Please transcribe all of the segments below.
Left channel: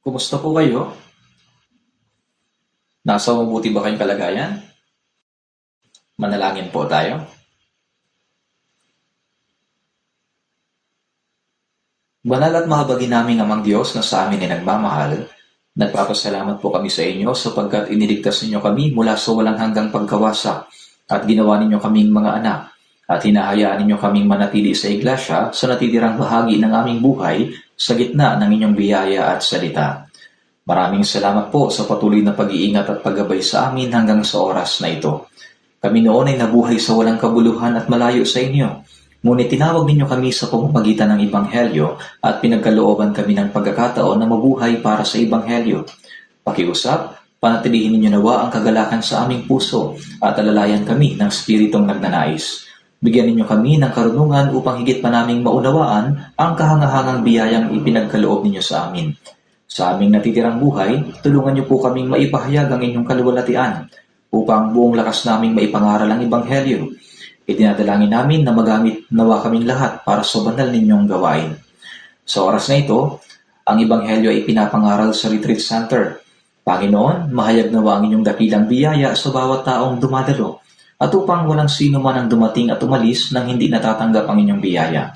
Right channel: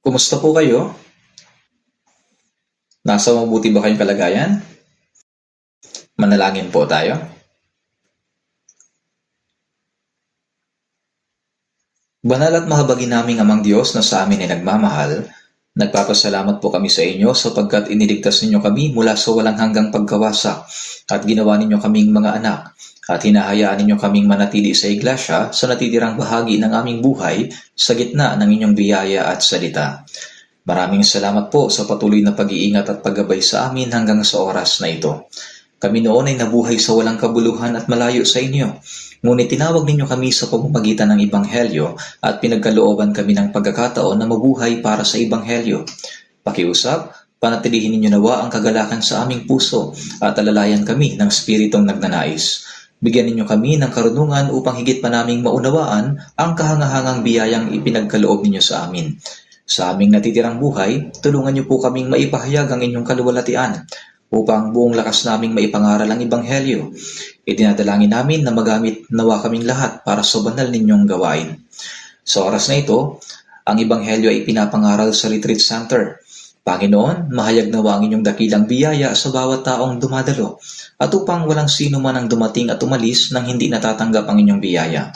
Kumusta po kayo? Nasa mabuti ba kayong kalagayan? Manalangin po tayo. Banal at mahabagin naming Amang Diyos na sa amin ay nagmamahal, nagpapasalamat po kami sa inyo sapagkat iniligtas ninyo kami mula sa walang hanggang pagkawasa at ginawa ninyo kaming mga anak at hinahayaan ninyo kaming manatili sa iglesia sa natitirang bahagi ng aming buhay sa gitna ng inyong biyaya at salita. Maraming salamat po sa patuloy na pag-iingat at paggabay sa amin hanggang sa oras na ito. Kami noon ay nabuhay sa walang kabuluhan at malayo sa inyo. Ngunit tinawag ninyo kami sa pamamagitan ng Ebanghelyo at pinagkalooban kami ng pagkakataon na mabuhay para sa Ebanghelyo. Pakiusap, panatilihin ninyo nawa ang kagalakan sa aming puso at alalayan kami ng Spiritong nagnanais. Bigyan ninyo kami ng karunungan upang higit pa naming maunawaan ang kahangahangang biyayang ipinagkaloob ninyo sa amin. Sa aming natitirang buhay, tulungan niyo po kaming maipahayag ang inyong kaluwalhatian upang buong lakas naming maipangaral ang Ebanghelyo. Idinadalangin namin na magamit nawa kaming lahat para sa banal ninyong gawain. Sa oras na ito, ang Ebanghelyo ay pinapangaral sa Retreat Center. Panginoon, mahayag nawa ang inyong dakilang biyaya sa bawat taong dumadalo at upang walang sino man ang dumating at umalis nang hindi natatanggap ang inyong biyaya.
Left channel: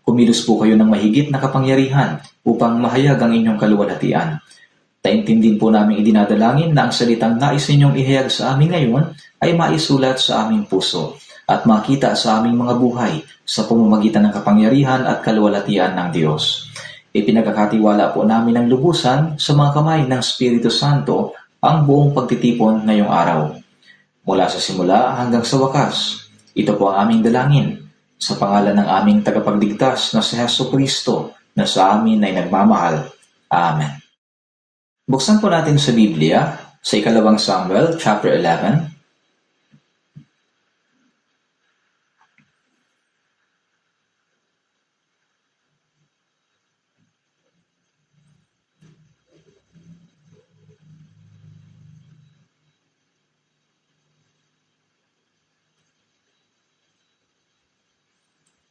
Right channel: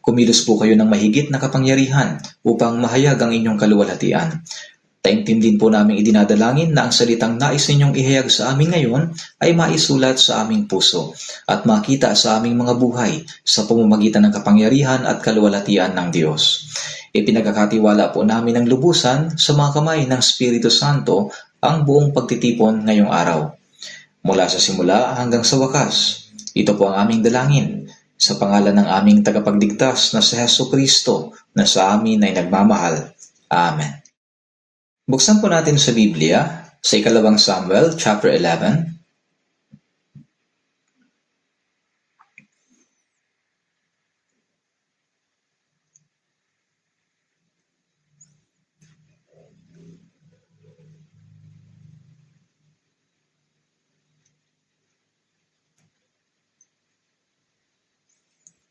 Kumilos po kayo ng mahigit na kapangyarihan upang mahayag ang inyong kaluwalhatian. Taimtim din po namin idinadalangin na ang salitang nais ninyong ihayag sa amin ngayon ay maisulat sa aming puso at makita sa aming mga buhay sa pamamagitan ng kapangyarihan at kaluwalhatian ng Diyos. Ipinagkakatiwala po namin ng lubusan sa mga kamay ng Espiritu Santo ang buong pagtitipon ngayong araw. Mula sa simula hanggang sa wakas, ito po ang aming dalangin sa pangalan ng aming tagapagligtas na si Jesucristo na sa amin ay nagmamahal. Amen. Buksan po natin sa Biblia sa ikalawang Samuel chapter 11.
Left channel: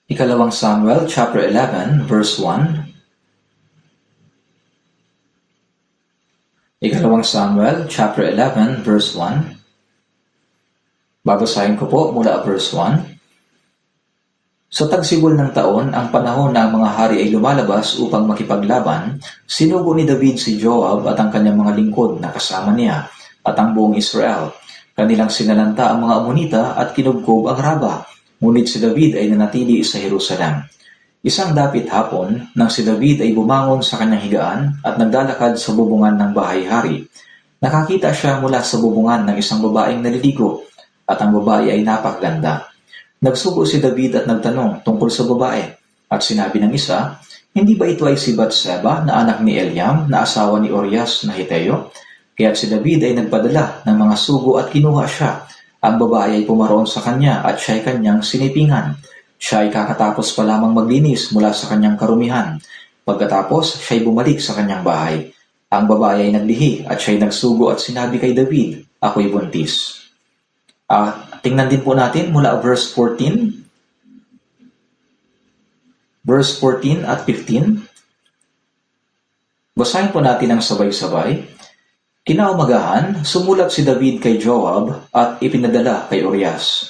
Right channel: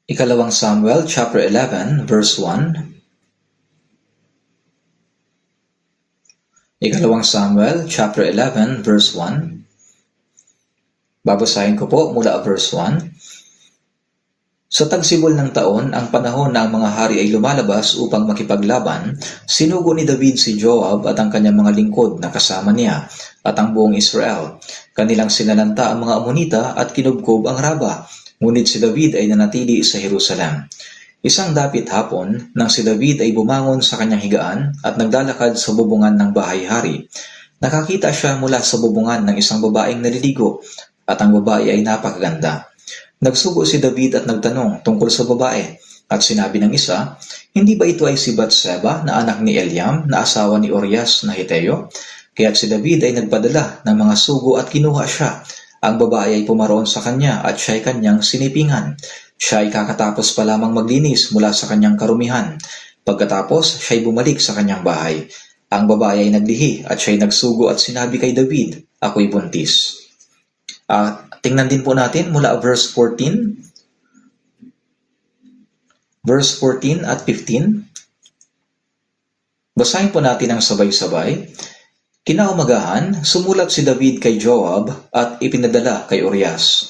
Ikalawang Samuel chapter 11 verse 1. Ikalawang Samuel chapter 11 verse 1. Babasahin ko po mula verse 1. Sa tagsibol ng taon, ang panahon na ang mga hari ay lumalabas upang makipaglaban, sinugo ni David si Joab at ang kanyang mga lingkod na kasama niya at ang buong Israel. Kanilang sinalanta ang mga Amonita at kinubkob ang Raba, ngunit si David ay nanatili sa Jerusalem. Isang dapit hapon, nang si David ay bumangon sa kanyang higaan at naglalakad sa bubungan ng bahay-hari, nakakita siya mula sa bubungan ng isang babaeng naliligo at ang babae ay napakaganda. Nagsugo si David at nagtanong tungkol sa babae at sinabi ng isa, "Hindi ba ito ay si Batseba na anak ni Eliam na asawa ni Urias na Hiteo?" Kaya't si David ay nagpadala ng mga sugo at kinuha siya. Ang babae ay pumaroon sa kanya at siya ay kanyang sinipingan. Siya ay kakatapos pa lamang maglinis mula sa kanyang karumihan. Pagkatapos, siya ay bumalik sa kanyang bahay. Ang babae ay naglihi at siya ay nagsugo at sinabi kay David, "Ako'y buntis." Tingnan din po natin mula verse 14. Verse 14 at 15. Basahin po natin ang sabay-sabay. Kinaumagahan, sumulat si David kay Joab at ipinadala kay Urias.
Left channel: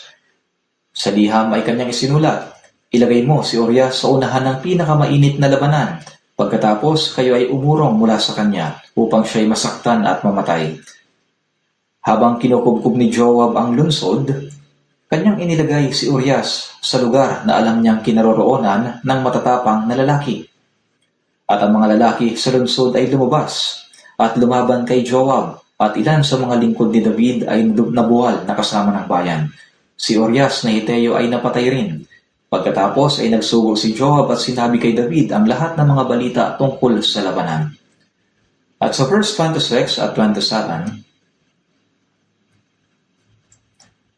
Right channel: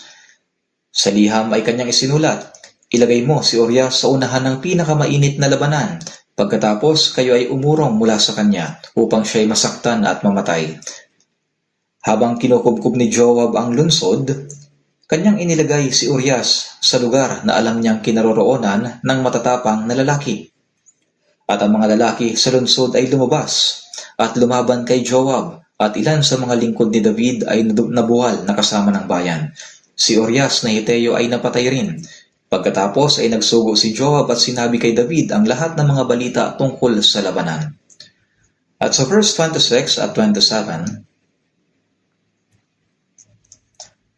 Sa liham ay kanyang isinulat, "Ilagay mo si Urias sa unahan ng pinakamainit na labanan. Pagkatapos kayo ay umurong mula sa kanya upang siya ay masaktan at mamatay." Habang kinukubkub ni Joab ang lunsod, kanyang inilagay si Urias sa lugar na alam niyang kinaroroonan ng matatapang na lalaki. At ang mga lalaki sa lunsod ay lumabas at lumaban kay Joab at ilan sa mga lingkod ni David ay nabuwal na kasama ng bayan. Si Urias na Hiteo ay napatay rin. Pagkatapos ay nagsugo si Joab at sinabi kay David ang lahat ng mga balita tungkol sa labanan. At sa verse 26 at 27,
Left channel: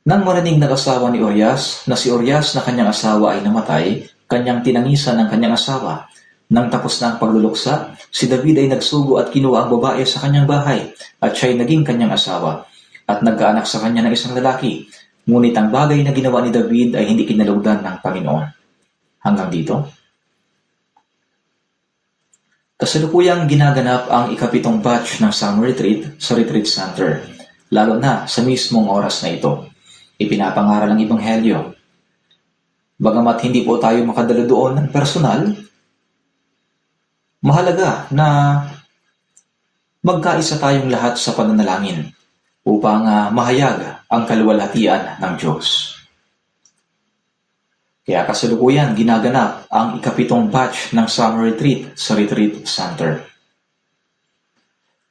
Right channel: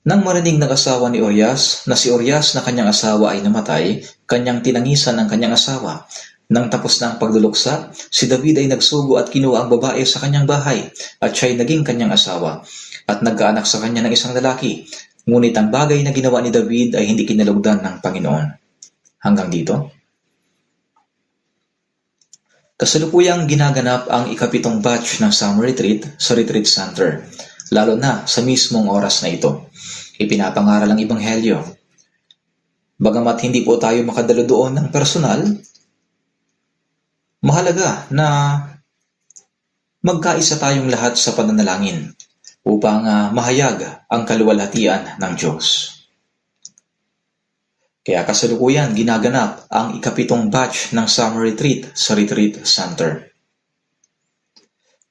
nang marinig ng asawa ni Urias na si Urias na kanyang asawa ay namatay, kanyang tinangisan ng kanyang asawa. Nang tapos na ang pagluluksa, si David ay nagsugo at kinuha ang babae sa kanyang bahay at siya ay naging kanyang asawa at nagkaanak sa kanya ng isang lalaki. Ngunit ang bagay na ginawa ni David ay hindi kinalugdan ng Panginoon. Hanggang dito. Kasalukuyang ginaganap ang ikapitong batch ng summer retreat sa Retreat Center, lalo na sa mismong oras na ito. Ipinapangaral ang Ebanghelyo. Bagamat hindi po tayo makadala doon ng personal, mahalaga na magkaisa tayong lahat sa pananalangin upang mahayag ang kaluwalhatian ng Diyos. Kaya kasalukuyan ginaganap ang ikapitong batch ng summer retreat sa Retreat Center.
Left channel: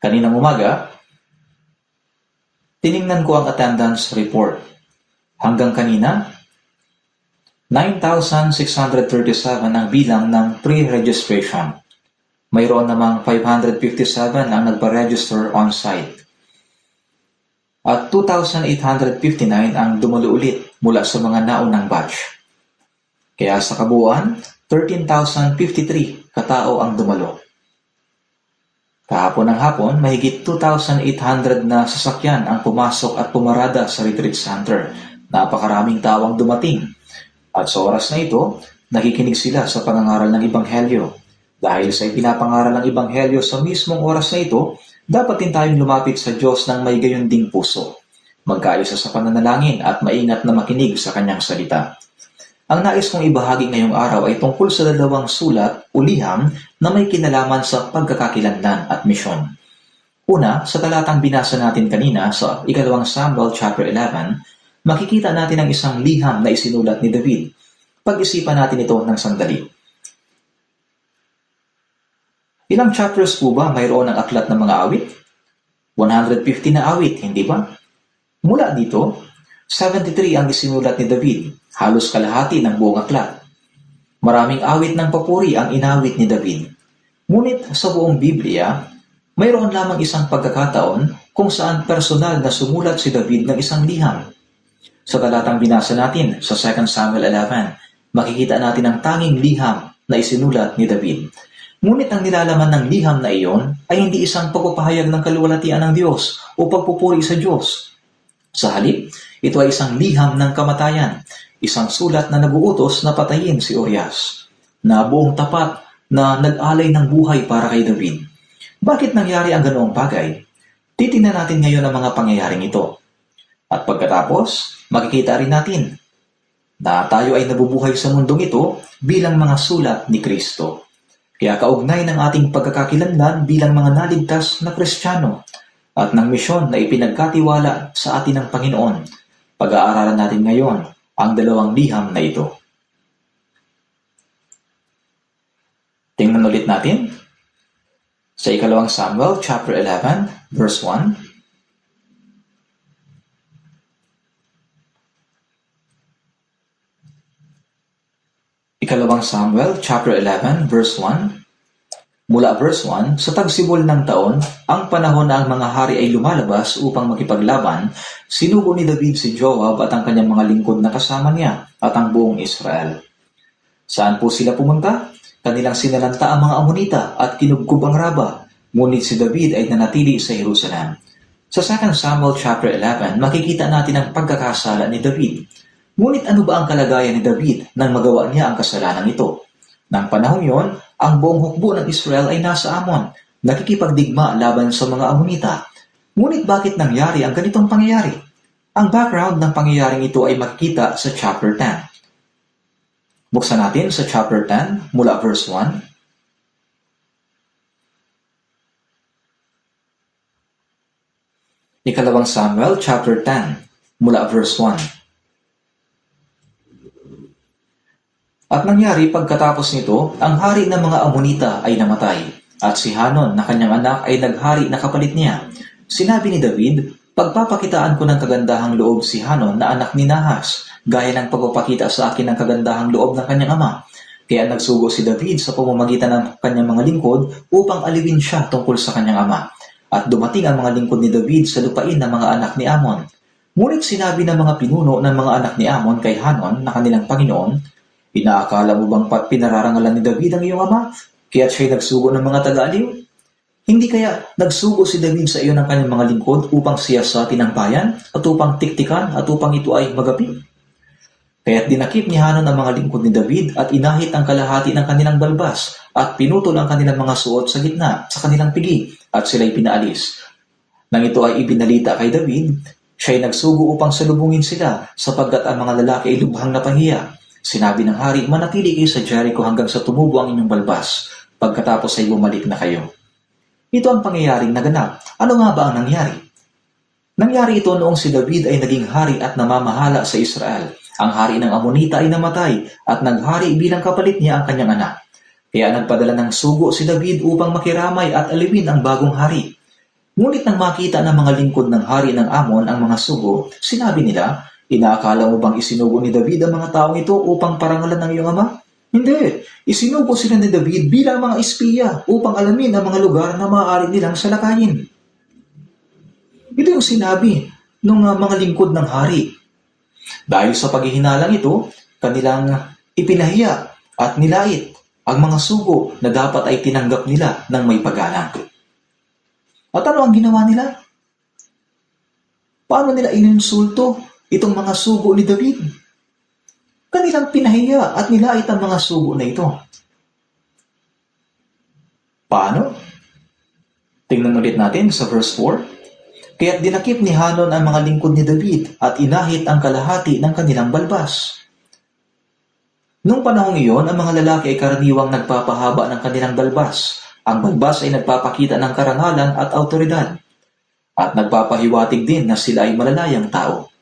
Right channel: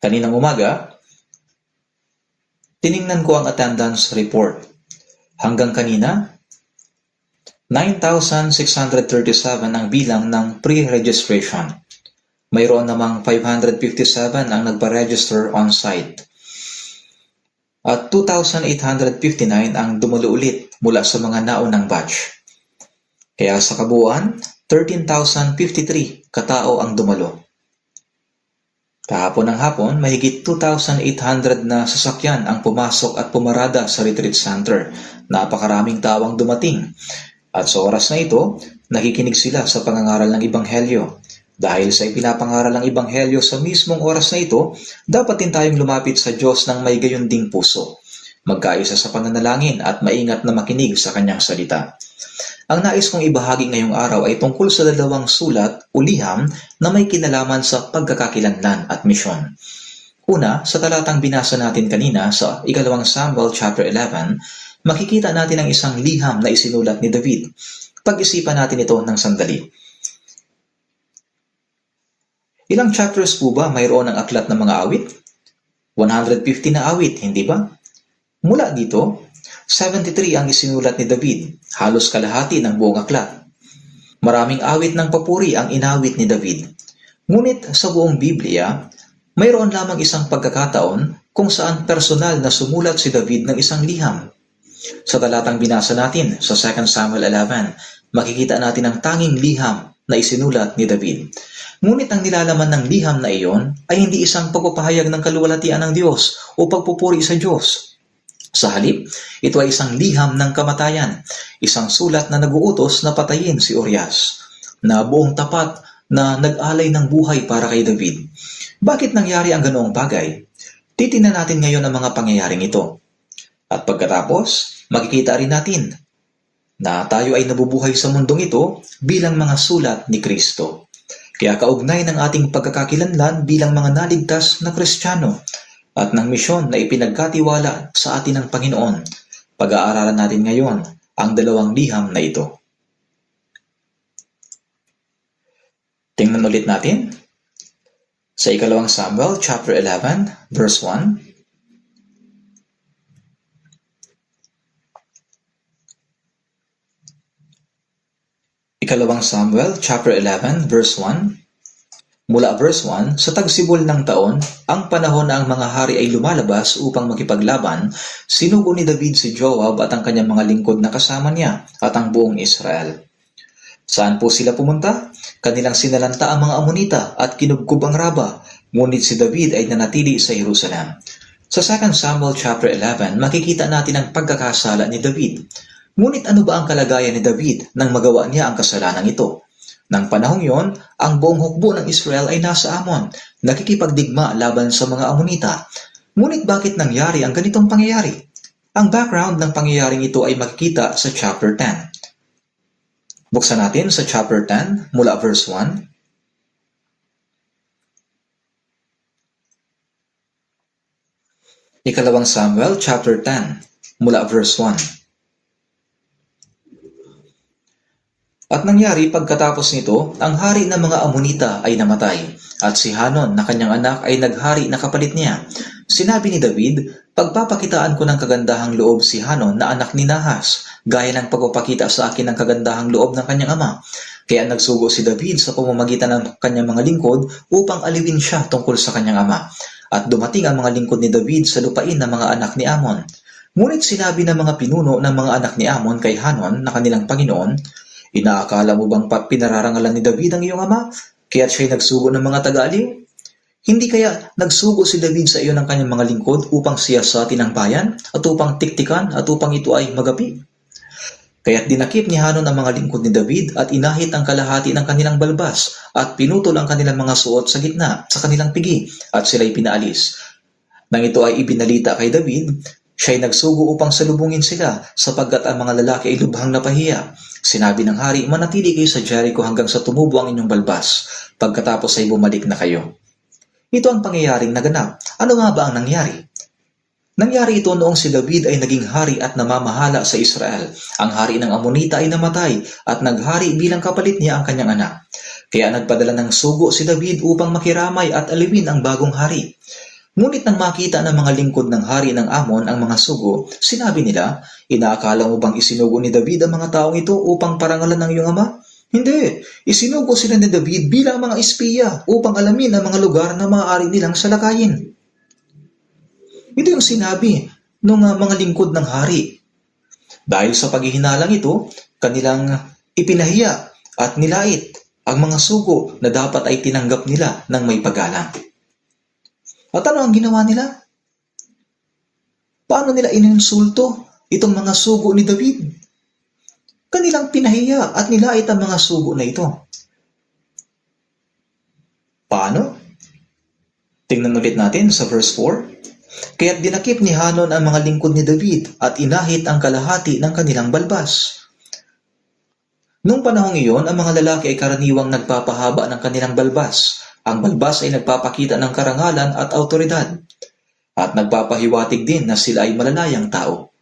Kaninang umaga, tiningnan ko ang attendance report. Hanggang kanina, 9,637 ang bilang ng pre-registration. Mayroon namang 557 ang nagpa-register on-site. At 2,859 ang dumalo ulit mula sa mga naunang batch. Kaya sa kabuuan, 13,053 katao ang dumalo. Kahapon ng hapon, mahigit 2,800 na sasakyan ang pumasok at pumarada sa Retreat Center. Napakaraming tao ang dumating. At sa oras na ito, nakikinig sila sa pangangaral ng Ebanghelyo. Dahil sa ipinapangaral ng Ebanghelyo sa mismong oras na ito, dapat din tayong lumapit sa Diyos ng may gayunding puso. Magkaisa sa pananalangin at maingat na makinig sa kanyang salita. Ang nais kong ibahagi ngayong araw ay tungkol sa dalawang sulat o liham na may kinalaman sa pagkakakilanlan at misyon. Una, sa talatang binasa natin kanina sa 2 Samuel chapter 11, makikita natin ang isang liham na isinulat ni David. Pag-isipan natin ito ng sandali. Ilang chapters po ba mayroon ang aklat ng mga awit? 150 na awit, hindi ba? Mula dito, 73 ang isinulat ni David, halos kalahati ng buong aklat. Maraming awit ng papuri ang inawit ni David. Ngunit sa buong Biblia, mayroon lamang isang pagkakataon kung saan personal na sumulat si David ng isang liham. Sa talatang binasa natin sa 2 Samuel 11, makikita natin ang tanging liham na isinulat ni David. Ngunit ang nilalaman ng liham na iyon ay hindi isang pagpapahayag ng kaluwalhatian ng Diyos o pagpupuri sa Diyos. Sa halip, ito ay isang liham ng kamatayan, isang sulat na naguutos na patayin si Urias, na buong tapat na nag-alay ng buhay para kay David. Bakit nangyari ang ganoong bagay? Titingnan natin ngayon ang mga pangyayaring ito. At pagkatapos, makikita rin natin na tayo ay nabubuhay sa mundong ito bilang mga sulat ni Kristo. Kaya kaugnay ng ating pagkakakilanlan bilang mga naligtas na Kristiyano at ng misyon na ipinagkatiwala sa atin ng Panginoon, pag-aaralan natin ngayon ang dalawang liham na ito. Tingnan ulit natin sa 2 Samuel chapter 11 verse 1. Ikalawang Samuel chapter 11 verse 1. Mula verse 1, sa tagsibol ng taon, ang panahon na ang mga hari ay lumalabas upang makipaglaban, sinugo ni David si Joab at ang kanyang mga lingkod na kasama niya at ang buong Israel. Saan po sila pumunta? Kanilang sinalanta ang mga Amonita at kinugkob ang Raba, ngunit si David ay nanatili sa Jerusalem. Sa 2 Samuel chapter 11, makikita natin ang pagkakasala ni David. Ngunit ano ba ang kalagayan ni David nang magawa niya ang kasalanan ito? Nang panahong yon, ang buong hukbo ng Israel ay nasa Amon, nakikipagdigma laban sa mga Amonita. Ngunit bakit nangyari ang ganitong pangyayari? Ang background ng pangyayaring ito ay makikita sa chapter 10. Buksan natin sa chapter 10 mula verse 1. Ikalawang Samuel chapter 10 mula verse 1. At nangyari pagkatapos nito, ang hari ng mga Amonita ay namatay, at si Hanon na kanyang anak ay naghari na kapalit niya. Sinabi ni David, pagpapakitaan ko ng kagandahang loob si Hanon na anak ni Nahas, gaya ng pagpapakita sa akin ng kagandahang loob ng kanyang ama. Kaya nagsugo si David sa pamamagitan ng kanyang mga lingkod upang alipin siya tungkol sa kanyang ama. At dumating ang mga lingkod ni David sa lupain ng mga anak ni Amon. Ngunit sinabi ng mga pinuno ng mga anak ni Amon kay Hanon na kanilang Panginoon, inaakala mo bang pinararangalan ni David ang iyong ama, kaya't siya'y nagsugo ng mga taga-aliw? Hindi kaya nagsugo si David sa iyo ng kanyang mga lingkod upang siyasatin ang bayan at upang tiktikan at upang ito ay magapi? Kaya't dinakip ni Hanon ang mga lingkod ni David at inahit ang kalahati ng kanilang balbas at pinutol ang kanilang mga suot sa gitna sa kanilang pigi at sila'y pinaalis. Nang ito ay ibinalita kay David, siya'y nagsugo upang salubungin sila sapagkat ang mga lalaki ay lubhang napahiya. Sinabi ng hari, manatili kayo sa Jericho hanggang sa tumubo ang inyong balbas, pagkatapos ay bumalik na kayo. Ito ang pangyayaring naganap. Ano nga ba ang nangyari? Nangyari ito noong si David ay naging hari at namamahala sa Israel. Ang hari ng Amonita ay namatay at naghari bilang kapalit niya ang kanyang anak. Kaya nagpadala ng sugo si David upang makiramay at alipin ang bagong hari. Ngunit nang makita ng mga lingkod ng hari ng Amon ang mga sugo, sinabi nila, inaakala mo bang isinugo ni David ang mga taong ito upang parangalan ng iyong ama? Hindi, isinugo sila ni David bilang mga espiya upang alamin ang mga lugar na maaari nilang salakayin. Ito yung sinabi ng mga lingkod ng hari. Dahil sa paghihinalang ito, kanilang ipinahiya at nilait ang mga sugo na dapat ay tinanggap nila ng may paggalang. At ano ang ginawa nila? Paano nila ininsulto itong mga sugo ni David? Kanilang pinahiya at nilait ang mga sugo na ito. Paano? Tingnan ulit natin sa verse 4. Kaya't dinakip ni Hanon ang mga lingkod ni David at inahit ang kalahati ng kanilang balbas. Noong panahong iyon, ang mga lalaki ay karaniwang nagpapahaba ng kanilang balbas. Ang balbas ay nagpapakita ng karangalan at autoridad. At nagpapahiwatig din na sila ay malalayang tao.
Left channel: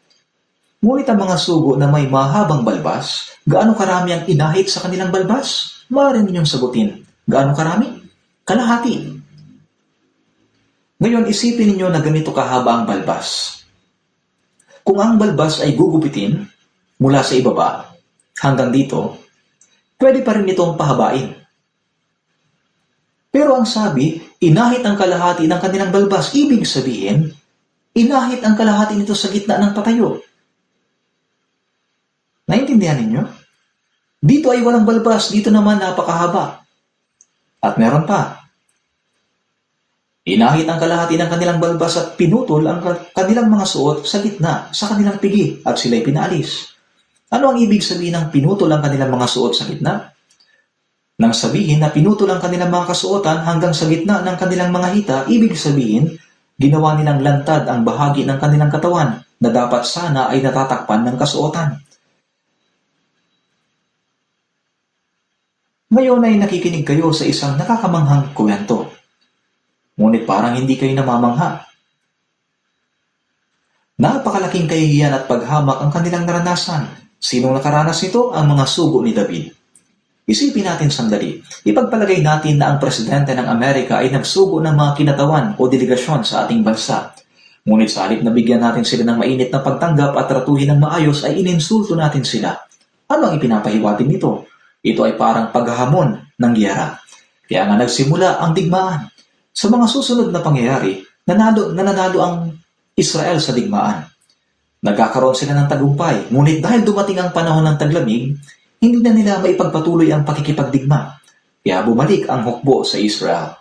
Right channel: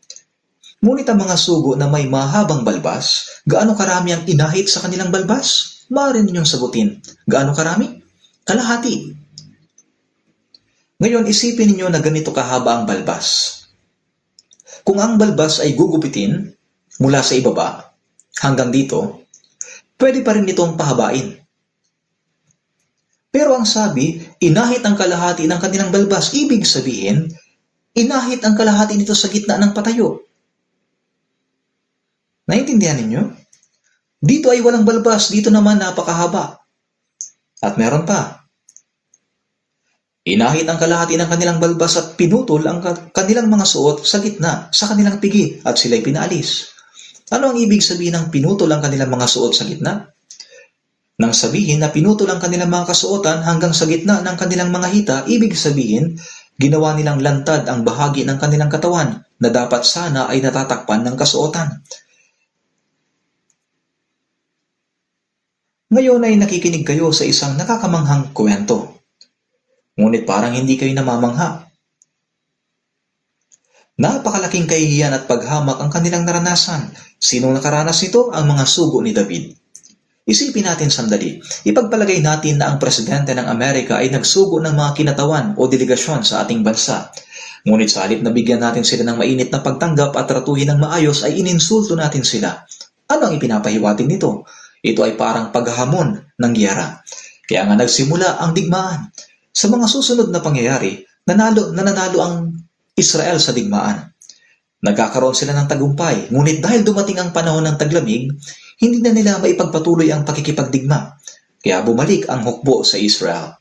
Ngunit ang mga sugo na may mahabang balbas, gaano karami ang inahit sa kanilang balbas? Maaari ninyong sagutin. Gaano karami? Kalahati. Ngayon, isipin ninyo na ganito kahaba ang balbas. Kung ang balbas ay gugupitin mula sa ibaba hanggang dito, pwede pa rin itong pahabain. Pero ang sabi, inahit ang kalahati ng kanilang balbas. Ibig sabihin, inahit ang kalahati nito sa gitna ng patayo. Naintindihan ninyo? Dito ay walang balbas, dito naman napakahaba. At meron pa. Inahit ang kalahati ng kanilang balbas at pinutol ang kanilang mga suot sa gitna, sa kanilang pigi, at sila'y pinaalis. Ano ang ibig sabihin ng pinutol ang kanilang mga suot sa gitna? Nang sabihin na pinutol ang kanilang mga kasuotan hanggang sa gitna ng kanilang mga hita, ibig sabihin, ginawa nilang lantad ang bahagi ng kanilang katawan na dapat sana ay natatakpan ng kasuotan. Ngayon ay nakikinig kayo sa isang nakakamanghang kwento. Ngunit parang hindi kayo namamangha. Napakalaking kahihiyan at paghamak ang kanilang naranasan. Sinong nakaranas nito? Ang mga sugo ni David. Isipin natin sandali. Ipagpalagay natin na ang presidente ng Amerika ay nagsugo ng mga kinatawan o delegasyon sa ating bansa. Ngunit sa halip na bigyan natin sila ng mainit na pagtanggap at tratuhin ng maayos ay ininsulto natin sila. Ano ang ipinapahiwatig nito? Ito ay parang paghahamon ng giyera. Kaya nga nagsimula ang digmaan. Sa mga susunod na pangyayari, nananalo ang Israel sa digmaan. Nagkakaroon sila ng tagumpay, ngunit dahil dumating ang panahon ng taglamig, hindi na nila maipagpatuloy ang pakikipagdigma, kaya bumalik ang hukbo sa Israel.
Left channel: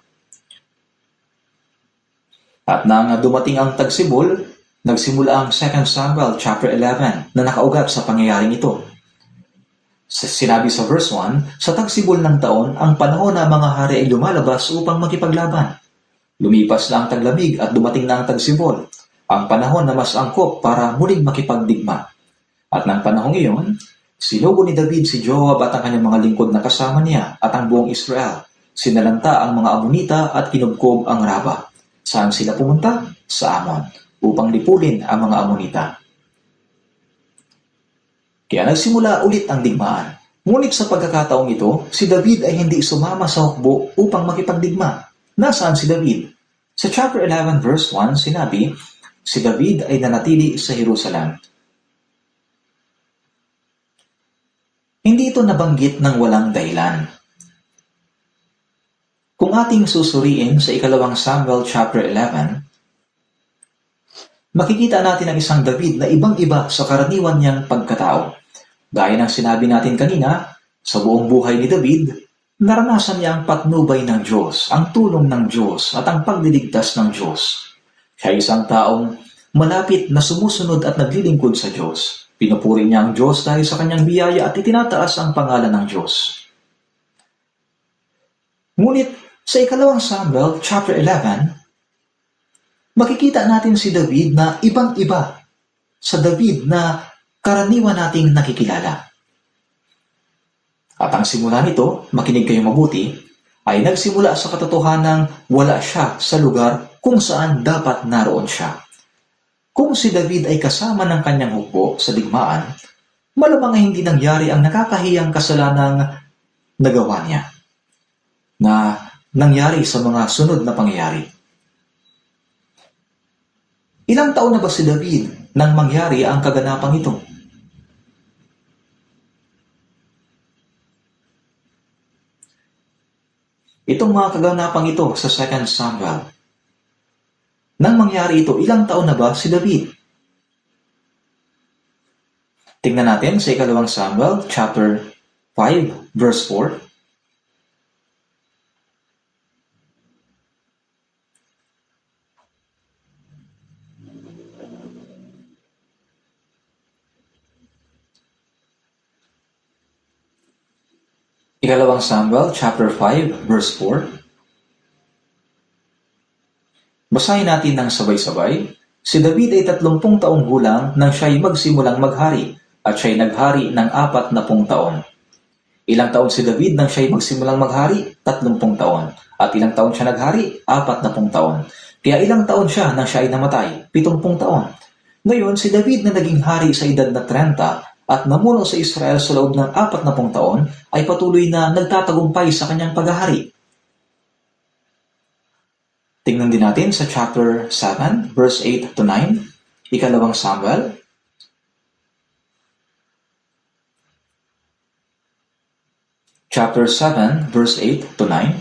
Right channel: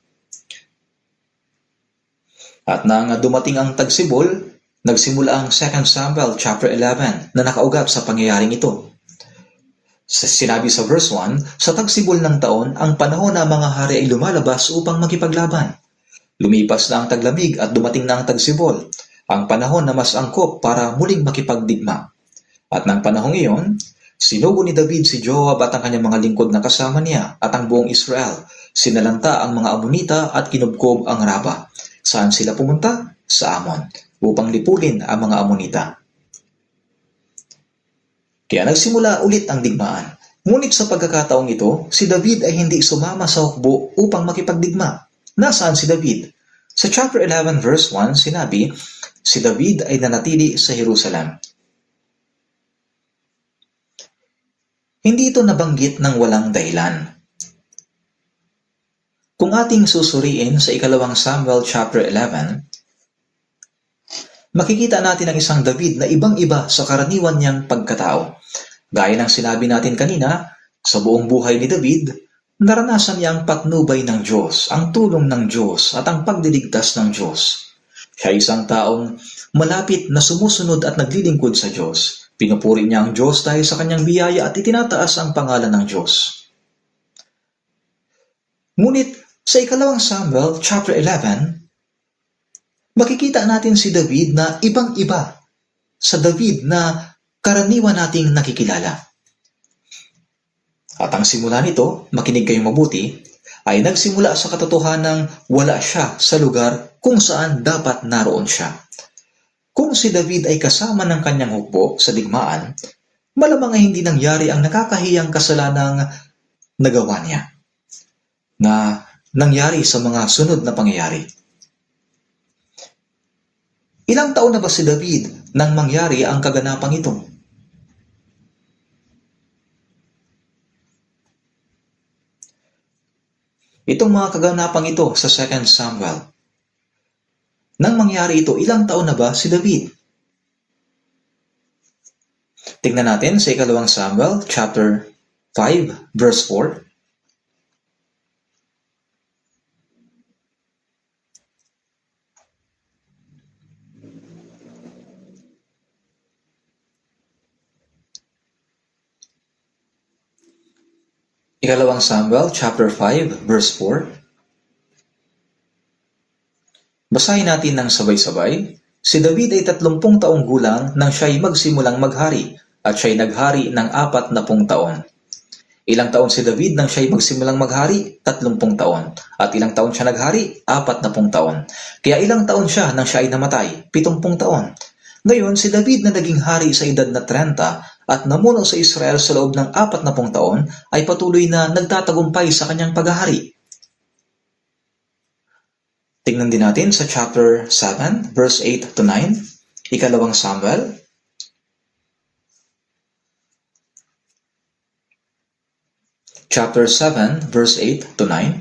At nang dumating ang tagsibol, nagsimula ang 2 Samuel chapter 11 na nakaugat sa pangyayaring ito. Sinabi sa verse 1, sa tagsibol ng taon, ang panahon na mga hari ay lumalabas upang makipaglaban. Lumipas na ang taglamig at dumating na ang tagsibol, ang panahon na mas angkop para muling makipagdigma. At ng panahong iyon, sinugo ni David si Joab at ang kanyang mga lingkod na kasama niya at ang buong Israel. Sinalanta ang mga Amonita at kinubkob ang Raba. Saan sila pumunta? Sa Amon, upang lipulin ang mga Amonita. Kaya nagsimula ulit ang digmaan. Ngunit sa pagkakataong ito, si David ay hindi sumama sa hukbo upang makipagdigma. Nasaan si David? Sa chapter 11 verse 1, sinabi, si David ay nanatili sa Jerusalem. Hindi ito nabanggit ng walang dahilan. Kung ating susuriin sa 2 Samuel chapter 11, makikita natin ang isang David na ibang-iba sa karaniwan niyang pagkatao. Gaya ng sinabi natin kanina, sa buong buhay ni David, naranasan niya ang patnubay ng Diyos, ang tulong ng Diyos at ang pagliligtas ng Diyos. Siya ay isang taong malapit na sumusunod at naglilingkod sa Diyos. Pinupuri niya ang Diyos dahil sa kanyang biyaya at itinataas ang pangalan ng Diyos. Ngunit sa ikalawang Samuel chapter 11, makikita natin si David na ibang-iba sa David na karaniwan nating nakikilala. At ang simula nito, makinig kayong mabuti, ay nagsimula sa katotohanang wala siya sa lugar kung saan dapat naroon siya. Kung si David ay kasama ng kanyang hukbo sa digmaan, malamang ay hindi nangyari ang nakakahiyang kasalanang nagawa niya na nangyari sa mga sunod na pangyayari. Ilang taon na ba si David nang mangyari ang kaganapang ito? Itong mga kaganapang ito sa 2 Samuel. Nang mangyari ito, ilang taon na ba si David? Tingnan natin sa ikalawang Samuel chapter 5 verse 4. Ikalawang Samuel chapter 5 verse 4. Basahin natin ng sabay-sabay. Si David ay 30 taong gulang nang siya'y magsimulang maghari at siya'y naghari ng 40 taon. Ilang taon si David nang siya'y magsimulang maghari? 30 taon. At ilang taon siya naghari? 40 taon. Kaya ilang taon siya nang siya ay namatay? 70 taon. Ngayon, si David na naging hari sa edad na 30 at namuno sa Israel sa loob ng 40 taon ay patuloy na nagtatagumpay sa kanyang paghahari. Tingnan din natin sa chapter 7, verse 8 to 9, ikalawang Samuel. Chapter 7, verse 8 to 9.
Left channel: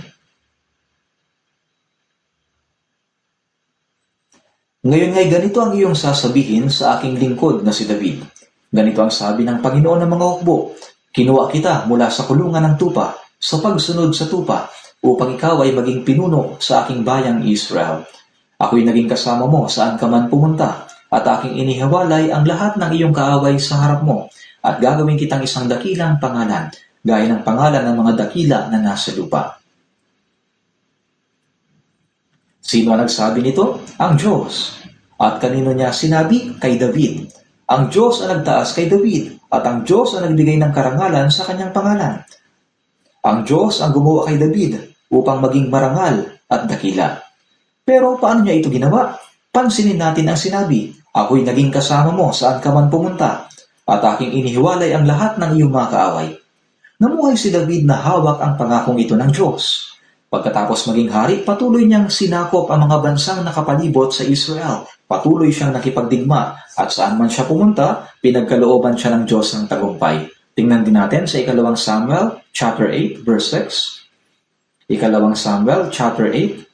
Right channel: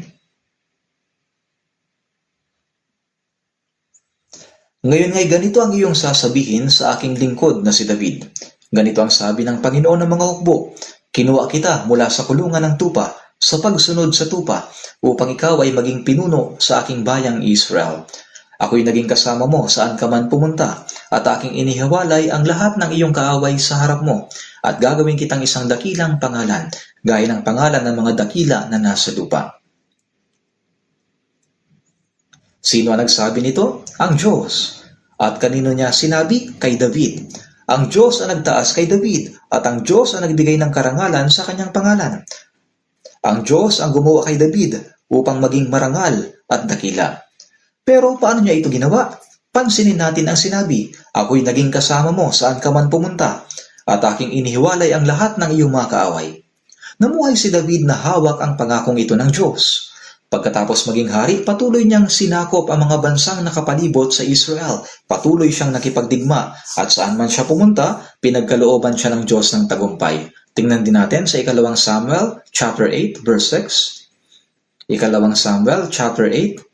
Ngayon nga'y ganito ang iyong sasabihin sa aking lingkod na si David. Ganito ang sabi ng Panginoon ng mga hukbo, kinuha kita mula sa kulungan ng tupa, sa pagsunod sa tupa, upang ikaw ay maging pinuno sa aking bayang Israel. Ako'y naging kasama mo saan ka man pumunta, at aking inihiwalay ang lahat ng iyong kaaway sa harap mo, at gagawin kitang isang dakilang pangalan, gaya ng pangalan ng mga dakila na nasa lupa. Sino ang nagsabi nito? Ang Diyos. At kanino niya sinabi? Kay David. Ang Diyos ang nagtaas kay David, at ang Diyos ang nagbigay ng karangalan sa kanyang pangalan. Ang Diyos ang gumawa kay David upang maging marangal at dakila. Pero paano niya ito ginawa? Pansinin natin ang sinabi, ako'y naging kasama mo saan ka man pumunta, at aking inihiwalay ang lahat ng iyong mga kaaway. Namuhay si David na hawak ang pangakong ito ng Diyos. Pagkatapos maging hari, patuloy niyang sinakop ang mga bansang nakapalibot sa Israel. Patuloy siyang nakipagdigma at saan man siya pumunta, pinagkalooban siya ng Diyos ng tagumpay. Tingnan din natin sa ikalawang Samuel chapter 8 verse 6. Ikalawang Samuel chapter 8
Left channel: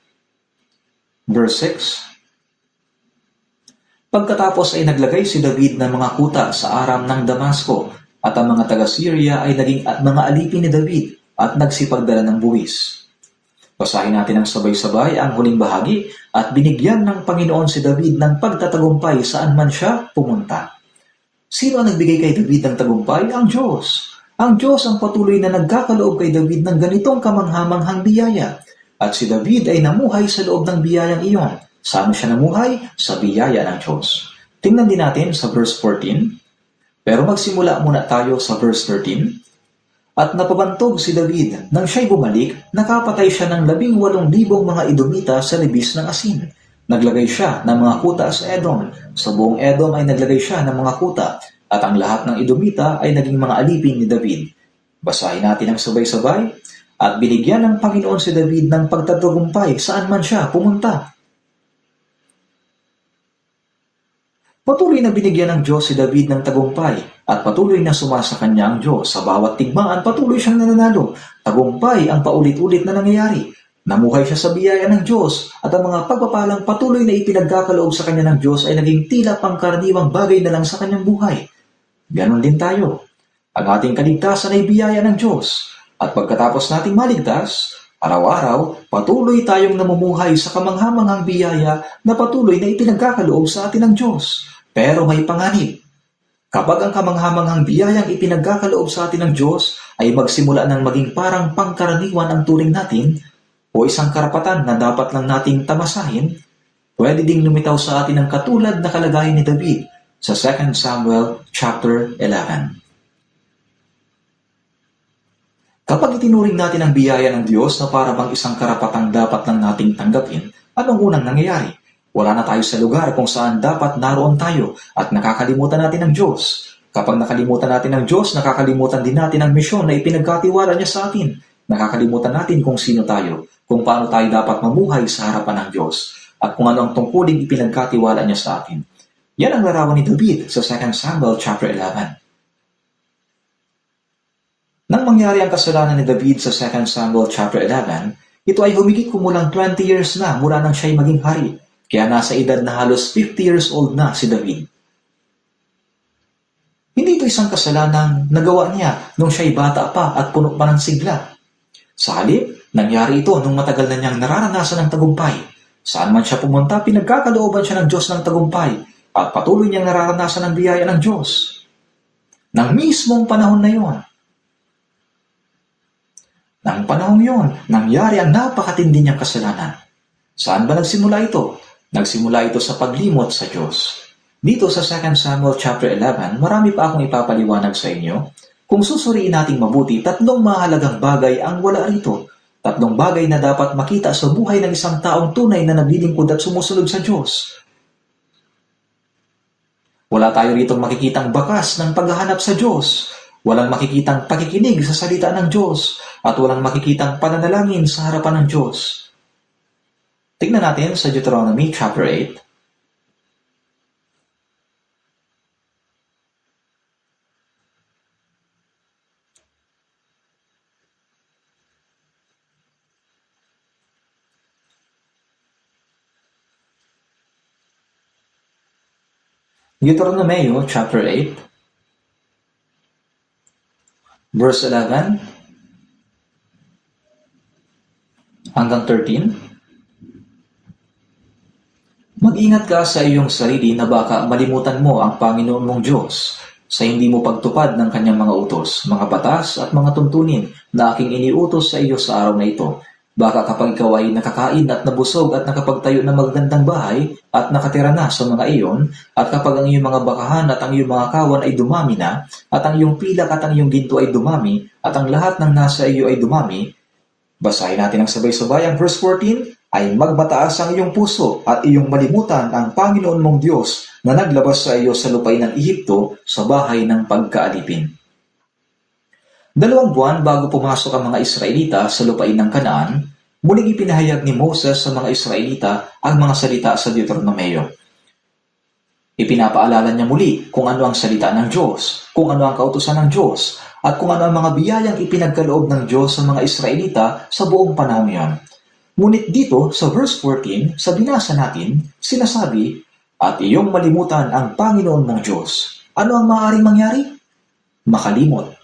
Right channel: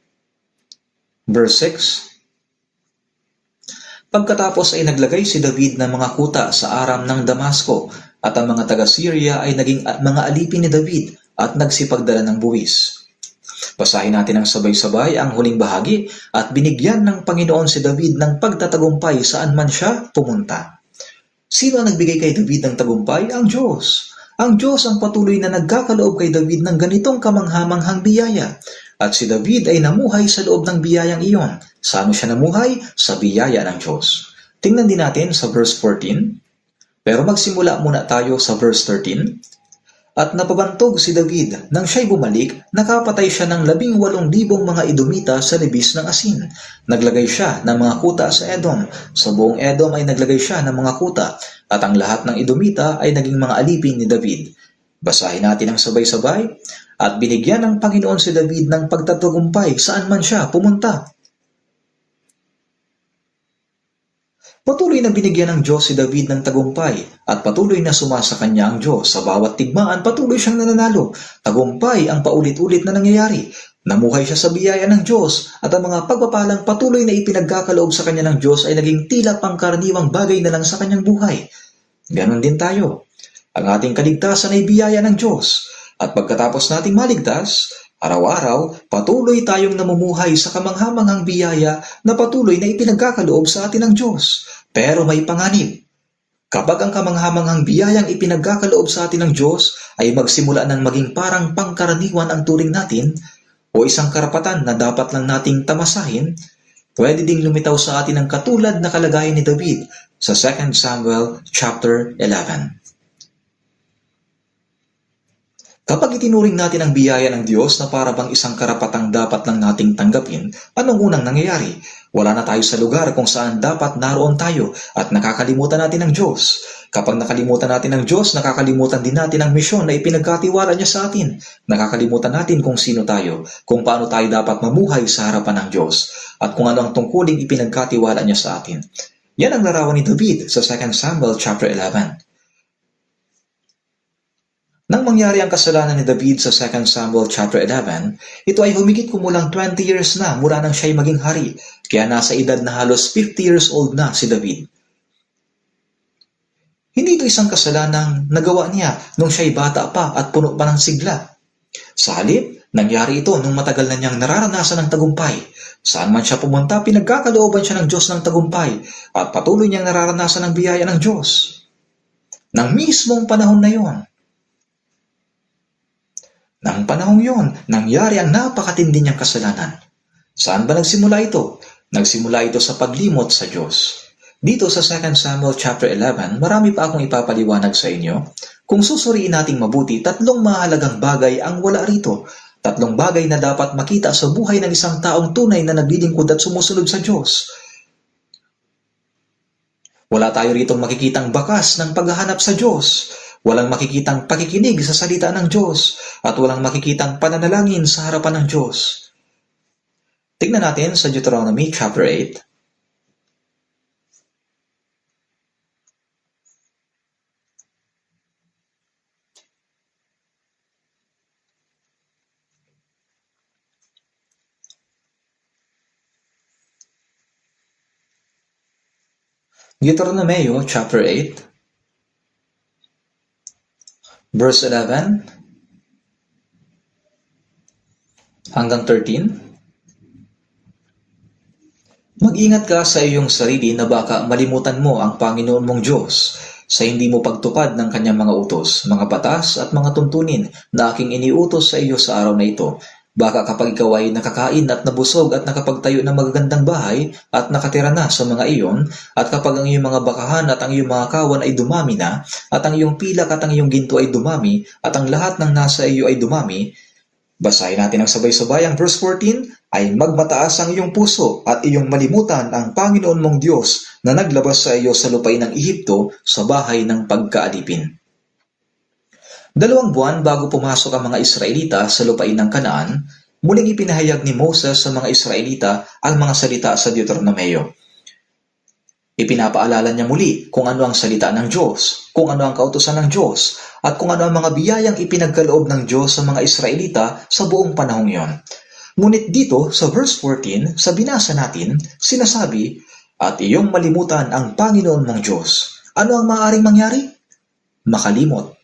verse 6. Pagkatapos ay naglagay si David ng mga kuta sa Aram ng Damasco, at ang mga taga-Syria ay naging mga alipin ni David at nagsipagdala ng buwis. Basahin natin ang sabay-sabay ang huling bahagi, at binigyan ng Panginoon si David ng pagtatagumpay saan man siya pumunta. Sino ang nagbigay kay David ng tagumpay? Ang Diyos. Ang Diyos ang patuloy na nagkakaloob kay David ng ganitong kamanghamanghang biyaya. At si David ay namuhay sa loob ng biyayang iyon. Saan siya namuhay? Sa biyaya ng Diyos. Tingnan din natin sa verse 14. Pero magsimula muna tayo sa verse 13. At napabantog si David. Nang siya'y bumalik, nakapatay siya ng 18,000 mga Edomita sa libis ng asin. Naglagay siya ng mga kuta sa Edom. Sa buong Edom ay naglagay siya ng mga kuta. At ang lahat ng Edomita ay naging mga alipin ni David. Basahin natin ang sabay-sabay. At binigyan ng Panginoon si David ng pagtatagumpay saan man siya pumunta. Patuloy na binigyan ng Diyos si David ng tagumpay, at patuloy na sumasa kanya ang Diyos. Sa bawat tigmaan, patuloy siyang nananalo. Tagumpay ang paulit-ulit na nangyayari. Namuhay siya sa biyaya ng Diyos, at ang mga pagpapalang patuloy na ipinagkakaloob sa kanya ng Diyos ay naging tila pangkaraniwang bagay na lang sa kanyang buhay. Ganon din tayo. Ang ating kaligtasan ay biyaya ng Diyos, at pagkatapos nating maligtas, araw-araw, patuloy tayong namumuhay sa kamanghamanghang biyaya na patuloy na ipinagkakaloob sa atin ng Diyos. Pero may panganib. Kapag ang kamanghamanghang biyayang ipinagkakaloob sa atin ng Diyos ay magsimula ng maging parang pangkaraniwan ang turing natin o isang karapatan na dapat lang nating tamasahin, pwede ding lumitaw sa atin ang katulad na kalagayan ni David sa 2 Samuel chapter 11. Kapag itinuring natin ang biyaya ng Diyos na para bang isang karapatang dapat lang nating tanggapin, anong unang nangyayari? Wala na tayo sa lugar kung saan dapat naroon tayo at nakakalimutan natin ang Diyos. Kapag nakalimutan natin ang Diyos, nakakalimutan din natin ang misyon na ipinagkatiwala niya sa atin. Nakakalimutan natin kung sino tayo, kung paano tayo dapat mamuhay sa harapan ng Diyos, at kung ano ang tungkuling ipinagkatiwala niya sa atin. Yan ang larawan ni David sa 2 Samuel chapter 11. Nang mangyari ang kasalanan ni David sa 2 Samuel chapter 11, ito ay humigit kumulang 20 years na mula nang siya'y maging hari, kaya nasa edad na halos 50 years old na si David. Hindi ito isang kasalanang nagawa niya nung siya'y bata pa at puno pa ng sigla. Sa halip, nangyari ito nung matagal na niyang nararanasan ng tagumpay. Saan man siya pumunta, pinagkakalooban siya ng Diyos ng tagumpay at patuloy niyang nararanasan ang biyaya ng Diyos. Nang mismong panahon na yon, nang panahong yon, nangyari ang napakatindi niyang kasalanan. Saan ba nagsimula ito? Nagsimula ito sa paglimot sa Diyos. Dito sa 2 Samuel chapter 11, marami pa akong ipapaliwanag sa inyo. Kung susuriin nating mabuti, 3 mahalagang bagay ang wala rito. 3 bagay na dapat makita sa buhay ng isang taong tunay na naglilingkod at sumusunod sa Diyos. Wala tayo ritong makikitang bakas ng paghahanap sa Diyos. Walang makikitang pakikinig sa salita ng Diyos at walang makikitang pananalangin sa harapan ng Diyos. Tingnan natin sa Deuteronomy chapter 8. Deuteronomy chapter 8, verse 11 hanggang 13. Mag-ingat ka sa iyong sarili na baka malimutan mo ang Panginoon mong Diyos sa hindi mo pagtupad ng kanyang mga utos, mga batas at mga tuntunin na aking iniutos sa iyo sa araw na ito. Baka kapag ikaw ay nakakain at nabusog at nakapagtayo ng magagandang bahay at nakatira na sa mga iyon, at kapag ang iyong mga bakahan at ang iyong mga kawan ay dumami na, at ang iyong pilak at ang iyong ginto ay dumami, at ang lahat ng nasa iyo ay dumami, basahin natin ang sabay-sabay ang verse 14, ay magmataas ang iyong puso at iyong malimutan ang Panginoon mong Diyos na naglabas sa iyo sa lupain ng Ehipto sa bahay ng pagkaalipin. 2 buwan bago pumasok ang mga Israelita sa lupain ng Kanaan, muling ipinahayag ni Moses sa mga Israelita ang mga salita sa Deuteronomeo. Ipinapaalala niya muli kung ano ang salita ng Diyos, kung ano ang kautusan ng Diyos, at kung ano ang mga biyayang ipinagkaloob ng Diyos sa mga Israelita sa buong panahong iyon. Ngunit dito sa verse 14, sa binasa natin, sinasabi, at iyong malimutan ang Panginoon mong Diyos. Ano ang maaaring mangyari? Makalimot.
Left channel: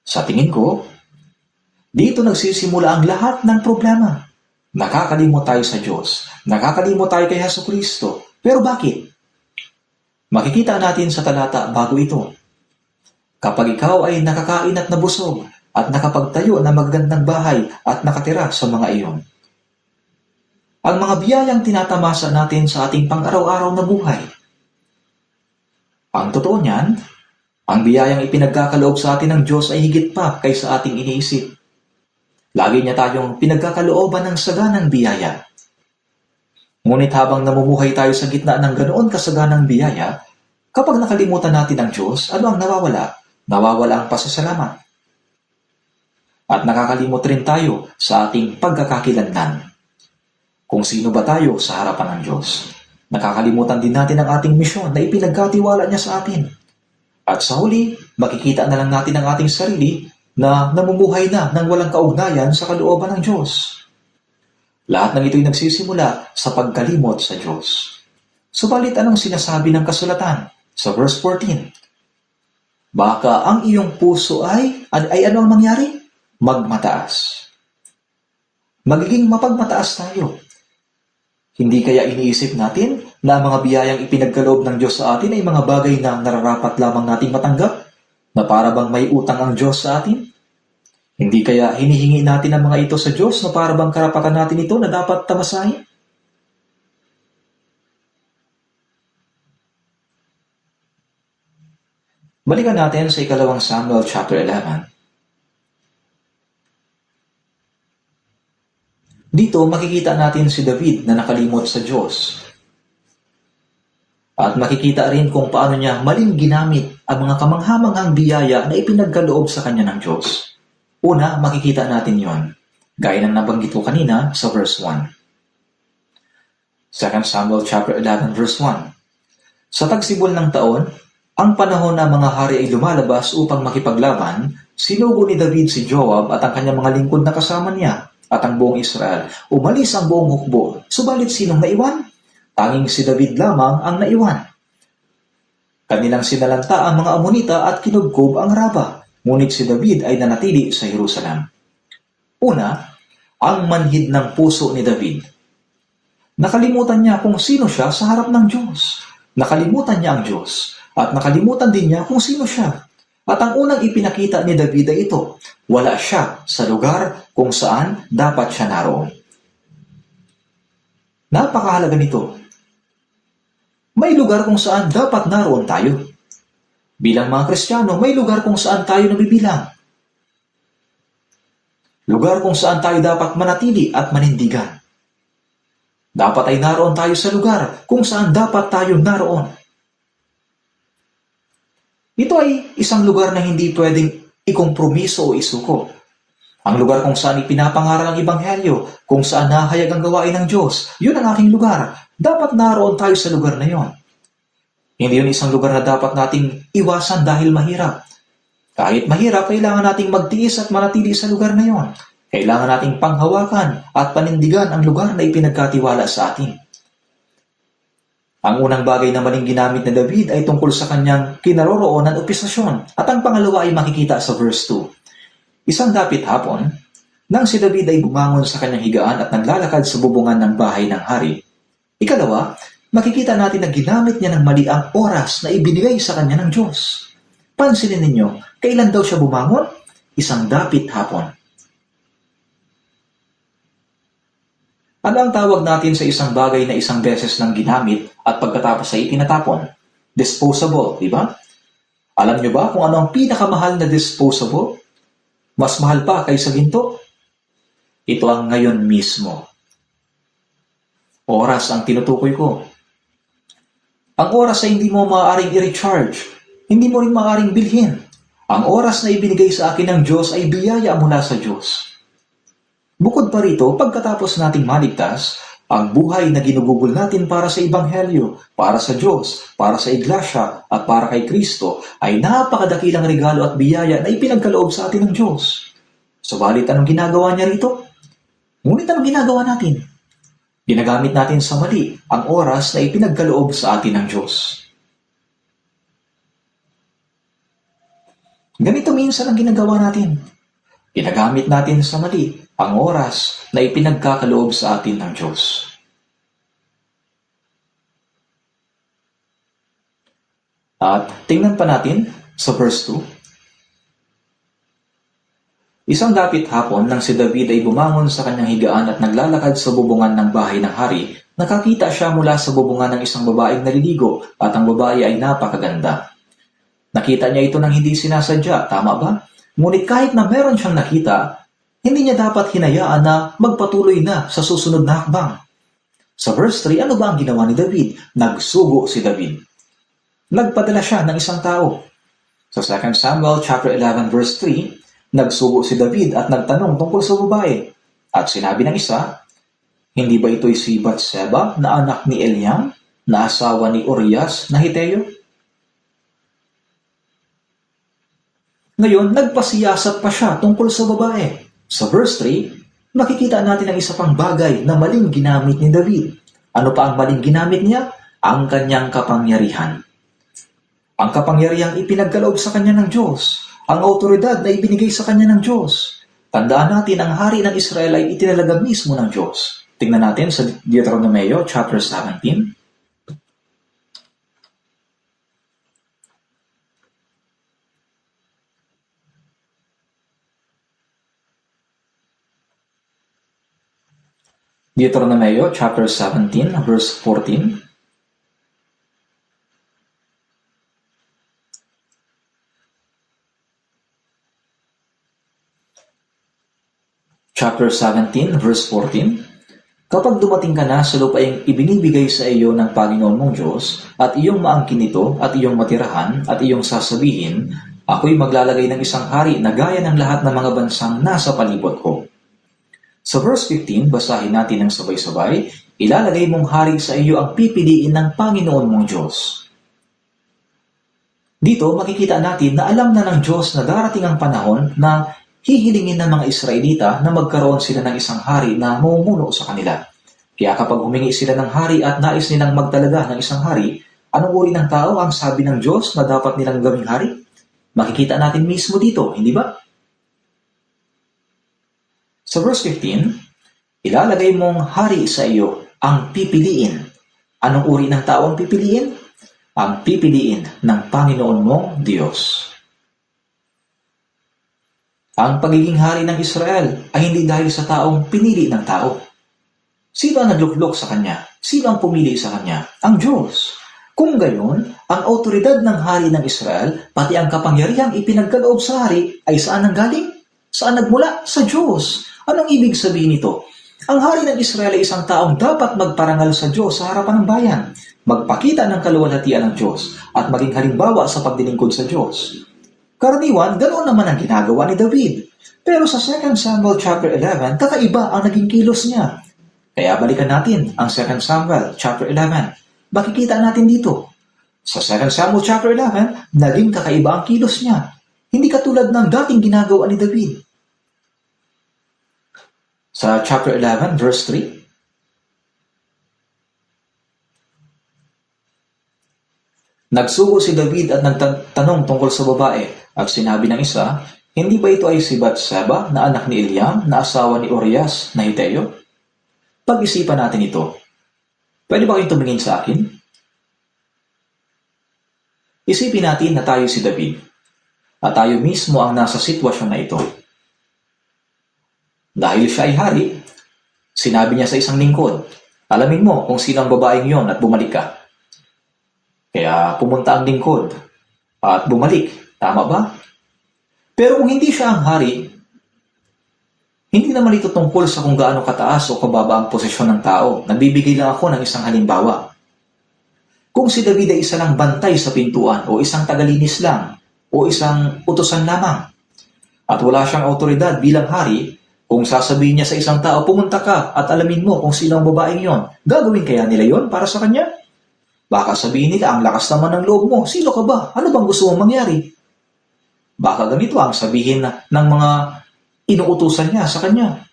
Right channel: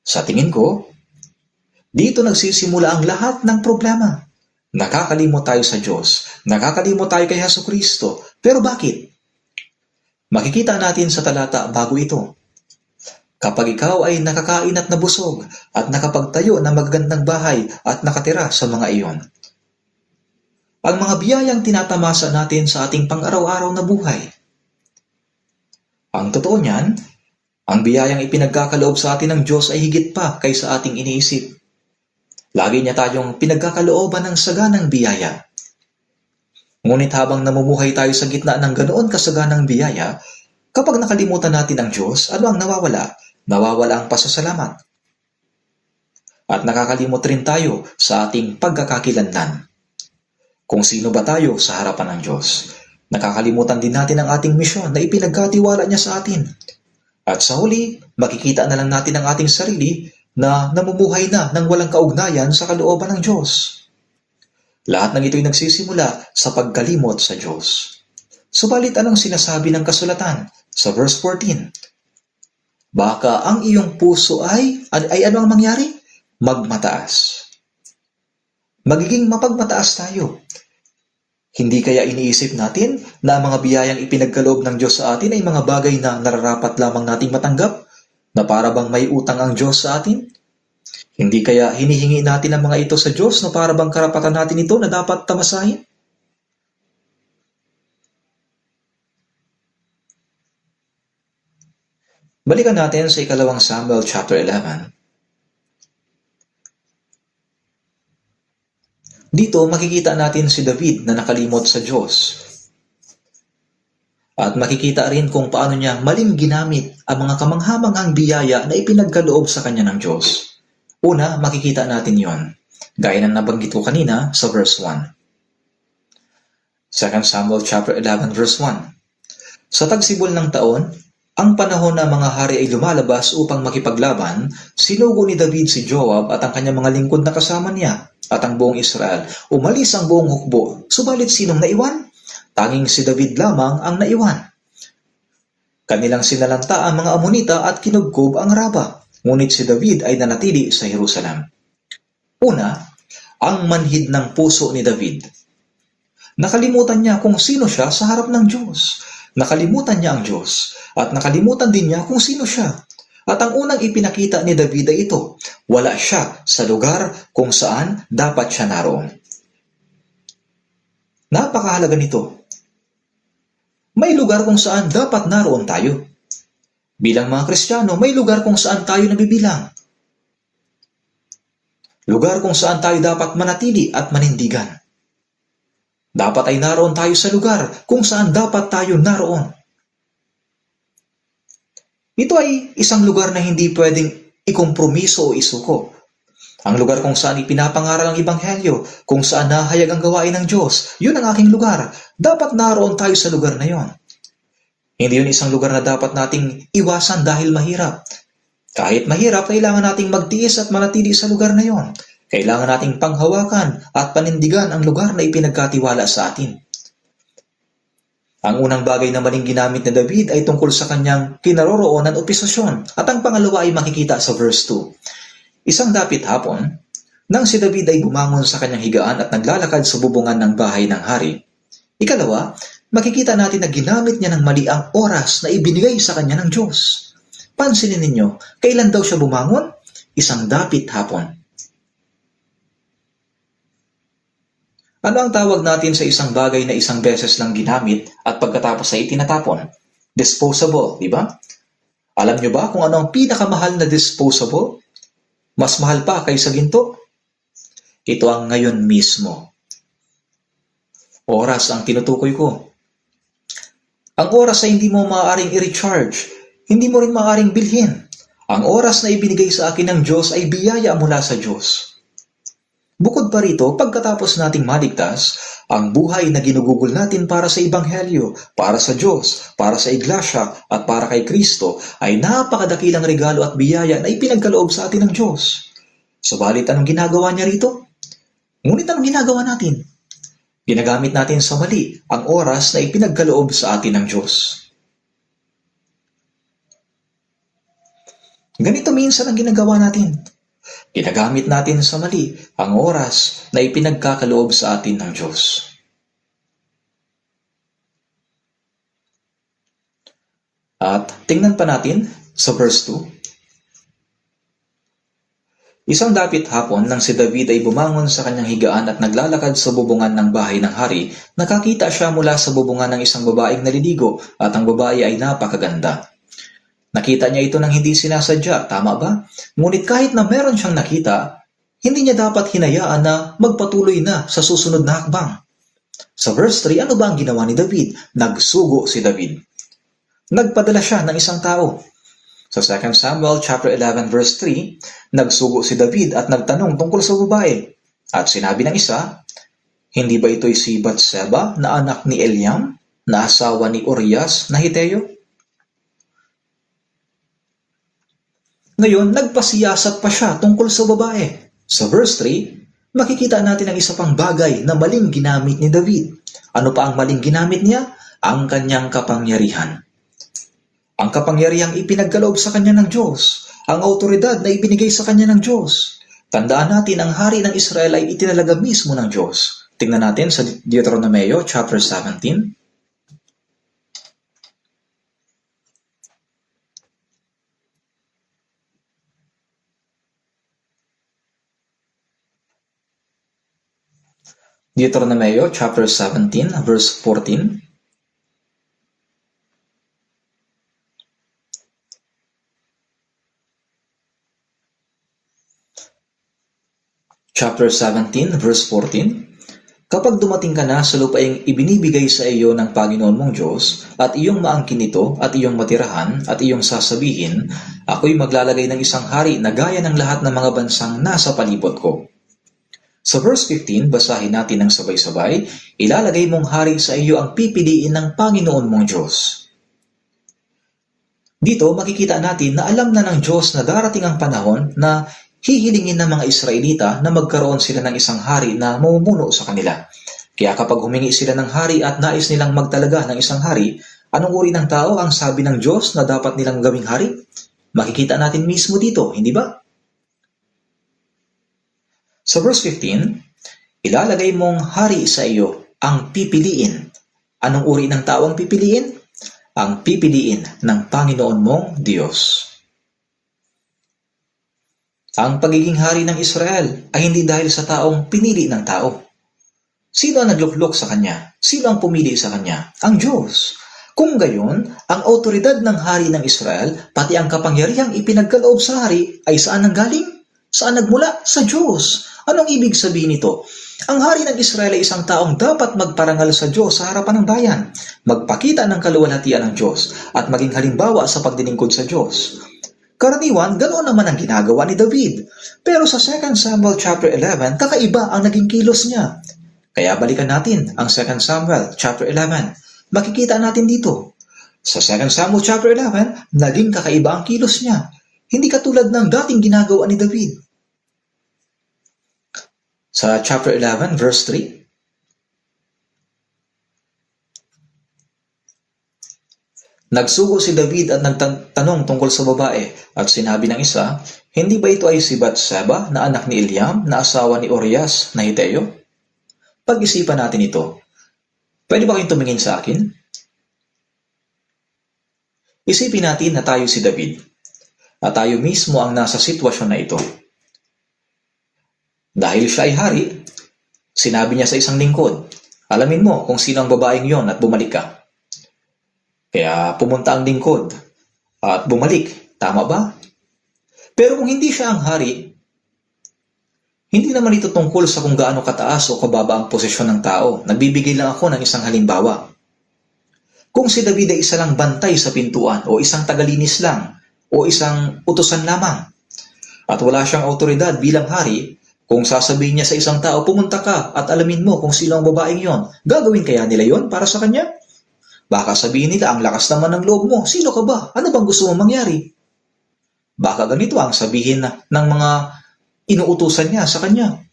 Sa tingin ko, dito nagsisimula ang lahat ng problema. Nakakalimot tayo sa Diyos. Nakakalimot tayo kay Jesucristo. Pero bakit? Makikita natin sa talata bago ito. Kapag ikaw ay nakakain at nabusog at nakapagtayo ng magagandang bahay at nakatira sa mga iyon. Ang mga biyayang tinatamasa natin sa ating pang-araw-araw na buhay. Ang totoo niyan, ang biyayang ipinagkakaloob sa atin ng Diyos ay higit pa kaysa ating iniisip. Lagi niya tayong pinagkakalooban ng saganang biyaya. Ngunit habang namumuhay tayo sa gitna ng ganoon kasaganang biyaya, kapag nakalimutan natin ang Diyos, ano ang nawawala? Nawawala ang pasasalamat. At nakakalimot rin tayo sa ating pagkakakilanlan. Kung sino ba tayo sa harapan ng Diyos? Nakakalimutan din natin ang ating misyon na ipinagkatiwala niya sa atin. At sa huli, makikita na lang natin ang ating sarili na namumuhay na ng walang kaugnayan sa kalooban ng Diyos. Lahat ng ito'y nagsisimula sa pagkalimot sa Diyos. Subalit anong sinasabi ng kasulatan sa verse 14? Baka ang iyong puso ay ano ang mangyari? Magmataas. Magiging mapagmataas tayo. Hindi kaya iniisip natin na ang mga biyayang ipinagkaloob ng Diyos sa atin ay mga bagay na nararapat lamang nating matanggap? Na para bang may utang ang Diyos sa atin? Hindi kaya hinihingi natin ang mga ito sa Diyos na para bang karapatan natin ito na dapat tamasahin? Balikan natin sa 2 Samuel chapter 11. Dito makikita natin si David na nakalimot sa Diyos. At makikita rin kung paano niya maling ginamit ang mga kamanghamanghang biyaya na ipinagkaloob sa kanya ng Diyos. Una, makikita natin yon, gaya ng nabanggit ko kanina sa verse 1. 2 Samuel chapter 11 verse 1. Sa tagsibol ng taon, ang panahon na mga hari ay lumalabas upang makipaglaban, sinugo ni David si Joab at ang kanyang mga lingkod na kasama niya at ang buong Israel. Umalis ang buong hukbo. Subalit sinong naiwan? Tanging si David lamang ang naiwan. Kanilang sinalanta ang mga Amonita at kinugkob ang Raba. Ngunit si David ay nanatili sa Jerusalem. Una, ang manhid ng puso ni David. Nakalimutan niya kung sino siya sa harap ng Diyos. Nakalimutan niya ang Diyos at nakalimutan din niya kung sino siya. At ang unang ipinakita ni David ay ito, wala siya sa lugar kung saan dapat siya naroon. Napakahalaga nito. May lugar kung saan dapat naroon tayo. Bilang mga Kristiyano, may lugar kung saan tayo nabibilang. Lugar kung saan tayo dapat manatili at manindigan. Dapat ay naroon tayo sa lugar kung saan dapat tayo naroon. Ito ay isang lugar na hindi pwedeng ikompromiso o isuko. Ang lugar kung saan ipinapangaral ang Ebanghelyo, kung saan nahayag ang gawain ng Diyos, yun ang aking lugar. Dapat naroon tayo sa lugar na yon. Hindi yun isang lugar na dapat nating iwasan dahil mahirap. Kahit mahirap, kailangan nating magtiis at manatili sa lugar na yon. Kailangan nating panghawakan at panindigan ang lugar na ipinagkatiwala sa atin. Ang unang bagay na maling ginamit ni David ay tungkol sa kanyang kinaroroonan o posisyon. At ang pangalawa ay makikita sa verse 2. Isang dapit hapon, nang si David ay bumangon sa kanyang higaan at naglalakad sa bubungan ng bahay ng hari. Ikalawa, makikita natin na ginamit niya ng mali ang oras na ibinigay sa kanya ng Diyos. Pansinin ninyo, kailan daw siya bumangon? Isang dapit hapon. Ano ang tawag natin sa isang bagay na isang beses lang ginamit at pagkatapos ay itinatapon? Disposable, di ba? Alam nyo ba kung ano ang pinakamahal na disposable? Mas mahal pa kaysa ginto? Ito ang ngayon mismo. Oras ang tinutukoy ko. Ang oras ay hindi mo maaaring i-recharge. Hindi mo rin maaaring bilhin. Ang oras na ibinigay sa akin ng Diyos ay biyaya mula sa Diyos. Bukod pa rito, pagkatapos nating maligtas, ang buhay na ginugugol natin para sa Ebanghelyo, para sa Diyos, para sa Iglesia, at para kay Kristo ay napakadakilang regalo at biyaya na ipinagkaloob sa atin ng Diyos. Subalit anong ginagawa niya rito? Ngunit anong ginagawa natin? Ginagamit natin sa mali ang oras na ipinagkaloob sa atin ng Diyos. Ganito minsan ang ginagawa natin. Ginagamit natin sa mali ang oras na ipinagkakaloob sa atin ng Diyos. At tingnan pa natin sa verse 2. Isang dapit hapon nang si David ay bumangon sa kanyang higaan at naglalakad sa bubungan ng bahay ng hari, nakakita siya mula sa bubungan ng isang babaeng naliligo at ang babae ay napakaganda. Nakita niya ito nang hindi sinasadya, tama ba? Ngunit kahit na meron siyang nakita, hindi niya dapat hinayaan na magpatuloy na sa susunod na hakbang. Sa verse 3, ano ba ang ginawa ni David? Nagsugo si David. Nagpadala siya ng isang tao. Sa 2 Samuel chapter 11 verse 3, nagsugo si David at nagtanong tungkol sa babae. At sinabi ng isa, hindi ba ito'y si Batseba na anak ni Eliam, na asawa ni Urias na Hiteo? Ngayon, nagpasiyasat pa siya tungkol sa babae. Sa verse 3, makikita natin ang isa pang bagay na maling ginamit ni David. Ano pa ang maling ginamit niya? Ang kanyang kapangyarihan. Ang kapangyarihang ipinagkaloob sa kanya ng Diyos. Ang autoridad na ibinigay sa kanya ng Diyos. Tandaan natin, ang hari ng Israel ay itinalaga mismo ng Diyos. Tingnan natin sa Deuteronomio chapter 17. Deuteronomio chapter 17 verse 14. Chapter 17 verse 14. Kapag dumating ka na sa lupaing ibinibigay sa iyo ng Panginoon mong Diyos, at iyong maangkin ito, at iyong matirahan, at iyong sasabihin, ako'y maglalagay ng isang hari na gaya ng lahat ng mga bansang nasa palibot ko. Sa verse 15, basahin natin ng sabay-sabay, ilalagay mong hari sa iyo ang pipiliin ng Panginoon mong Diyos. Dito makikita natin na alam na ng Diyos na darating ang panahon na hihilingin ng mga Israelita na magkaroon sila ng isang hari na mamumuno sa kanila. Kaya kapag humingi sila ng hari at nais nilang magtalaga ng isang hari, anong uri ng tao ang sabi ng Diyos na dapat nilang gawing hari? Makikita natin mismo dito, hindi ba? Sa verse 15, ilalagay mong hari sa iyo ang pipiliin. Anong uri ng tao ang pipiliin? Ang pipiliin ng Panginoon mong Diyos. Ang pagiging hari ng Israel ay hindi dahil sa taong pinili ng tao. Sino ang nagluklok sa kanya? Sino ang pumili sa kanya? Ang Diyos. Kung gayon, ang autoridad ng hari ng Israel, pati ang kapangyarihang ipinagkaloob sa hari, ay saan nanggaling? Saan nagmula? Sa Diyos. Anong ibig sabihin nito? Ang hari ng Israel ay isang taong dapat magparangal sa Diyos sa harapan ng bayan, magpakita ng kaluwalhatian ng Diyos, at maging halimbawa sa pagdilingkod sa Diyos. Karaniwan, ganoon naman ang ginagawa ni David. Pero sa 2 Samuel chapter 11, kakaiba ang naging kilos niya. Kaya balikan natin ang 2 Samuel chapter 11. Makikita natin dito. Sa 2 Samuel chapter 11, naging kakaiba ang kilos niya. Hindi katulad ng dating ginagawa ni David. Sa chapter 11, verse 3, nagsugo si David at nagtanong tungkol sa babae at sinabi ng isa, hindi ba ito ay si Batseba na anak ni Eliam na asawa ni Urias na Hiteo? Pag-isipan natin ito. Pwede ba kayong tumingin sa akin? Isipin natin na tayo si David at tayo mismo ang nasa sitwasyon na ito. Dahil siya ay hari, sinabi niya sa isang lingkod, alamin mo kung sino ang babaeng yon at bumalik ka. Kaya pumunta ang lingkod at bumalik. Tama ba? Pero kung hindi siya ang hari, hindi naman ito tungkol sa kung gaano kataas o kababa ang posisyon ng tao. Nagbibigay lang ako ng isang halimbawa. Kung si David ay isa lang bantay sa pintuan o isang tagalinis lang o isang utusan lamang at wala siyang otoridad bilang hari, kung sasabihin niya sa isang tao, pumunta ka at alamin mo kung sino ang babaeng yon, gagawin kaya nila yon para sa kanya? Baka sabihin nila, ang lakas naman ng loob mo. Sino ka ba? Ano bang gusto mong mangyari? Baka ganito ang sabihin ng mga inuutusan niya sa kanya.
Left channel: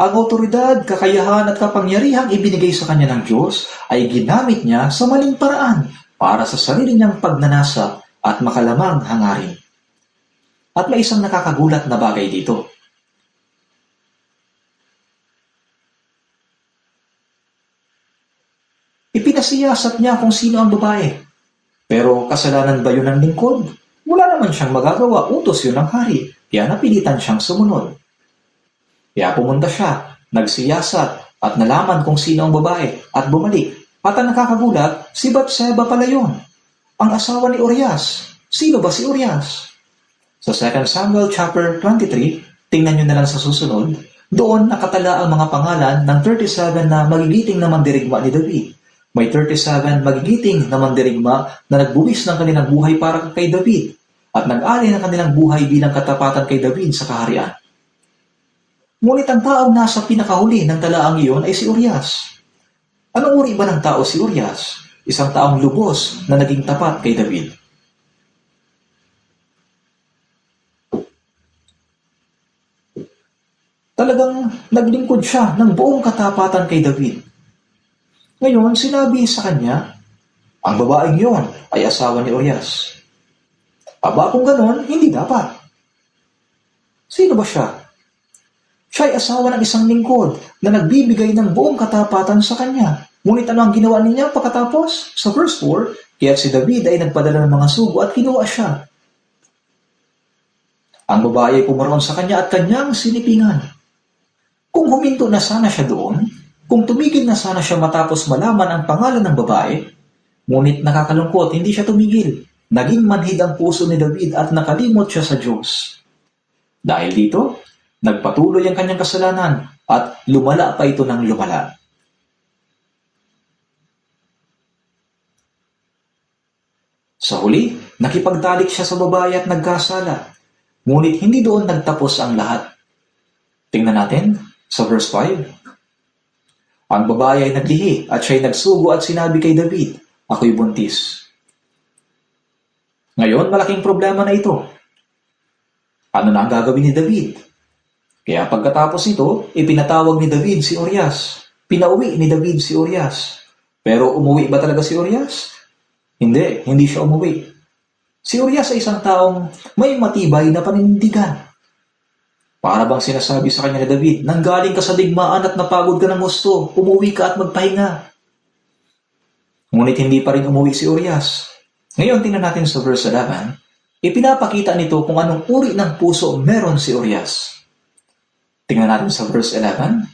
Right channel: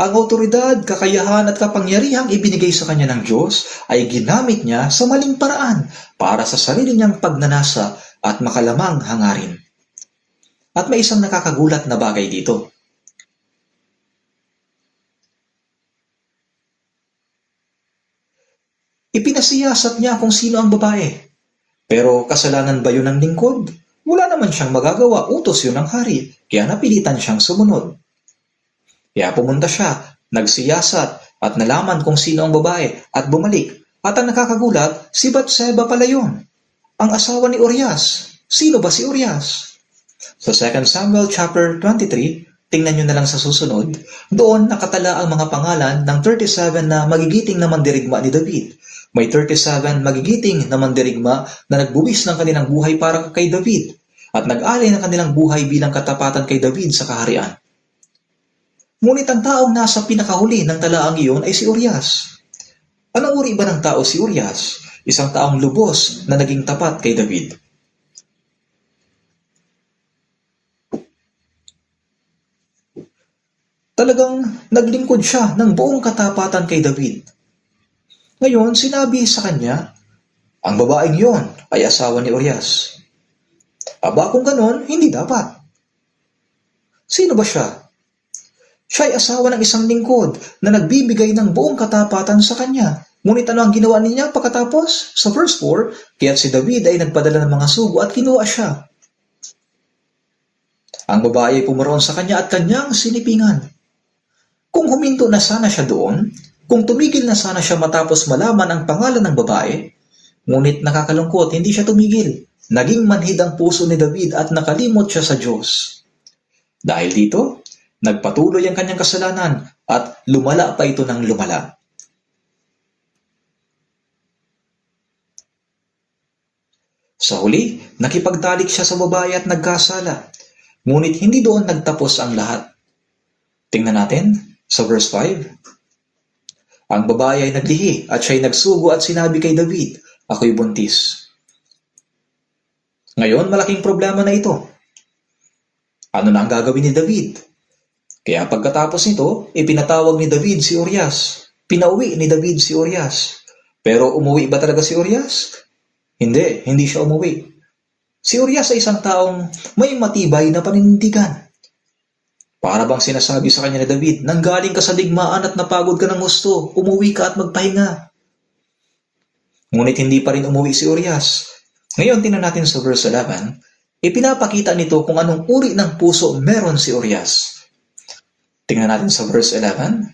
Ang otoridad, kakayahan at kapangyarihang ibinigay sa kanya ng Diyos ay ginamit niya sa maling paraan para sa sarili niyang pagnanasa at makalamang hangarin. At may isang nakakagulat na bagay dito. Ipinasiyasat niya kung sino ang babae. Pero kasalanan ba yun ng lingkod? Wala naman siyang magagawa, utos yun ng hari, kaya napilitan siyang sumunod. Kaya pumunta siya, nagsiyasat at nalaman kung sino ang babae at bumalik. At ang nakakagulat, si Batseba pala yun, ang asawa ni Urias. Sino ba si Urias? Sa 2 Samuel chapter 23, tingnan nyo na lang sa susunod, doon nakatala ang mga pangalan ng 37 na magigiting na mandirigma ni David. May 37 magigiting na mandirigma na nagbuwis ng kanilang buhay para kay David at nag-alay ng kanilang buhay bilang katapatan kay David sa kaharian. Ngunit ang taong nasa pinakahuli ng talaang iyon ay si Urias. Anong uri ba ng tao si Urias? Isang taong lubos na naging tapat kay David. Talagang naglingkod siya ng buong katapatan kay David. Ngayon, sinabi sa kanya, ang babaeng yon ay asawa ni Urias. Aba kung ganon, hindi dapat. Sino ba siya? Siya ay asawa ng isang lingkod na nagbibigay ng buong katapatan sa kanya. Ngunit ano ang ginawa niya pagkatapos? Sa verse 4, kaya't si David ay nagpadala ng mga sugo at kinuha siya. Ang babae ay pumaroon sa kanya at kanyang sinipingan. Kung huminto na sana siya doon, kung tumigil na sana siya matapos malaman ang pangalan ng babae, ngunit nakakalungkot, hindi siya tumigil. Naging manhid ang puso ni David at nakalimot siya sa Diyos. Dahil dito, nagpatuloy ang kanyang kasalanan at lumala pa ito ng lumala. Sa huli, nakipagtalik siya sa babae at nagkasala. Ngunit hindi doon nagtapos ang lahat. Tingnan natin sa verse 5. Ang babae ay naglihi at siya'y nagsugo at sinabi kay David, "Ako'y buntis." Ngayon, malaking problema na ito. Ano na ang gagawin ni David? Kaya pagkatapos nito, ipinatawag ni David si Urias. Pinauwi ni David si Urias. Pero umuwi ba talaga si Urias? Hindi siya umuwi. Si Urias ay isang taong may matibay na paninindigan. Para bang sinasabi sa kanya ni David, "Nanggaling ka sa digmaan at napagod ka ng husto, umuwi ka at magpahinga." Ngunit hindi pa rin umuwi si Urias. Ngayon, tingnan natin sa verse 11, ipinapakita nito kung anong uri ng puso meron si Urias. Tingnan natin sa verse 11,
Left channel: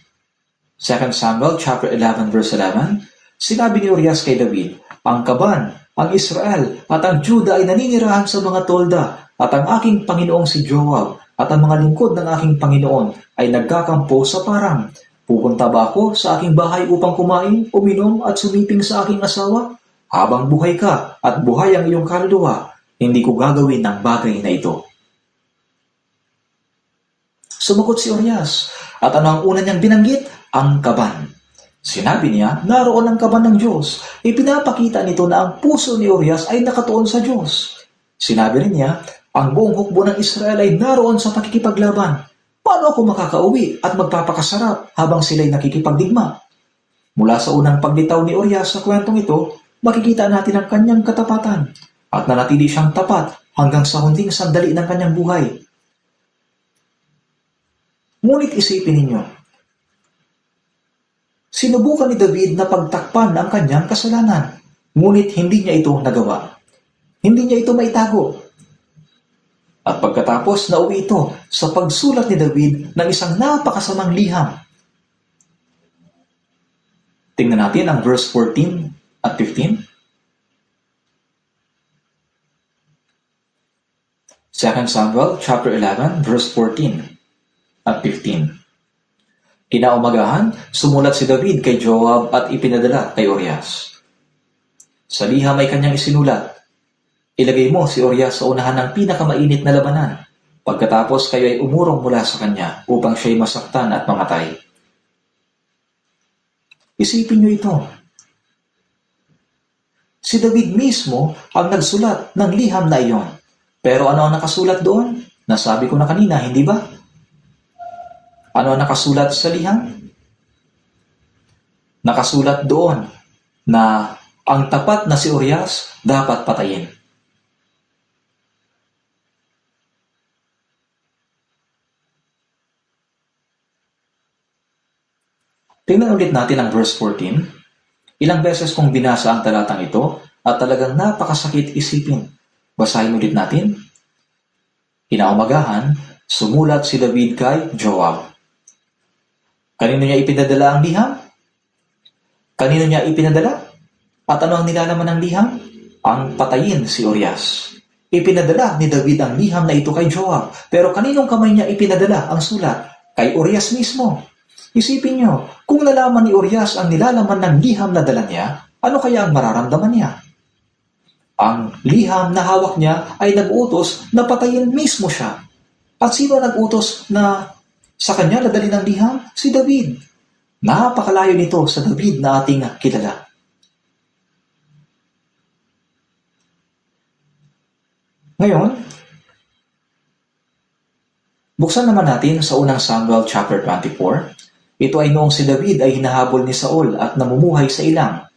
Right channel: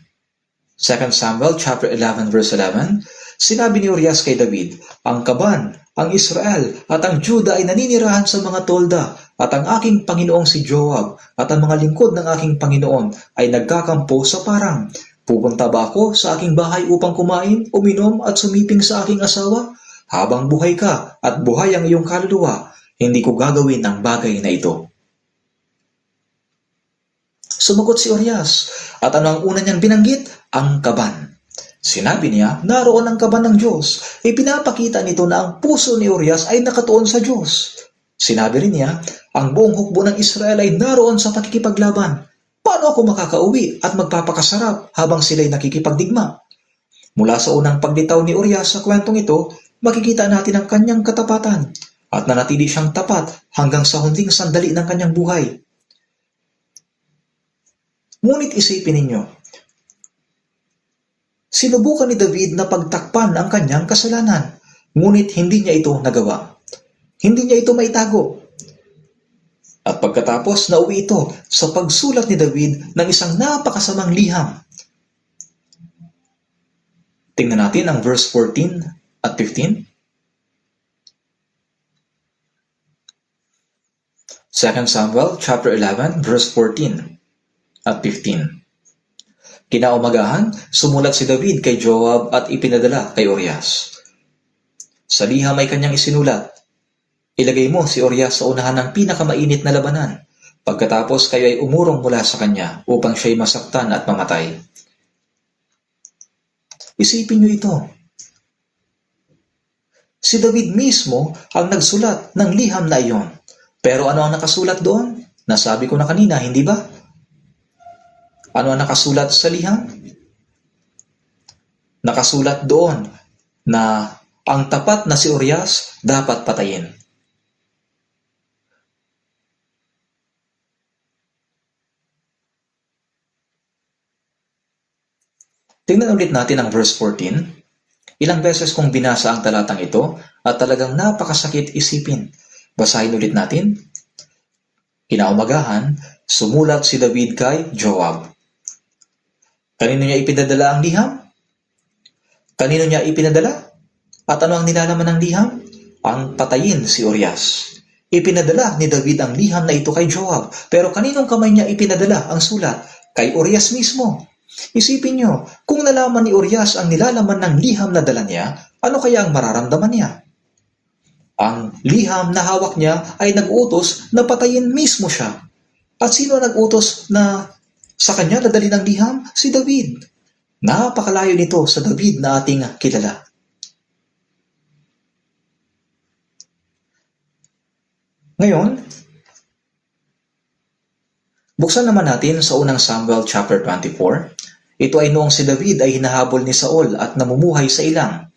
2 Samuel chapter 11 verse 11, sinabi ni Urias kay David, "Ang Kaban, ang Israel at ang Juda ay naninirahan sa mga tolda, at ang aking Panginoong si Joab at ang mga lingkod ng aking Panginoon ay nagkakampo sa parang. Pupunta ba ako sa aking bahay upang kumain, uminom at sumiping sa aking asawa? Habang buhay ka at buhay ang iyong kaluluwa, hindi ko gagawin ang bagay na ito." Sumagot si Urias, at ano ang una niyang binanggit? Ang Kaban. Sinabi niya, naroon ang kaban ng Diyos. Ipinapakita nito na ang puso ni Urias ay nakatuon sa Diyos. Sinabi rin niya, ang buong hukbo ng Israel ay naroon sa pakikipaglaban. Paano ako makakauwi at magpapakasarap habang sila'y nakikipagdigma? Mula sa unang paglitaw ni Urias sa kwentong ito, makikita natin ang kanyang katapatan at nanatili siyang tapat hanggang sa huling sandali ng kanyang buhay. Ngunit isipin ninyo, sinubukan ni David na pagtakpan ang kanyang kasalanan, ngunit hindi niya ito nagawa. Hindi niya ito maitago. At pagkatapos nauwi ito sa pagsulat ni David ng isang napakasamang liham. Tingnan natin ang verse 14 at 15. 2 Samuel chapter 11 verse 14 at 15. Kinaumagahan, sumulat si David kay Joab at ipinadala kay Urias. Sa liham ay kanyang isinulat, ilagay mo si Urias sa unahan ng pinakamainit na labanan, pagkatapos kayo ay umurong mula sa kanya upang siya'y masaktan at mamatay. Isipin niyo ito. Si David mismo ang nagsulat ng liham na iyon. Pero ano ang nakasulat doon? Nasabi ko na kanina, hindi ba? Ano ang nakasulat sa liham? Nakasulat doon na ang tapat na si Urias dapat patayin. Tingnan ulit natin ang verse 14. Ilang beses kong binasa ang talatang ito at talagang napakasakit isipin. Basahin ulit natin. Kinaumagahan, sumulat si David kay Joab. Kanino niya ipinadala ang liham? Kanino niya ipinadala? At ano ang nilalaman ng liham? Ang patayin si Urias. Ipinadala ni David ang liham na ito kay Joab. Pero kaninong kamay niya ipinadala ang sulat? Kay Urias mismo. Isipin niyo, kung nalaman ni Urias ang nilalaman ng liham na dala niya, ano kaya ang mararamdaman niya? Ang liham na hawak niya ay nag-utos na patayin mismo siya. At sino nag-utos na sa kanya dadalhin ng liham? Si David. Napakalayo nito sa David na ating kilala. Ngayon, buksan naman natin sa unang Samuel chapter 24. Ito ay noong si David ay hinahabol ni Saul at namumuhay sa ilang.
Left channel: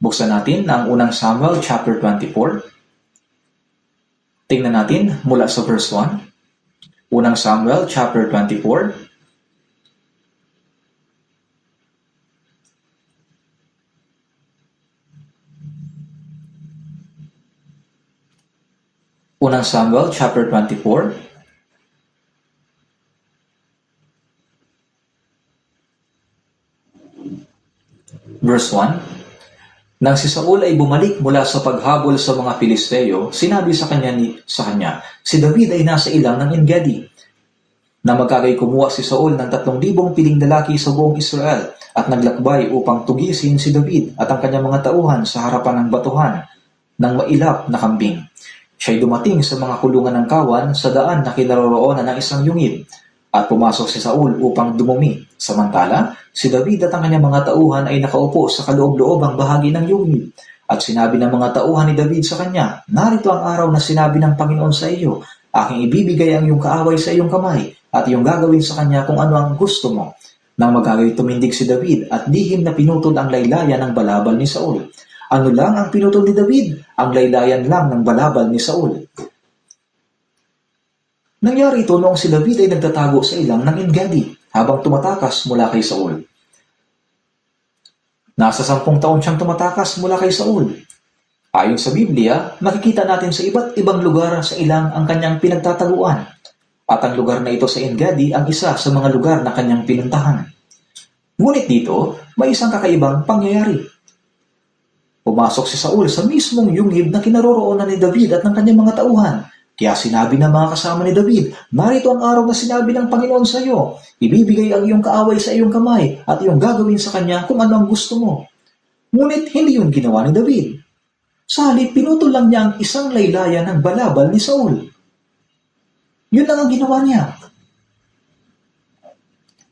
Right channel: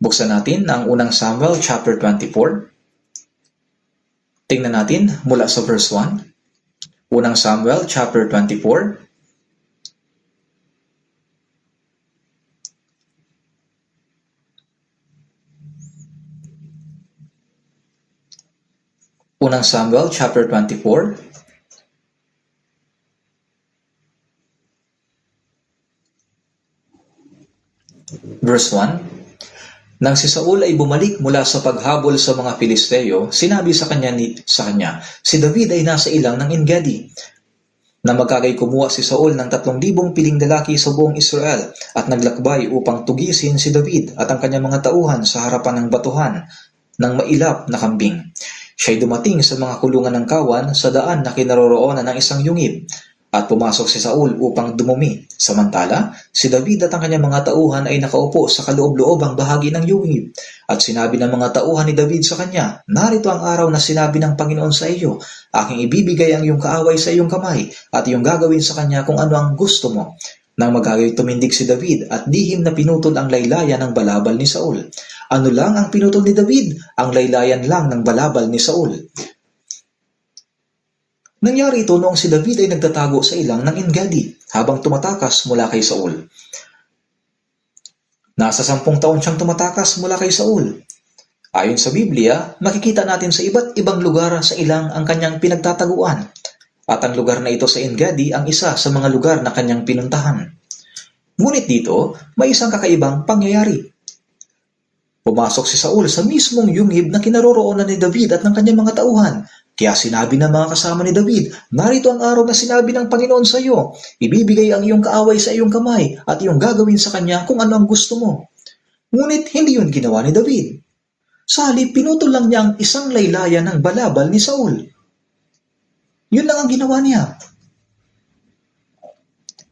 Buksan natin ang unang Samuel chapter 24. Tingnan natin mula sa verse 1. Unang Samuel chapter 24. Unang Samuel chapter 24. Verse 1. Nang si Saul ay bumalik mula sa paghabol sa mga Filisteo, sinabi sa kanya, si David ay nasa ilang ng Engedi. Na magkagay kumuha si Saul ng 3,000 piling lalaki sa buong Israel at naglakbay upang tugisin si David at ang kanyang mga tauhan sa harapan ng batuhan ng mailap na kambing. Siya'y dumating sa mga kulungan ng kawan sa daan na kinaroroonan ng isang yungib. At pumasok si Saul upang dumumi. Samantala, si David at ang kanyang mga tauhan ay nakaupo sa kaloob-loobang bahagi ng yungib. At sinabi ng mga tauhan ni David sa kanya, narito ang araw na sinabi ng Panginoon sa iyo, aking ibibigay ang iyong kaaway sa iyong kamay at iyong gagawin sa kanya kung ano ang gusto mo. Nang magagay tumindig si David at lihim na pinutol ang laylayan ng balabal ni Saul. Ano lang ang pinutol ni David? Ang laylayan lang ng balabal ni Saul. Nangyari ito noong si David ay nagtatago sa ilang ng Engedi habang tumatakas mula kay Saul. Nasa 10 taon siyang tumatakas mula kay Saul. Ayon sa Biblia, makikita natin sa iba't ibang lugar sa ilang ang kanyang pinagtataguan. At ang lugar na ito sa Engedi ang isa sa mga lugar na kanyang pinuntahan. Ngunit dito, may isang kakaibang pangyayari. Pumasok si Saul sa mismong yungib na kinaroroonan ni David at ng kanyang mga tauhan. Kaya sinabi ng mga kasama ni David, narito ang araw na sinabi ng Panginoon sa iyo, ibibigay ang iyong kaaway sa iyong kamay at iyong gagawin sa kanya kung ano ang gusto mo. Ngunit hindi yun ginawa ni David. Sa halip, pinutol lang niya ang isang laylayan ng balabal ni Saul. Yun lang ang ginawa niya.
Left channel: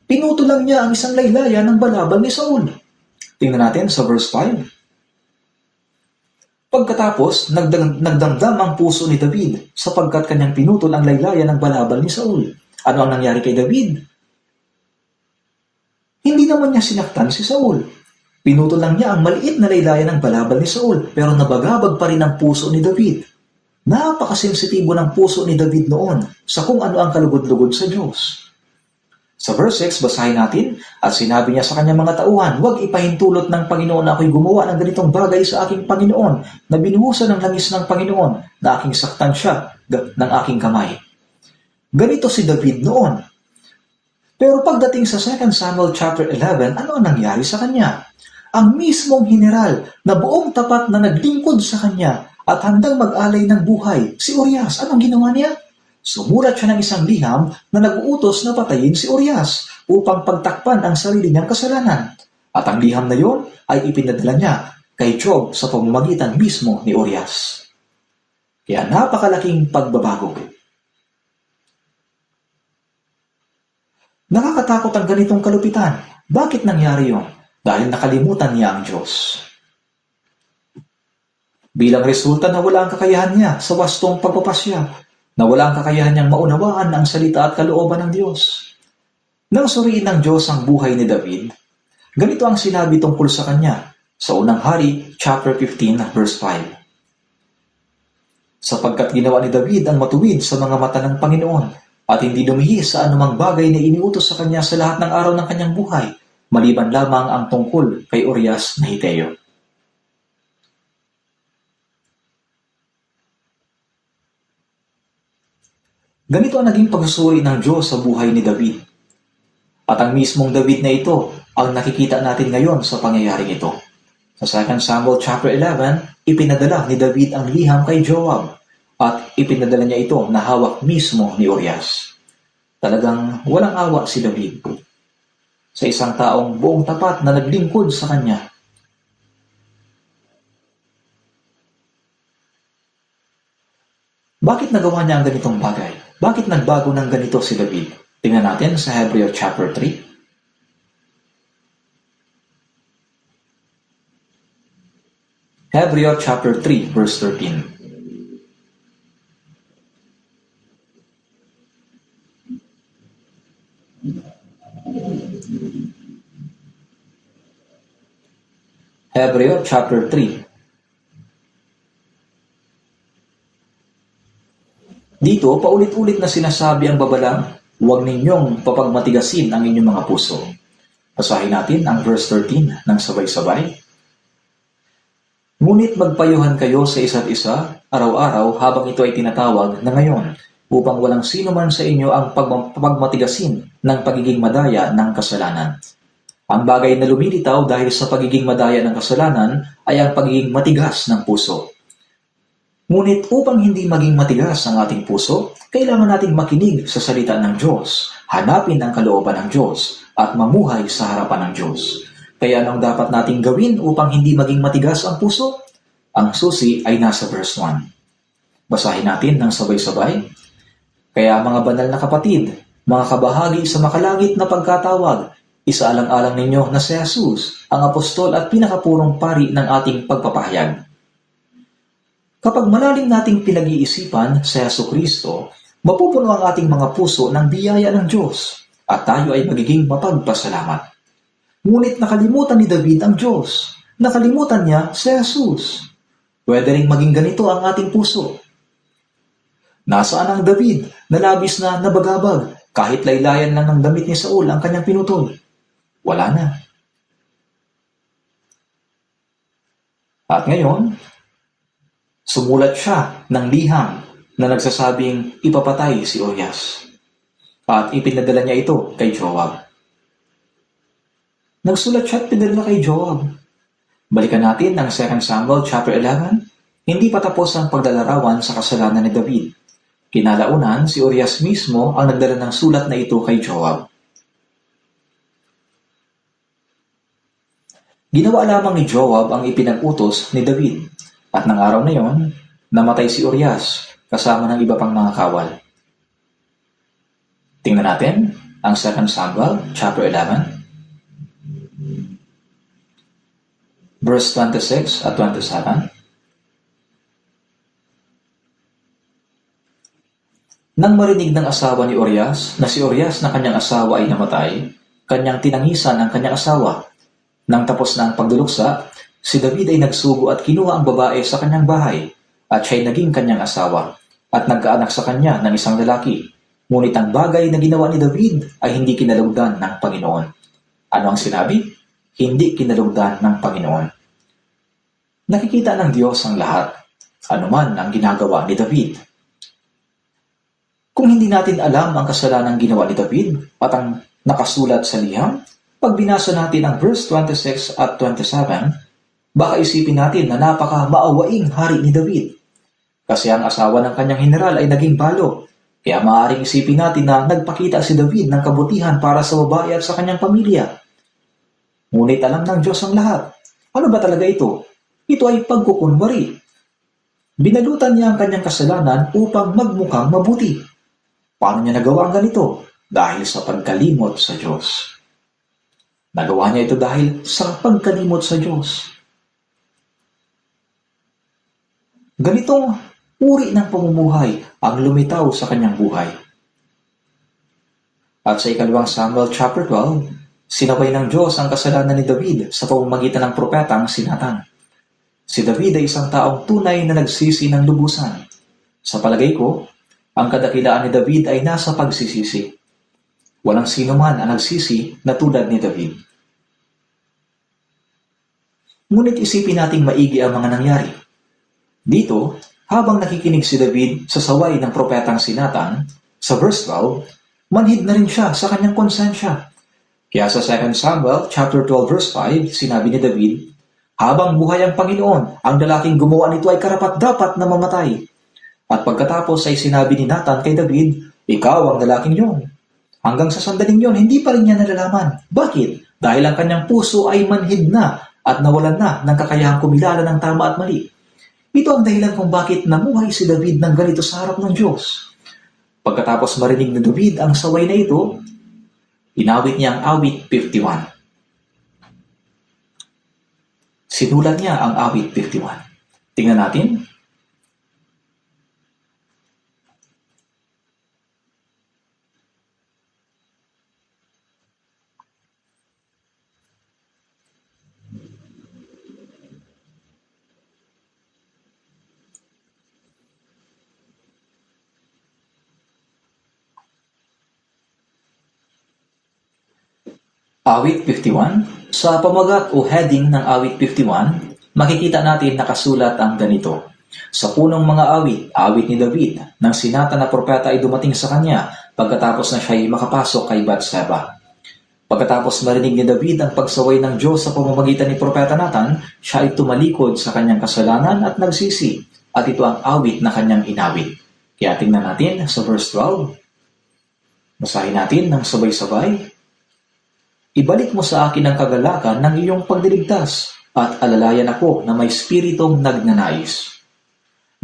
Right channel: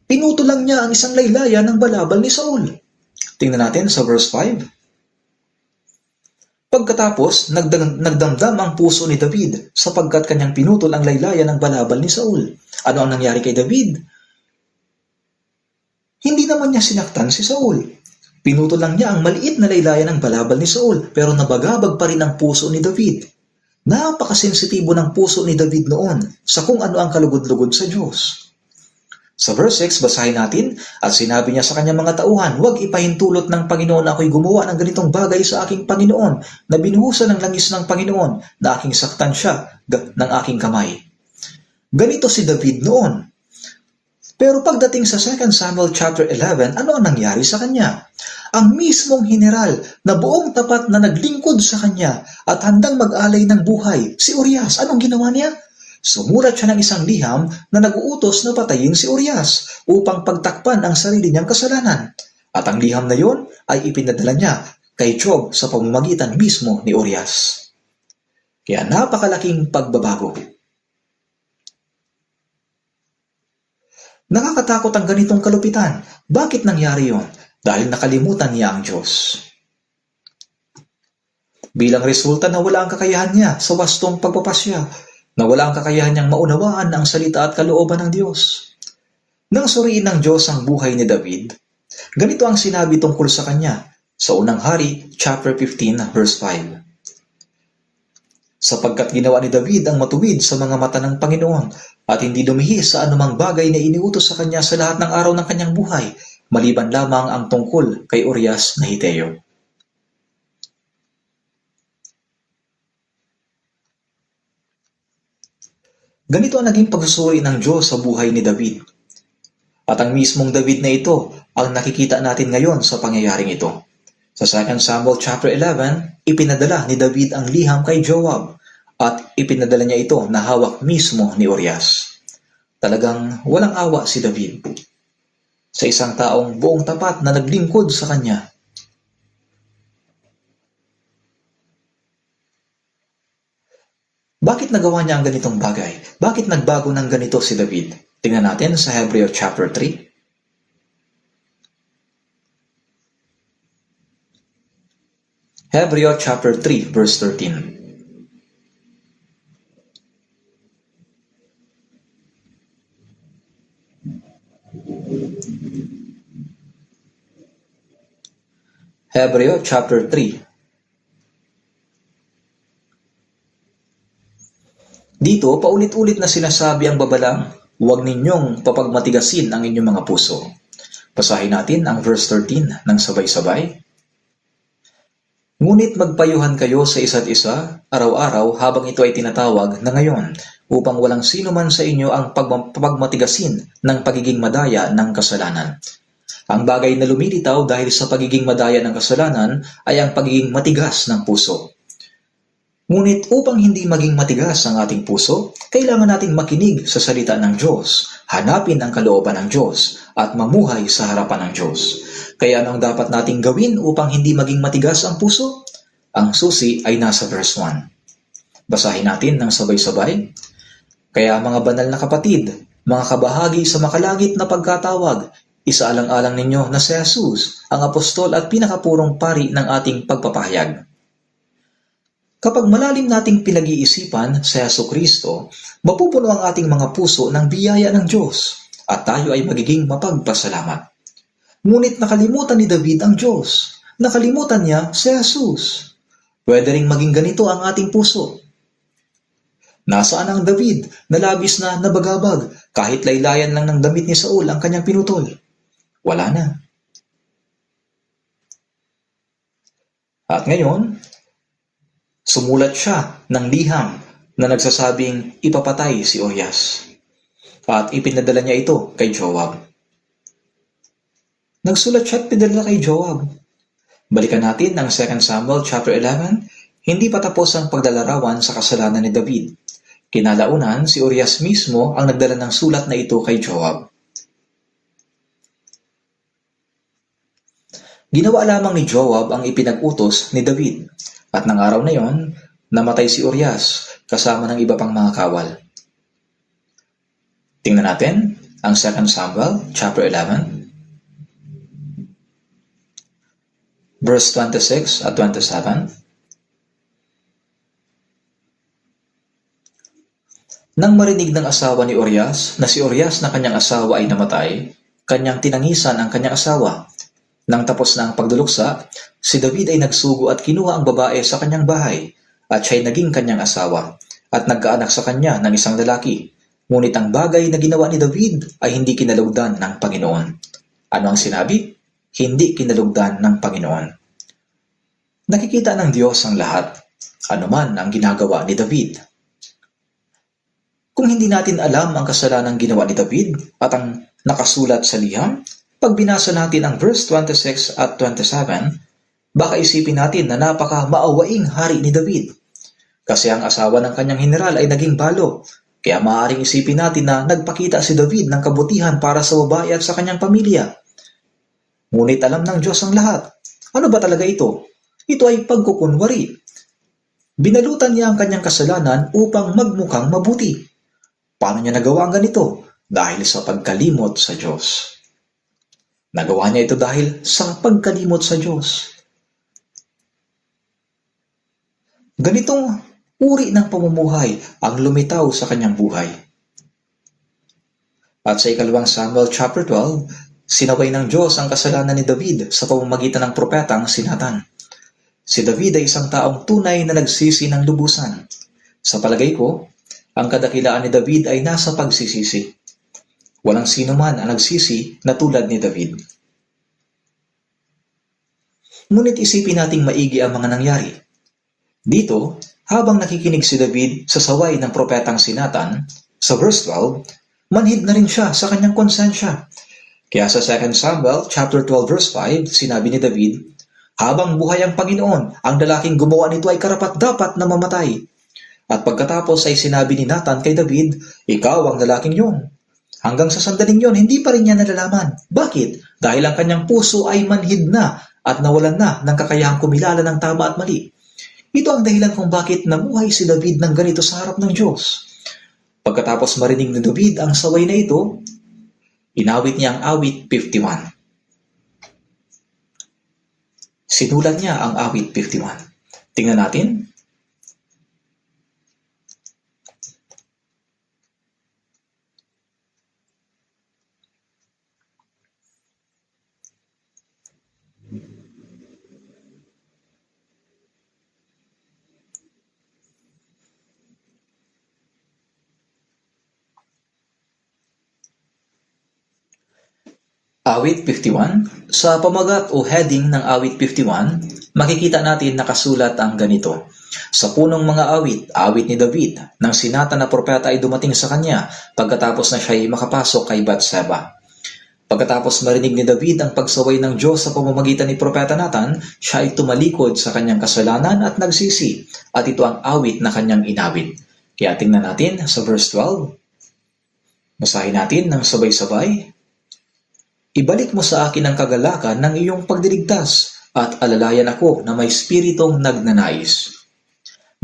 Pinutol lang niya ang isang laylayan ng balabal ni Saul. Tingnan natin sa verse 5. Pagkatapos, nagdamdam ang puso ni David sapagkat kanyang pinutol ang laylayan ng balabal ni Saul. Ano ang nangyari kay David? Hindi naman niya sinaktan si Saul. Pinutol lang niya ang maliit na laylayan ng balabal ni Saul pero nabagabag pa rin ang puso ni David. Napakasensitibo ng puso ni David noon sa kung ano ang kalugod-lugod sa Diyos. Sa verse 6, basahin natin, at sinabi niya sa kanyang mga tauhan, huwag ipahintulot ng Panginoon na ako'y gumawa ng ganitong bagay sa aking Panginoon, na binuhusan ng langis ng Panginoon, na aking saktan siya ng aking kamay. Ganito si David noon. Pero pagdating sa 2 Samuel chapter 11, ano ang nangyari sa kanya? Ang mismong general na buong tapat na naglingkod sa kanya at handang mag-alay ng buhay, si Urias, anong ginawa niya? Sumulat siya ng isang liham na nag-uutos na patayin si Urias upang pagtakpan ang sarili niyang kasalanan. At ang liham na yon ay ipinadala niya kay Joab sa pamamagitan mismo ni Urias. Kaya napakalaking pagbabago. Nakakatakot ang ganitong kalupitan. Bakit nangyari yon? Dahil nakalimutan niya ang Diyos. Bilang resulta na wala ang kakayahan niya sa wastong pagpapasya, na wala ang kakayahan niyang maunawaan ang salita at kalooban ng Diyos. Nang suriin ng Diyos ang buhay ni David, ganito ang sinabi tungkol sa kanya sa unang hari, chapter 15, verse 5. Sapagkat ginawa ni David ang matuwid sa mga mata ng Panginoon at hindi lumihis sa anumang bagay na iniutos sa kanya sa lahat ng araw ng kanyang buhay, maliban lamang ang tungkol kay Urias na Hiteo. Ganito ang naging pagsusuri ng Diyos sa buhay ni David. At ang mismong David na ito ang nakikita natin ngayon sa pangyayaring ito. Sa 2 Samuel chapter 11, ipinadala ni David ang liham kay Joab at ipinadala niya ito na hawak mismo ni Urias. Talagang walang awa si David sa isang taong buong tapat na naglingkod sa kanya. Bakit nagawa niya ang ganitong bagay? Bakit nagbago ng ganito si David? Tingnan natin sa Hebreo chapter 3. Hebreo chapter 3 verse 13. Hebreo chapter 3. Dito, paulit-ulit na sinasabi ang babala, huwag ninyong papagmatigasin ang inyong mga puso. Basahin natin ang verse 13 ng sabay-sabay. Ngunit magpayuhan kayo sa isa't isa, araw-araw habang ito ay tinatawag na ngayon, upang walang sino man sa inyo ang pagmatigasin ng pagiging madaya ng kasalanan. Ang bagay na lumilitaw dahil sa pagiging madaya ng kasalanan ay ang pagiging matigas ng puso. Ngunit upang hindi maging matigas ang ating puso, kailangan nating makinig sa salita ng Diyos, hanapin ang kalooban ng Diyos, at mamuhay sa harapan ng Diyos. Kaya anong dapat nating gawin upang hindi maging matigas ang puso? Ang susi ay nasa verse 1. Basahin natin ng sabay-sabay. Kaya mga banal na kapatid, mga kabahagi sa makalangit na pagkatawag, isaalang-alang ninyo na si Jesus, ang apostol at pinakapurong pari ng ating pagpapahayag. Kapag malalim nating pinag-iisipan sa Jesucristo, mapupuno ang ating mga puso ng biyaya ng Diyos at tayo ay magiging mapagpasalamat. Ngunit nakalimutan ni David ang Diyos. Nakalimutan niya si Jesus. Pwede ring maging ganito ang ating puso. Nasaan ang David na labis na nabagabag kahit laylayan lang ng damit ni Saul ang kanyang pinutol? Wala na. At ngayon, sumulat siya ng liham na nagsasabing ipapatay si Urias. At ipinadala niya ito kay Joab. Nagsulat siya at pinadala kay Joab. Balikan natin ang 2 Samuel chapter 11. Hindi pa tapos ang paglalarawan sa kasalanan ni David. Kinalaunan, si Urias mismo ang nagdala ng sulat na ito kay Joab. Ginawa lamang ni Joab ang ipinag-utos ni David. At ng araw na yon, namatay si Urias kasama ng iba pang mga kawal. Tingnan natin ang 2 Samuel chapter 11, verse 26 at 27. Nang marinig ng asawa ni Urias na si Urias na kanyang asawa ay namatay, kanyang tinangisan ang kanyang asawa. Nang tapos na ang pagduluksa, si David ay nagsugo at kinuha ang babae sa kanyang bahay at siya'y naging kanyang asawa at nagkaanak sa kanya ng isang lalaki. Ngunit ang bagay na ginawa ni David ay hindi kinalugdan ng Panginoon. Ano ang sinabi? Hindi kinalugdan ng Panginoon. Nakikita ng Diyos ang lahat, anuman ang ginagawa ni David. Kung hindi natin alam ang kasalanang ginawa ni David at ang nakasulat sa liham, pag binasa natin ang verse 26 at 27, baka isipin natin na napaka-maawaing hari ni David. Kasi ang asawa ng kanyang general ay naging balo, kaya maaaring isipin natin na nagpakita si David ng kabutihan para sa babae at sa kanyang pamilya. Ngunit alam ng Diyos ang lahat. Ano ba talaga ito? Ito ay pagkukunwari. Binalutan niya ang kanyang kasalanan upang magmukhang mabuti. Paano niya nagawa ang ganito? Dahil sa pagkalimot sa Diyos. Nagawa niya ito dahil sa pagkalimot sa Diyos. Ganitong uri ng pamumuhay ang lumitaw sa kanyang buhay. At sa 2 Samuel chapter 12, sinaway ng Diyos ang kasalanan ni David sa pamamagitan ng propetang si Nathan. Si David ay isang taong tunay na nagsisi ng lubusan. Sa palagay ko, ang kadakilaan ni David ay nasa pagsisisi. Walang sino man ang nagsisi na tulad ni David. Ngunit isipin nating maigi ang mga nangyari. Dito, habang nakikinig si David sa saway ng propetang si Nathan, sa verse 12, manhid na rin siya sa kanyang konsensya. Kaya sa 2 Samuel chapter 12 verse 5, sinabi ni David, habang buhay ang Panginoon, ang lalaking gumawa nito ay karapat-dapat na mamatay. At pagkatapos ay sinabi ni Nathan kay David, ikaw ang lalaking yon. Hanggang sa sandaling yon, hindi pa rin niya nalalaman. Bakit? Dahil ang kanyang puso ay manhid na at nawalan na ng kakayahang kumilala ng tama at mali. Ito ang dahilan kung bakit namuhay si David ng ganito sa harap ng Diyos. Pagkatapos marinig ni David ang saway na ito, inawit niya ang awit 51. Sinulat niya ang awit 51. Tingnan natin. Awit 51, sa pamagat o heading ng Awit 51, makikita natin nakasulat ang ganito. Sa punong mga awit ni David, nang sinata na propeta ay dumating sa kanya pagkatapos na siya ay makapasok kay Bathsheba. Pagkatapos marinig ni David ang pagsaway ng Diyos sa pamamagitan ni Propeta Nathan, siya ay tumalikod sa kanyang kasalanan at nagsisi, at ito ang awit na kanyang inawit. Kaya tingnan natin sa verse 12. Basahin natin ng sabay-sabay. Ibalik mo sa akin ang kagalakan ng iyong pagdiligtas, at alalayan ako na may spiritong nagnanais.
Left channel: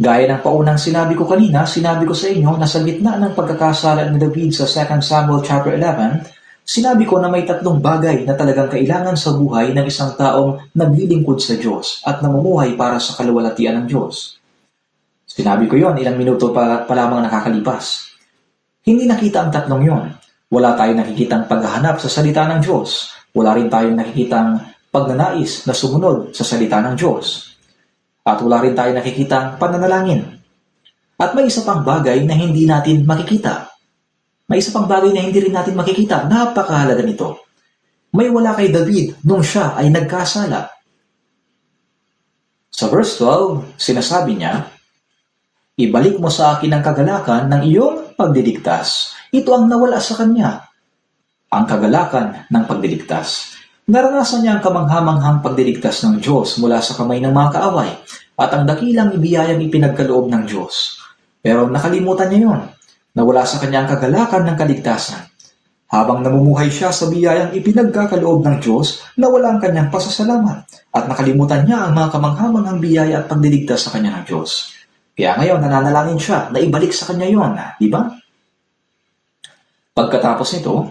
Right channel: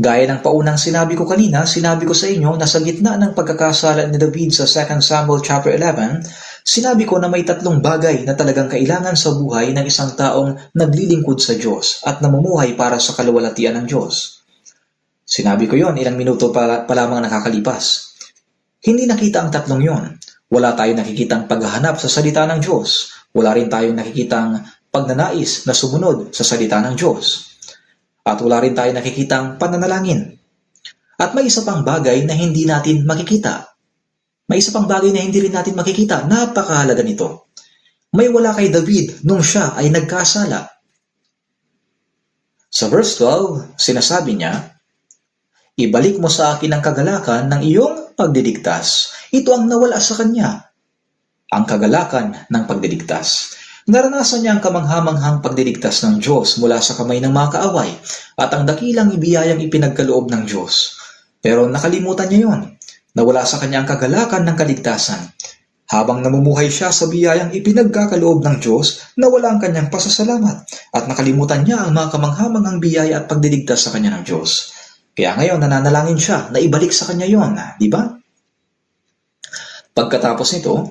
Gaya ng paunang sinabi ko kanina, sinabi ko sa inyo na sa gitna ng pagkakasala ni David sa 2 Samuel chapter 11, sinabi ko na may tatlong bagay na talagang kailangan sa buhay ng isang taong naglilingkod sa Diyos at namumuhay para sa kaluwalhatian ng Diyos. Sinabi ko yon ilang minuto pa lamang nakakalipas. Hindi nakita ang tatlong yon. Wala tayong nakikitang paghahanap sa salita ng Diyos. Wala rin tayong nakikitang pagnanais na sumunod sa salita ng Diyos. At wala rin tayong nakikitang pananalangin. At may isa pang bagay na hindi natin makikita. May isa pang bagay na hindi rin natin makikita. Napakahalaga nito. May wala kay David nung siya ay nagkasala. Sa verse 12, sinasabi niya, ibalik mo sa akin ang kagalakan ng iyong pagdiligtas. Ito ang nawala sa kanya. Ang kagalakan ng pagdiligtas. Naranasan niya ang kamanghamanghang pagdiligtas ng Diyos mula sa kamay ng mga kaaway at ang dakilang ibiyayang ipinagkaloob ng Diyos. Pero nakalimutan niya yon. Nawala sa kanya ang kagalakan ng kaligtasan. Habang namumuhay siya sa biyayang ipinagkakaloob ng Diyos, nawala ang kanyang pasasalamat at nakalimutan niya ang mga kamanghamanghang biyaya at pagdiligtas sa kanya ng Diyos. Kaya ngayon nananalangin siya na ibalik sa kanya yon, di ba? Pagkatapos nito,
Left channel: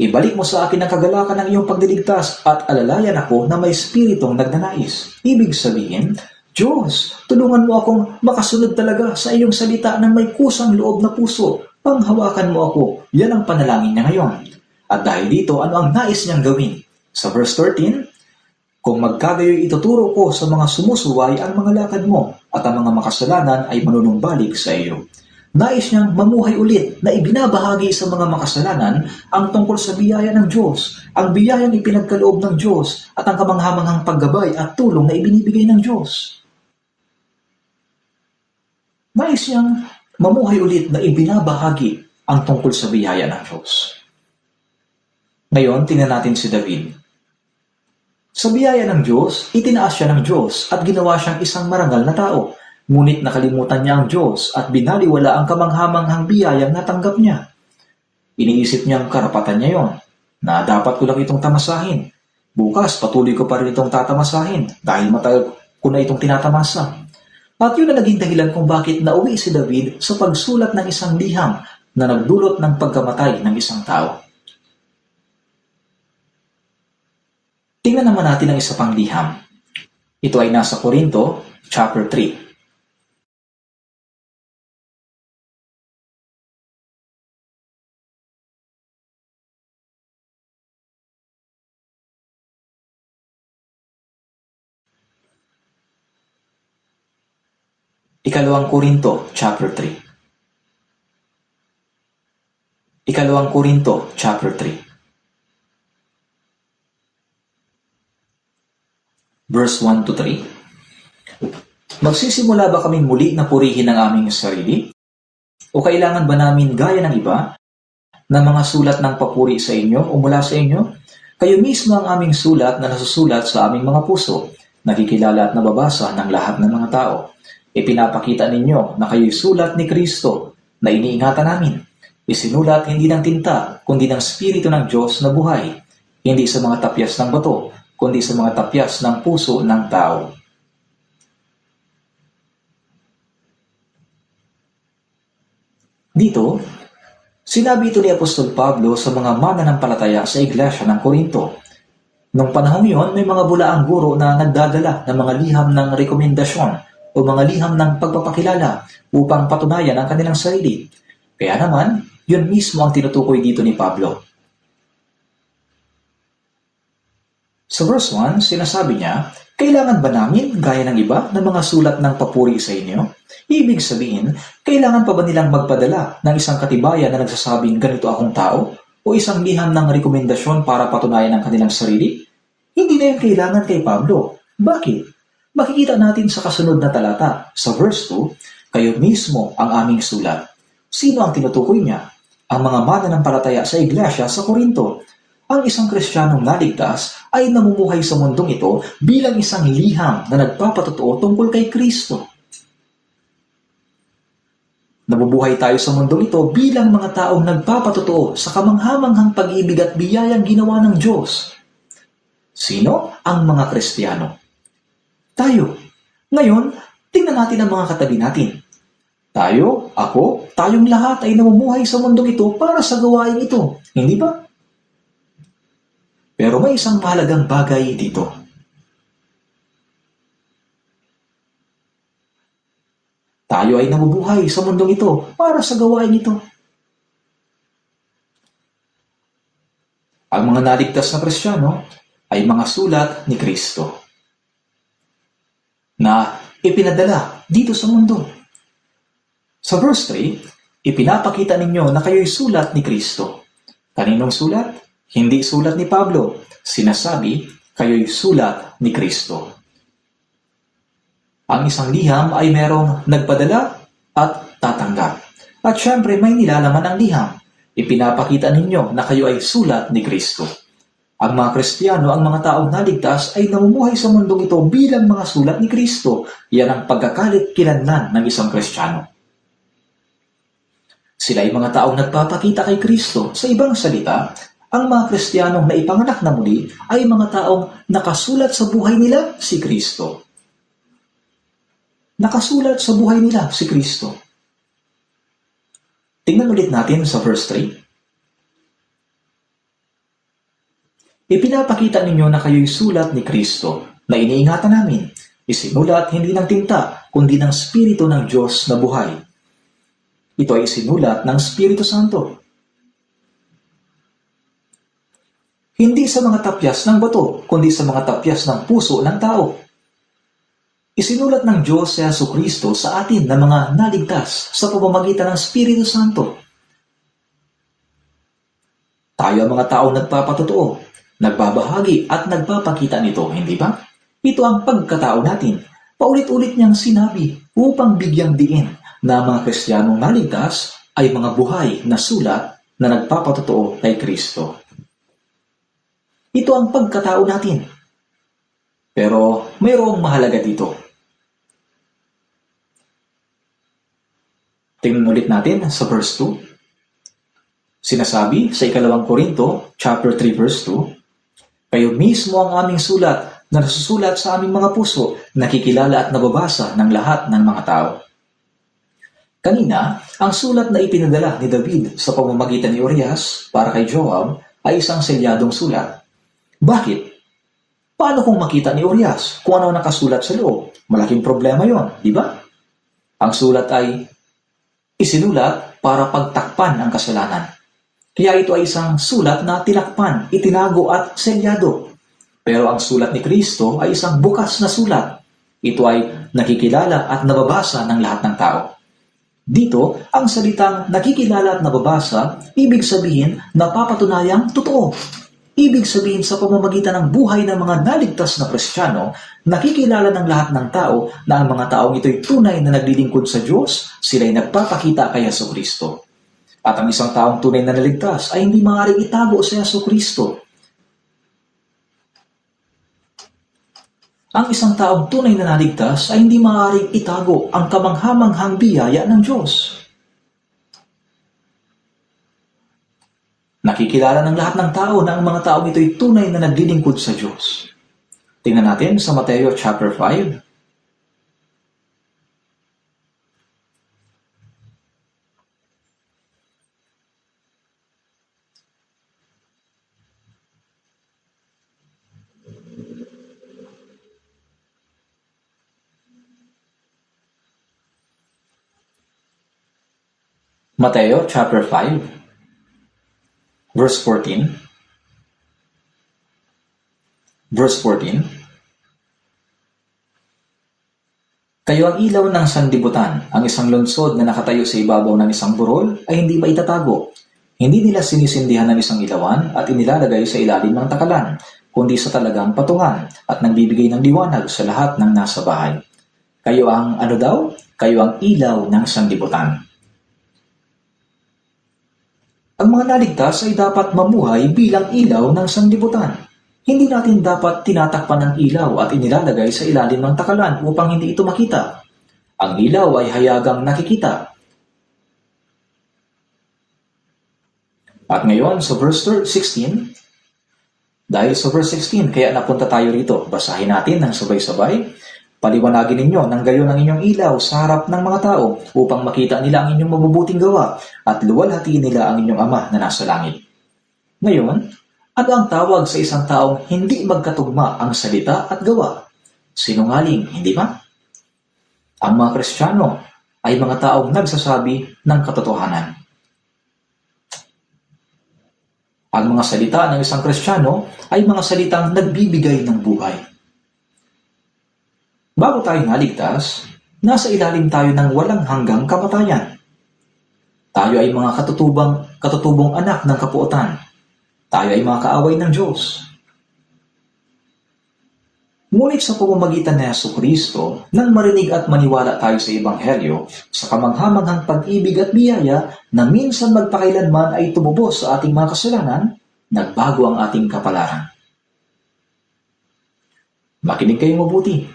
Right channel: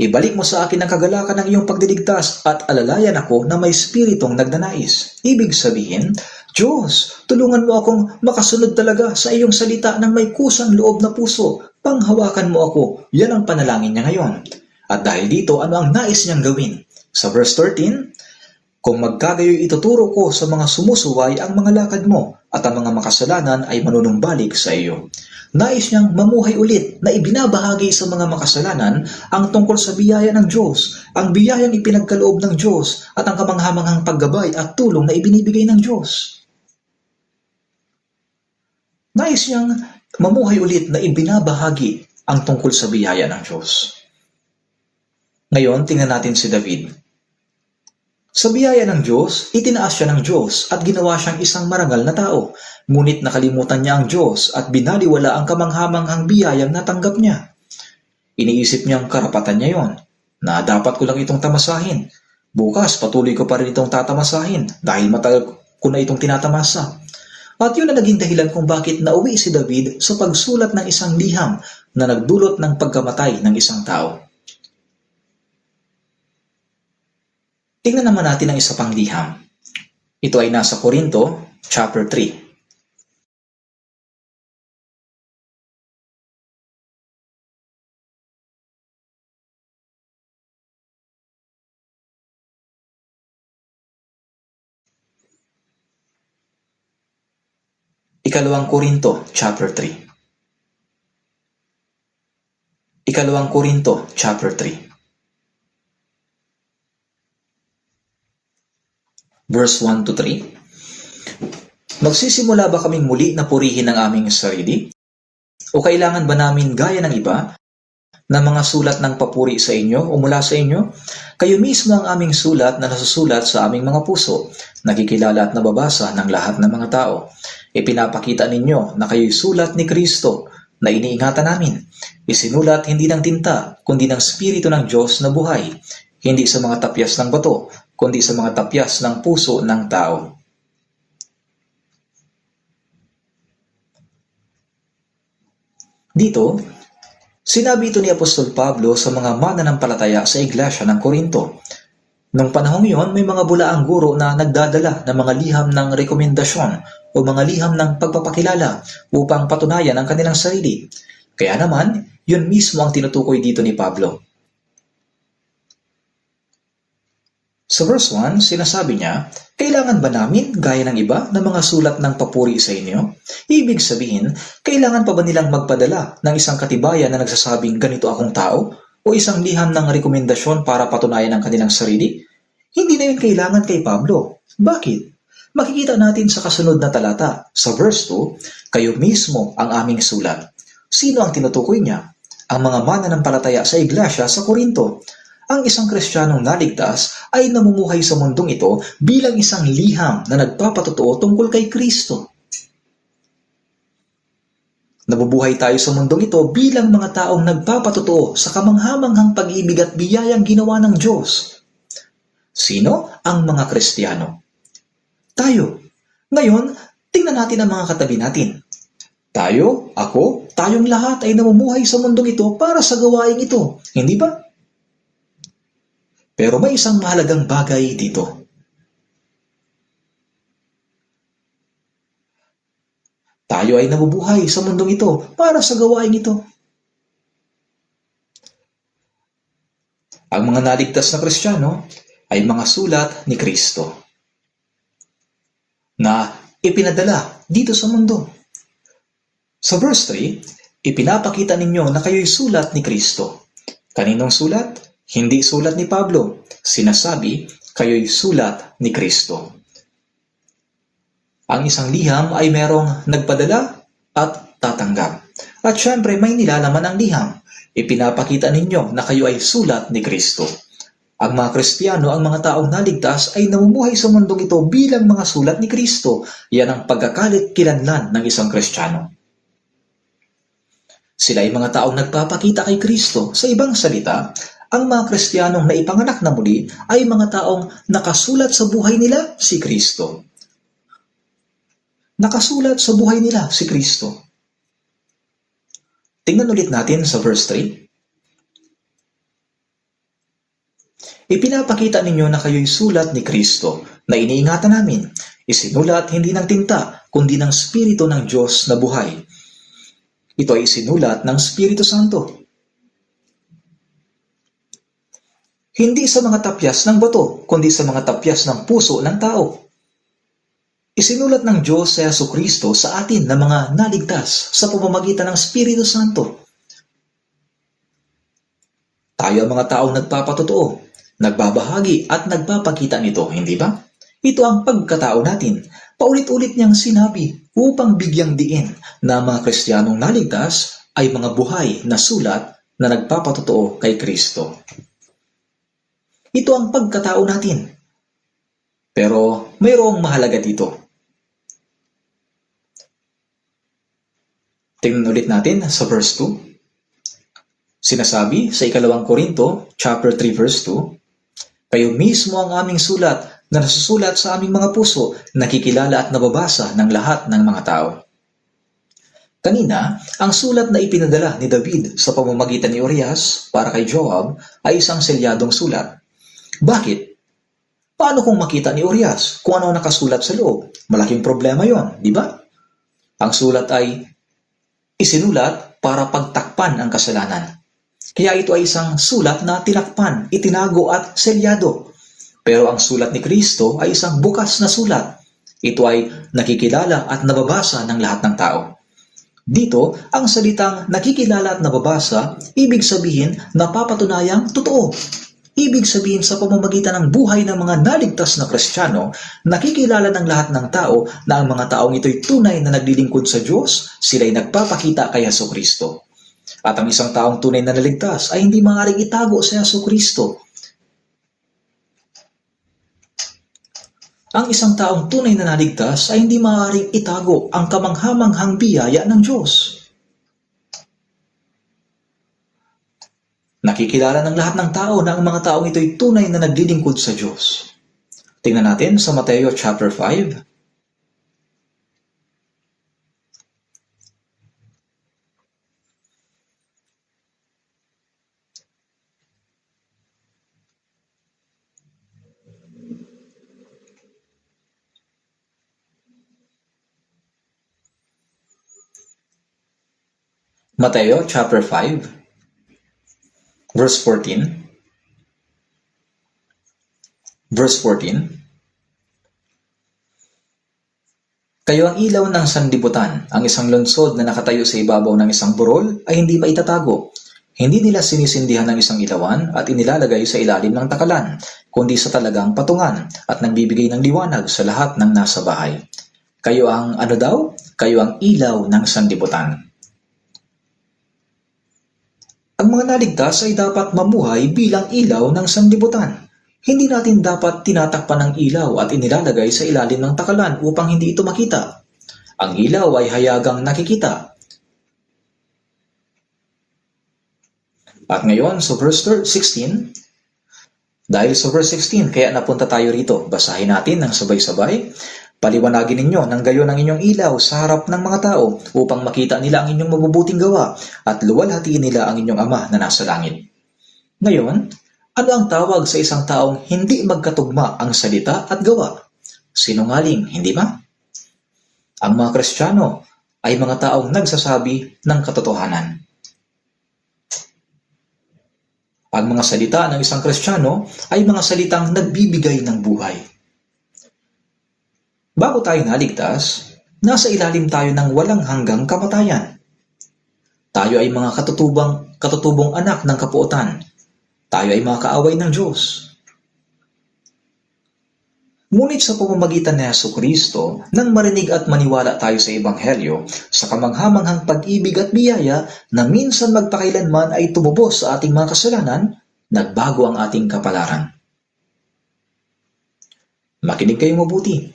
ibalik mo sa akin ang kagalakan ng iyong pagdiligtas at alalayan ako na may spiritong nagnanais. Ibig sabihin, Diyos, tulungan mo akong makasunod talaga sa iyong salita ng may kusang loob na puso. Panghawakan mo ako. Yan ang panalangin niya ngayon. At dahil dito, ano ang nais niyang gawin? Sa verse 13, kung magkagayoy ituturo ko sa mga sumusuway ang mga lakad mo at ang mga makasalanan ay manunumbalik sa iyo. Nais niyang mamuhay ulit na ibinabahagi sa mga makasalanan ang tungkol sa biyaya ng Diyos, ang biyayang ipinagkaloob ng Diyos at ang kamanghamanghang paggabay at tulong na ibinibigay ng Diyos. Nais niyang mamuhay ulit na ibinabahagi ang tungkol sa biyaya ng Diyos. Ngayon, tingnan natin si David. Sa biyaya ng Diyos, itinaas siya ng Diyos at ginawa siyang isang marangal na tao. Ngunit nakalimutan niya ang Diyos at binaliwala ang kamanghamanghang biyayang natanggap niya. Iniisip niyang karapatan niya yon, na dapat ko lang itong tamasahin. Bukas, patuloy ko pa rin itong tatamasahin dahil matagal ko na itong tinatamasa. At yun ang naging dahilan kung bakit nauwi si David sa pagsulat ng isang liham na nagdulot ng pagkamatay ng isang tao. Tingnan naman natin ang isa pang liham. Ito ay nasa Korinto, chapter 3. Ikalawang Korinto, chapter 3. Ikalawang Korinto, chapter 3. Verse 1 to 3. Magsisimula ba kaming muli na purihin ang aming sarili? O kailangan ba namin gaya ng iba na mga sulat ng papuri sa inyo o mula sa inyo? Kayo mismo ang aming sulat na nasusulat sa aming mga puso, nakikilala at nababasa ng lahat ng mga tao. Ipinapakita ninyo na kayo'y sulat ni Kristo na iniingatan namin. Isinulat hindi ng tinta, kundi ng Espiritu ng Diyos na buhay, hindi sa mga tapyas ng bato, kundi sa mga tapyas ng puso ng tao. Dito, sinabi ito ni Apostol Pablo sa mga mananampalataya sa iglesia ng Korinto. Noong panahong iyon, may mga bulaang guro na nagdadala ng mga liham ng rekomendasyon o mga liham ng pagpapakilala upang patunayan ang kanilang sarili. Kaya naman, yun mismo ang tinutukoy dito ni Pablo. Sa verse 1, sinasabi niya, kailangan ba namin, gaya ng iba, na mga sulat ng papuri sa inyo? Ibig sabihin, kailangan pa ba nilang magpadala ng isang katibayan na nagsasabing ganito akong tao? O isang liham ng rekomendasyon para patunayan ang kanilang sarili? Hindi na yan kailangan kay Pablo. Bakit? Makikita natin sa kasunod na talata, sa verse 2, kayo mismo ang aming sulat. Sino ang tinutukoy niya? Ang mga mananampalataya sa iglesia sa Korinto. Ang isang Kristiyanong naligtas ay namumuhay sa mundong ito bilang isang liham na nagpapatotoo tungkol kay Kristo. Nabubuhay tayo sa mundong ito bilang mga taong nagpapatotoo sa kamanghamanghang pag-ibig at biyayang ginawa ng Diyos. Sino ang mga Kristiyano? Tayo. Ngayon, tingnan natin ang mga katabi natin. Tayo, ako, tayong lahat ay namumuhay sa mundong ito para sa gawain ito. Hindi ba? Pero may isang mahalagang bagay dito. Tayo ay nabubuhay sa mundong ito para sa gawain ito. Ang mga naligtas na Kristiyano ay mga sulat ni Kristo na ipinadala dito sa mundo. Sa verse 3, ipinapakita ninyo na kayo'y sulat ni Kristo. Kaninong sulat? Hindi sulat ni Pablo. Sinasabi, kayo'y sulat ni Kristo. Ang isang liham ay merong nagpadala at tatanggap. At syempre may nilalaman ang liham. Ipinapakita ninyo na kayo ay sulat ni Kristo. Ang mga Kristiyano, ang mga taong naligtas ay namumuhay sa mundong ito bilang mga sulat ni Kristo. Yan ang pagkakalit-kilanlan ng isang Kristiyano. Sila ay mga taong nagpapakita kay Kristo. Sa ibang salita, ang mga Kristiyanong naipanganak na muli ay mga taong nakasulat sa buhay nila si Kristo. Nakasulat sa buhay nila si Kristo. Tingnan ulit natin sa verse 3. Ipinapakita ninyo na kayo'y sulat ni Kristo na iniingatan namin. Isinulat hindi ng tinta, kundi ng Espiritu ng Diyos na buhay. Ito ay isinulat ng Espiritu Santo. Hindi sa mga tapyas ng bato, kundi sa mga tapyas ng puso ng tao. Isinulat ng Diyos sa Jesucristo sa atin na mga naligtas sa pamamagitan ng Espiritu Santo. Tayo ang mga taong nagpapatotoo, nagbabahagi at nagpapakita nito, hindi ba? Ito ang pagkatao natin. Paulit-ulit niyang sinabi upang bigyang diin na mga Kristiyanong naligtas ay mga buhay na sulat na nagpapatotoo kay Kristo. Ito ang pagkatao natin. Pero mayroong mahalaga dito. Tingnan ulit natin sa verse 2. Sinasabi sa 2 Korinto, chapter 3, verse 2, kayo mismo ang aming sulat na nasusulat sa aming mga puso, nakikilala at nababasa ng lahat ng mga tao. Kanina, ang sulat na ipinadala ni David sa pamamagitan ni Urias para kay Joab ay isang selyadong sulat. Bakit? Paano kung makita ni Urias kung ano nakasulat sa loob? Malaking problema yon, di ba? Ang sulat ay isinulat para pagtakpan ang kasalanan. Kaya ito ay isang sulat na tinakpan, itinago at selyado. Pero ang sulat ni Kristo ay isang bukas na sulat. Ito ay nakikilala at nababasa ng lahat ng tao. Dito, ang salitang nakikilala at nababasa, ibig sabihin napapatunayang totoo. Ibig sabihin sa pamamagitan ng buhay ng mga naligtas na Kristiyano, nakikilala ng lahat ng tao na ang mga taong ito'y tunay na naglilingkod sa Diyos, sila'y nagpapakita kay Jesucristo. At ang isang taong tunay na naligtas ay hindi maaaring itago sa Jesucristo. Ang isang taong tunay na naligtas ay hindi maaaring itago ang kamanghamanghang biyaya ng Diyos. Nakikilala ng lahat ng tao na ang mga taong ito'y tunay na naglilingkod sa Diyos. Tingnan natin sa Mateo chapter 5. Mateo chapter 5. Verse 14. Verse 14. Kayo ang ilaw ng sanlibutan. Ang isang lungsod na nakatayo sa ibabaw ng isang burol ay hindi maitatago. Hindi nila sinisindihan ng isang ilawan at inilalagay sa ilalim ng takalan. kundi sa talagang patungan at nagbibigay ng liwanag sa lahat ng nasa bahay. Kayo ang ano daw? Kayo ang ilaw ng sanlibutan. Ang mga naligtas ay dapat mamuhay bilang ilaw ng sanlibutan. Hindi natin dapat tinatakpan ng ilaw at inilalagay sa ilalim ng takalan upang hindi ito makita. Ang ilaw ay hayagang nakikita. At ngayon sa verse 16, dahil sa verse 16, kaya napunta tayo rito. Basahin natin ng sabay-sabay. Paliwanagin ninyo ng gayon ang inyong ilaw sa harap ng mga tao upang makita nila ang inyong mabubuting gawa at luwalhatiin nila ang inyong Ama na nasa langit. Ngayon, ano ang tawag sa isang taong hindi magkatugma ang salita at gawa? Sinungaling, hindi ba? Ang mga Kristiyano ay mga taong nagsasabi ng katotohanan. Ang mga salita ng isang Kristiyano ay mga salitang nagbibigay ng buhay. Bago tayo naligtas, nasa ilalim tayo ng walang hanggang kamatayan. Tayo ay mga katutubong anak ng kapuotan. Tayo ay mga kaaway ng Diyos. Ngunit sa pamamagitan ni Jesucristo, nang marinig at maniwala tayo sa Ebanghelyo, sa kamanghamanghang pag-ibig at biyaya na minsan magpakailanman ay tumubos sa ating mga kasalanan, nagbago ang ating kapalaran. Makinig kayo mabuti.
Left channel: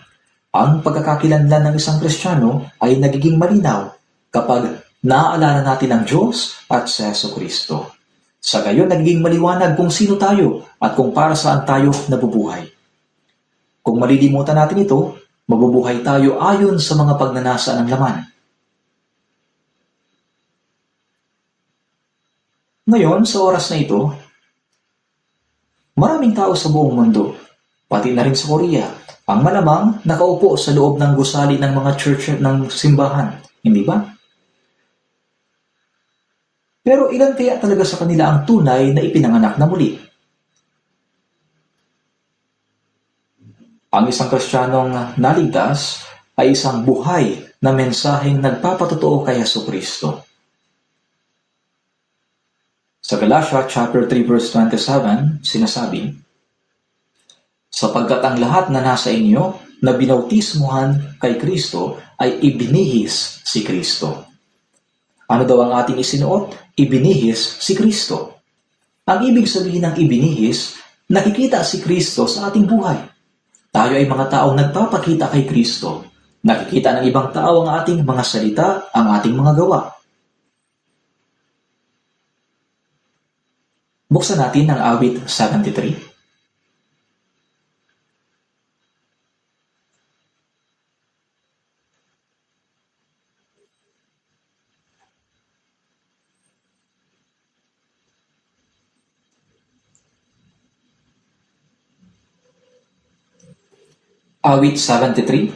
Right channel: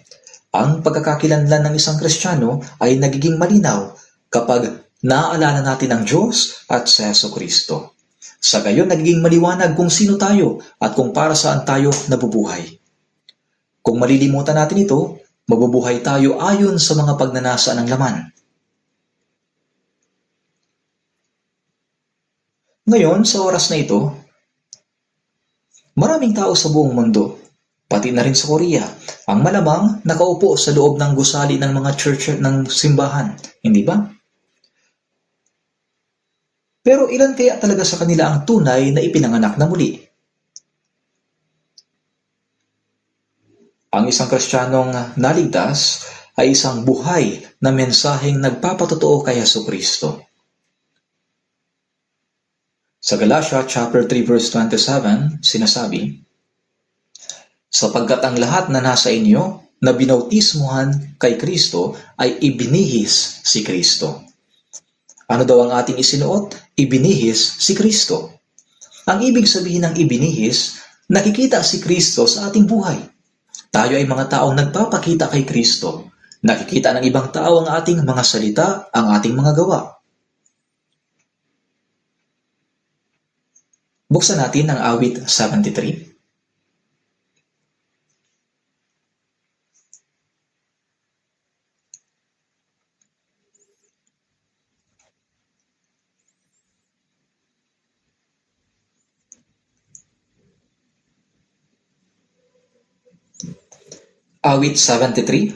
Ang pagkakakilanlan ng isang Kristiyano ay nagiging malinaw kapag naaalala natin ang Diyos at si Jesucristo. Sa gayon, nagiging maliwanag kung sino tayo at kung para saan tayo nabubuhay. Kung malilimutan natin ito, mabubuhay tayo ayon sa mga pagnanasa ng laman. Ngayon, sa oras na ito, maraming tao sa buong mundo, pati na rin sa Korea, ang malamang nakaupo sa loob ng gusali ng mga church ng simbahan, hindi ba? Pero ilan kaya talaga sa kanila ang tunay na ipinanganak na muli? Ang isang Kristiyanong naligtas ay isang buhay na mensaheng nagpapatotoo kay Jesucristo. Sa Galatia chapter 3 verse 27, sinasabi, sapagkat ang lahat na nasa inyo na binautismuhan kay Kristo ay ibinihis si Kristo. Ano daw ang ating isinuot? Ibinihis si Kristo. Ang ibig sabihin ng ibinihis, nakikita si Kristo sa ating buhay. Tayo ay mga taong nagpapakita kay Kristo. Nakikita ng ibang tao ang ating mga salita, ang ating mga gawa. Buksan natin ang awit 73. Awit 73.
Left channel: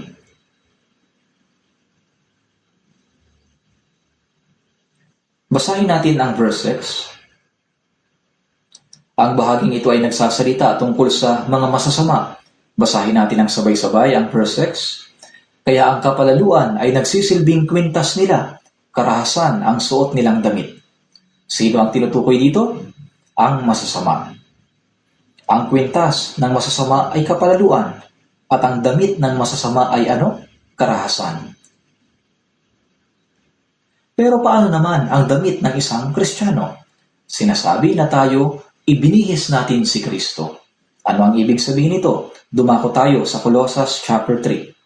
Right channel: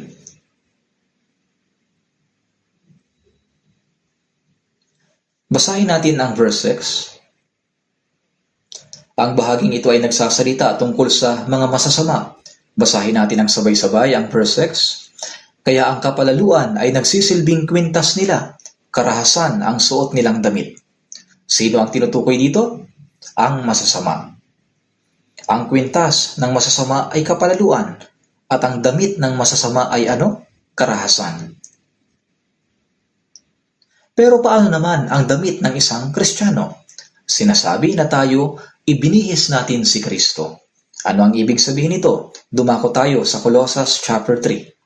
Basahin natin ang verse 6. Ang bahaging ito ay nagsasalita tungkol sa mga masasama. Basahin natin ang sabay-sabay ang verse 6. Kaya ang kapalaluan ay nagsisilbing kwintas nila, karahasan ang suot nilang damit. Sino ang tinutukoy dito? Ang masasama. Ang kwintas ng masasama ay kapalaluan, at ang damit ng masasama ay ano? Karahasan. Pero paano naman ang damit ng isang Kristiyano? Sinasabi na tayo, ibinihis natin si Kristo. Ano ang ibig sabihin nito? Dumako tayo sa Colossus chapter 3.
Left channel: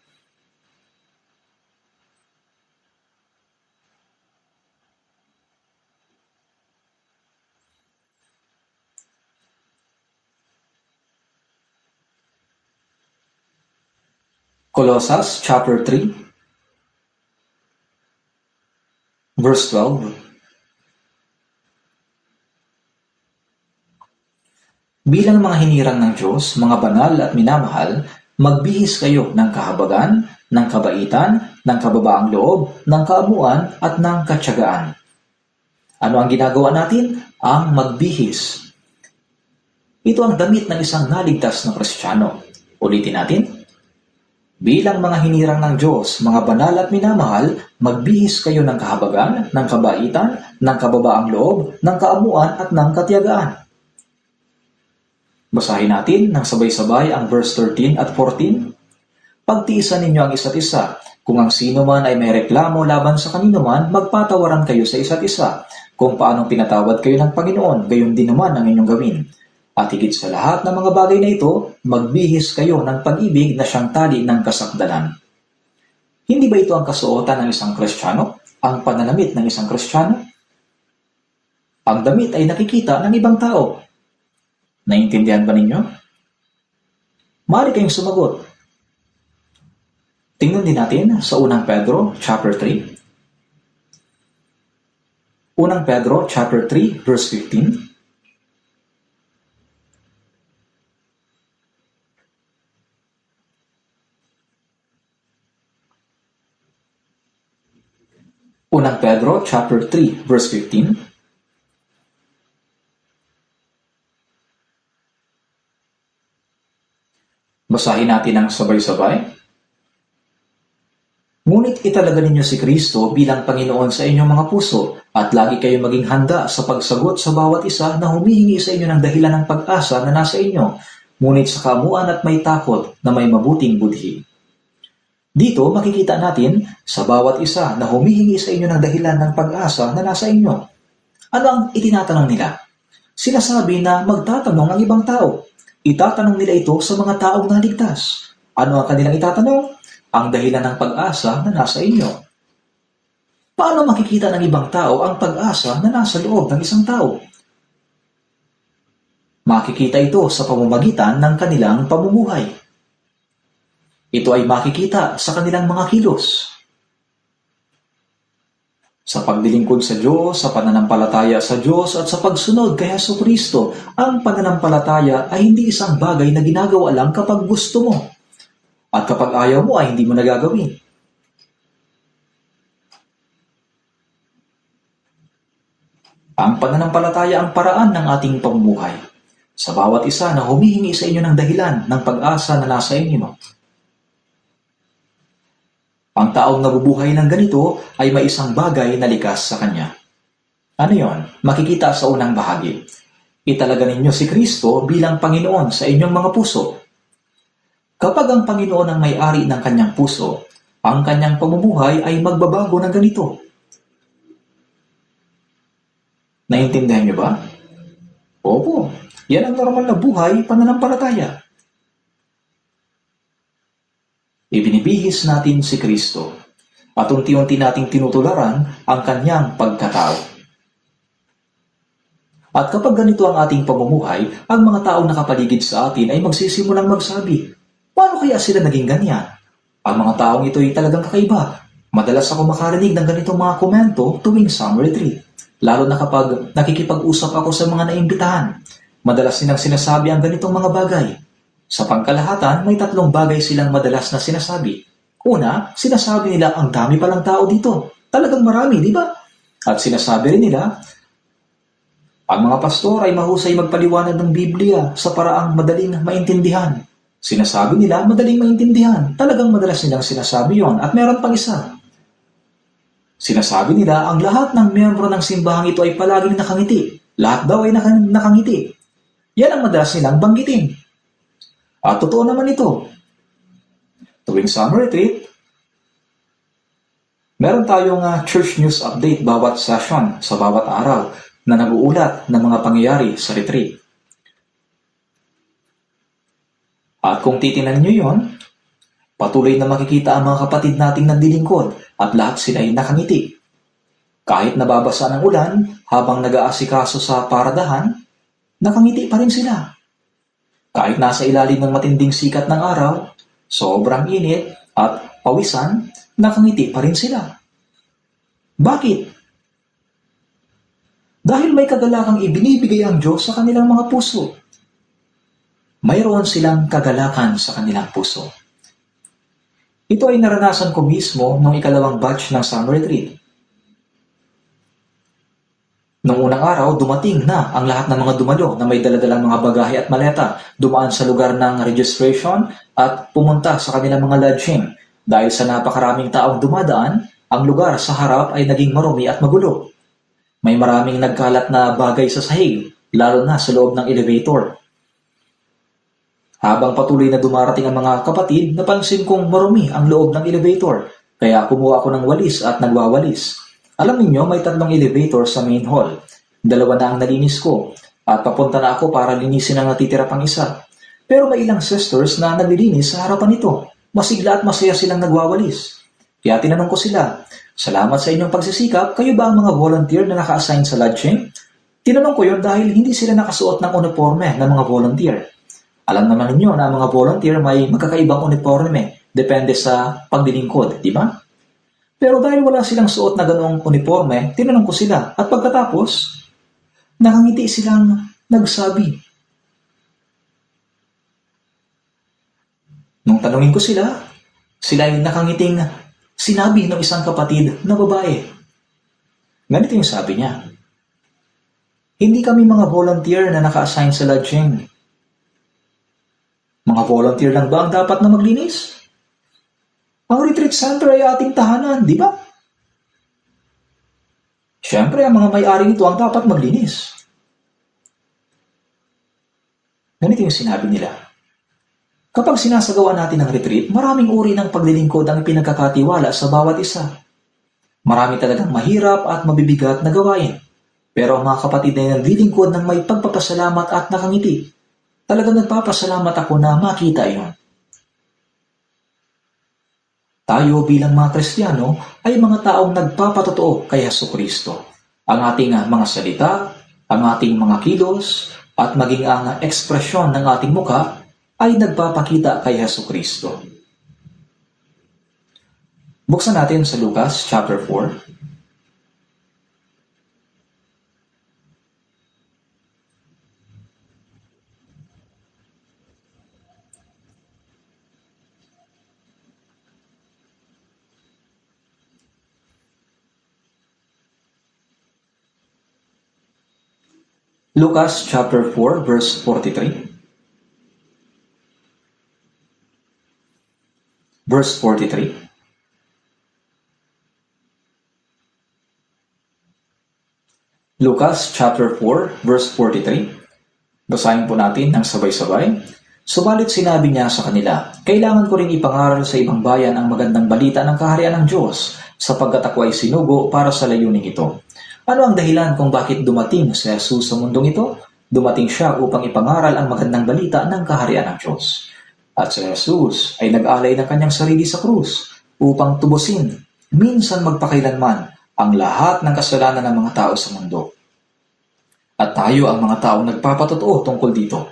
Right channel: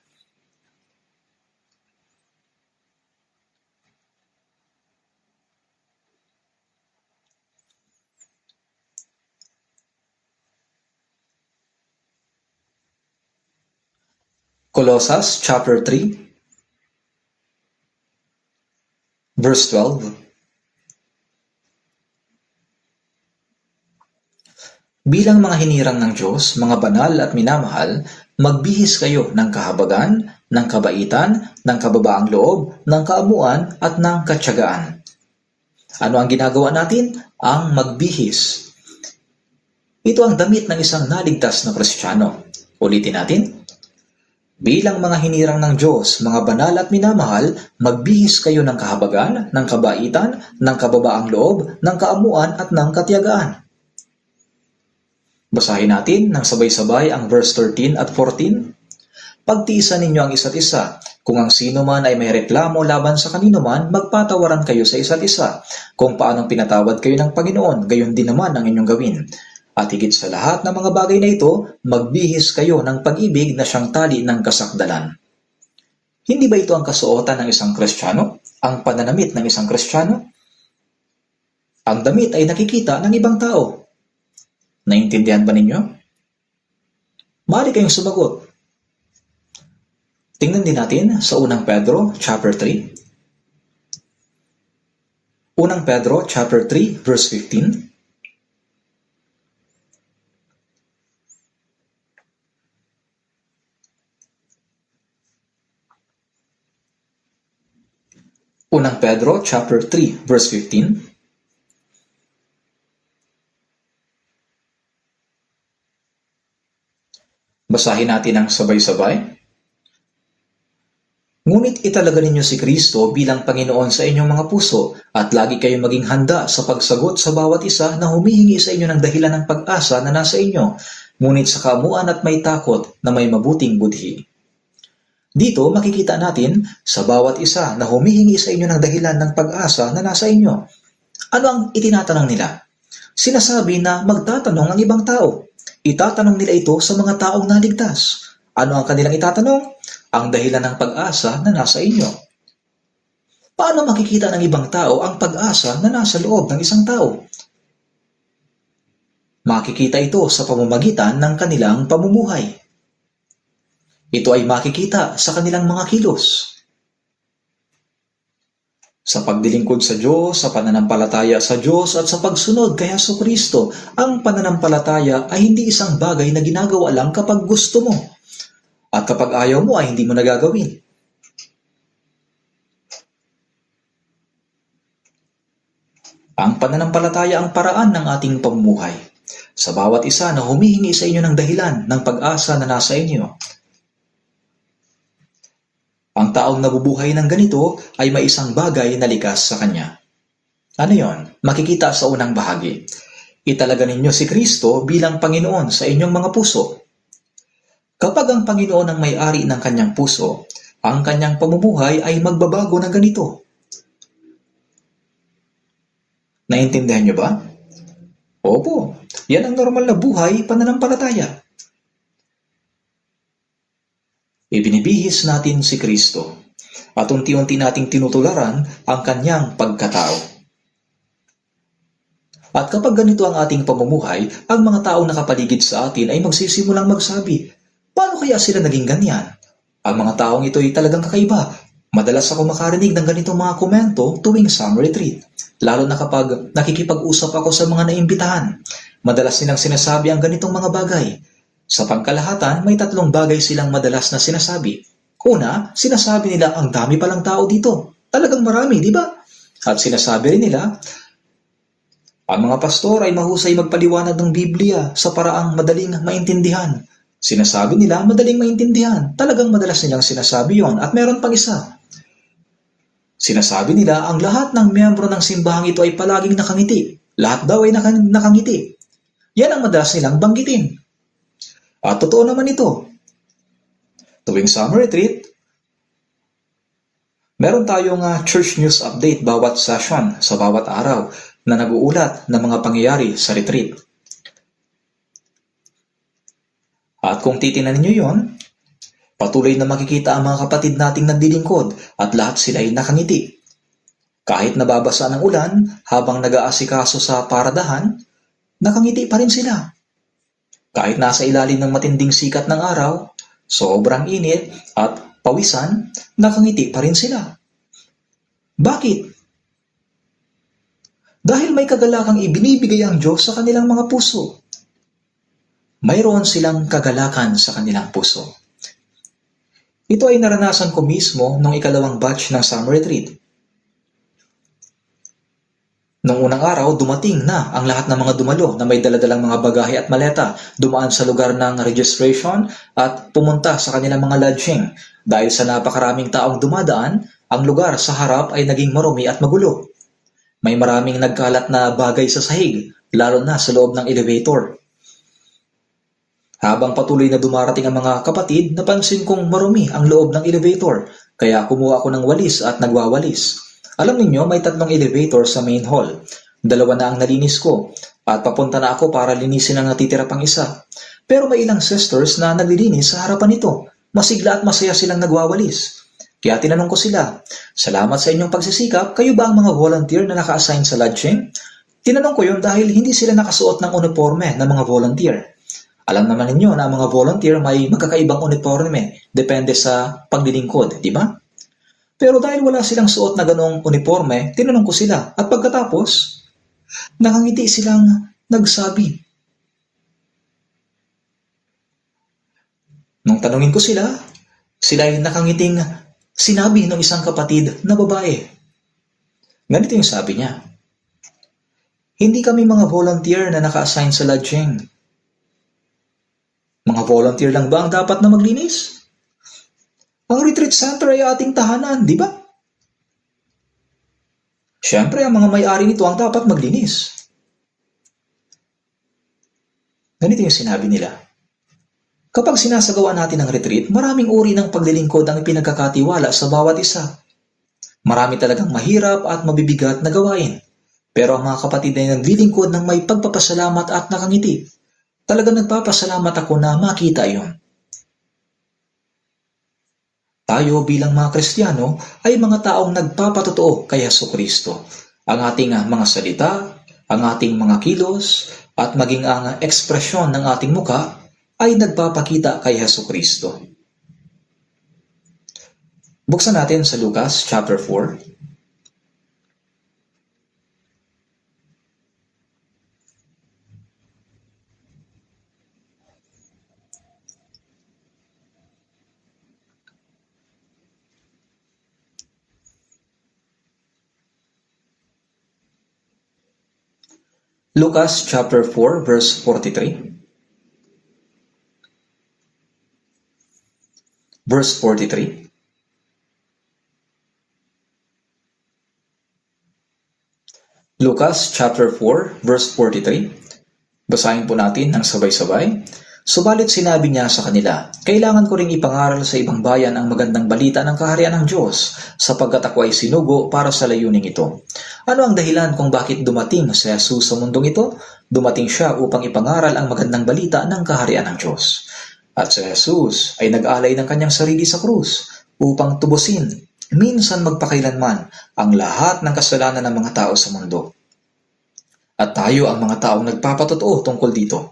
Colossus chapter 3, verse 12. Bilang mga hinirang ng Diyos, mga banal at minamahal, magbihis kayo ng kahabagan, ng kabaitan, ng kababaang loob, ng kaamuan at ng katyagaan. Ano ang ginagawa natin? Ang magbihis. Ito ang damit ng isang naligtas na Kristiyano. Ulitin natin. Bilang mga hinirang ng Diyos, mga banal at minamahal, magbihis kayo ng kahabagan, ng kabaitan, ng kababaang loob, ng kaamuan at ng katiyagaan. Basahin natin ng sabay-sabay ang verse 13 at 14. Pagtiisan ninyo ang isa't isa. Kung ang sino man ay may reklamo laban sa kanino man, magpatawaran kayo sa isa't isa. Kung paanong pinatawad kayo ng Panginoon, gayon din naman ang inyong gawin. At higit sa lahat ng mga bagay na ito, magbihis kayo ng pag-ibig na siyang tali ng kasakdalan. Hindi ba ito ang kasuotan ng isang Kristiyano? Ang pananamit ng isang Kristiyano? Ang damit ay nakikita ng ibang tao. Naintindihan ba ninyo? Maaari kayong sumagot. Tingnan din natin sa unang Pedro chapter 3. Unang Pedro chapter 3 verse 15. Unang Pedro chapter 3 verse 15. Basahin natin ang sabay-sabay. Ngunit italaga ninyo si Kristo bilang Panginoon sa inyong mga puso at lagi kayong maging handa sa pagsagot sa bawat isa na humihingi sa inyo ng dahilan ng pag-asa na nasa inyo, ngunit sa kamuan at may takot na may mabuting budhi. Dito makikita natin sa bawat isa na humihingi sa inyo ng dahilan ng pag-asa na nasa inyo. Ano ang itinatanong nila? Sinasabi na magtatanong ang ibang tao. Itatanong nila ito sa mga taong naligtas. Ano ang kanilang itatanong? Ang dahilan ng pag-asa na nasa inyo. Paano makikita ng ibang tao ang pag-asa na nasa loob ng isang tao? Makikita ito sa pamamagitan ng kanilang pamumuhay. Ito ay makikita sa kanilang mga kilos. Sa pagdilingkod sa Diyos, sa pananampalataya sa Diyos at sa pagsunod kay Jesucristo, ang pananampalataya ay hindi isang bagay na ginagawa lang kapag gusto mo. At kapag ayaw mo ay hindi mo nagagawin. Ang pananampalataya ang paraan ng ating pamumuhay. Sa bawat isa na humihingi sa inyo ng dahilan ng pag-asa na nasa inyo. Ang taong nabubuhay ng ganito ay may isang bagay na likas sa kanya. Ano yon? Makikita sa unang bahagi. Italaga ninyo si Kristo bilang Panginoon sa inyong mga puso. Kapag ang Panginoon ang may-ari ng kanyang puso, ang kanyang pamumuhay ay magbabago ng ganito. Naintindihan niyo ba? Opo, yan ang normal na buhay pananampalataya. Ibinibihis natin si Kristo at unti-unti nating tinutularan ang kanyang pagkatao. At kapag ganito ang ating pamumuhay, ang mga taong nakapaligid sa atin ay magsisimulang magsabi, paano kaya sila naging ganyan? Ang mga taong ito ay talagang kakaiba. Madalas ako makarinig ng ganitong mga komento tuwing summer retreat. Lalo na kapag nakikipag-usap ako sa mga naimbitahan. Madalas nilang sinasabi ang ganitong mga bagay. Sa pangkalahatan, may 3 bagay silang madalas na sinasabi. Una, sinasabi nila ang dami palang tao dito. Talagang marami, di ba? At sinasabi rin nila, ang mga pastor ay mahusay magpaliwanag ng Biblia sa paraang madaling maintindihan. Sinasabi nila, madaling maintindihan. Talagang madalas nilang sinasabi yon. At meron pang isa. Sinasabi nila, ang lahat ng miyembro ng simbahang ito ay palaging nakangiti. Lahat daw ay nakangiti. Yan ang madalas nilang banggitin. At totoo naman ito. Tuwing summer retreat, meron tayong church news update bawat session sa bawat araw na nag-uulat ng mga pangyayari sa retreat. At kung titinan niyo yon, patuloy na makikita ang mga kapatid nating naglilingkod at lahat sila ay nakangiti. Kahit nababasa ng ulan habang nag-aasikaso sa paradahan, nakangiti pa rin sila. Kahit nasa ilalim ng matinding sikat ng araw, sobrang init at pawisan, nakangiti pa rin sila. Bakit? Dahil may kagalakang ibinibigay ang Diyos sa kanilang mga puso. Mayroon silang kagalakan sa kanilang puso. Ito ay naranasan ko mismo nung 2nd batch ng summer retreat. Nung unang araw, dumating na ang lahat ng mga dumalo na may daladalang mga bagahe at maleta, dumaan sa lugar ng registration at pumunta sa kanilang mga lodging. Dahil sa napakaraming taong dumadaan, ang lugar sa harap ay naging marumi at magulo. May maraming nagkalat na bagay sa sahig, lalo na sa loob ng elevator. Habang patuloy na dumarating ang mga kapatid, napansin kong marumi ang loob ng elevator, kaya kumuha ako ng walis at nagwawalis. Alam ninyo, may 3 elevator sa main hall. 2 na ang nalinis ko, at papunta na ako para linisin ang natitira pang isa. Pero may ilang sisters na naglilinis sa harapan nito. Masigla at masaya silang nagwawalis. Kaya tinanong ko sila, salamat sa inyong pagsisikap, kayo ba ang mga volunteer na naka-assign sa lodging? Tinanong ko yun dahil hindi sila nakasuot ng uniforme ng mga volunteer. Alam naman ninyo na ang mga volunteer may magkakaibang uniforme, depende sa paglilingkod, di ba? Pero dahil wala silang suot na ganoong uniforme, tinanong ko sila at pagkatapos, nakangiti silang nagsabi. Nung tanungin ko sila ay nakangiting sinabi ng isang kapatid na babae. Ganito yung sabi niya. Hindi kami mga volunteer na naka-assign sa lodging. Mga volunteer lang ba ang dapat na maglinis? Ang retreat center ay ating tahanan, di ba? Siyempre, ang mga may-ari nito ang dapat maglinis. Ganito yung sinabi nila. Kapag sinasagawa natin ang retreat, maraming uri ng paglilingkod ang ipinagkakatiwala sa bawat isa. Marami talagang mahirap at mabibigat na gawain. Pero ang mga kapatid na naglilingkod ng may pagpapasalamat at nakangiti, talagang nagpapasalamat ako na makita iyon. Tayo bilang mga Kristiyano ay mga taong nagpapatotoo kay Jesucristo. Ang ating mga salita, ang ating mga kilos, at maging ang ekspresyon ng ating muka ay nagpapakita kay Jesucristo. Buksan natin sa Lucas chapter 4. Lucas chapter 4 verse 43. Verse 43. Lucas chapter 4 verse 43. Basahin po natin ng sabay-sabay. Subalit sinabi niya sa kanila, kailangan ko ring ipangaral sa ibang bayan ang magandang balita ng kaharian ng Diyos, sapagkat ako ay sinugo para sa layuning ito. Ano ang dahilan kung bakit dumating si Jesus sa mundong ito? Dumating siya upang ipangaral ang magandang balita ng kaharian ng Diyos. At si Jesus ay nag-alay ng kanyang sarili sa krus upang tubusin, minsan magpakailanman, ang lahat ng kasalanan ng mga tao sa mundo. At tayo ang mga taong nagpapatotoo tungkol dito.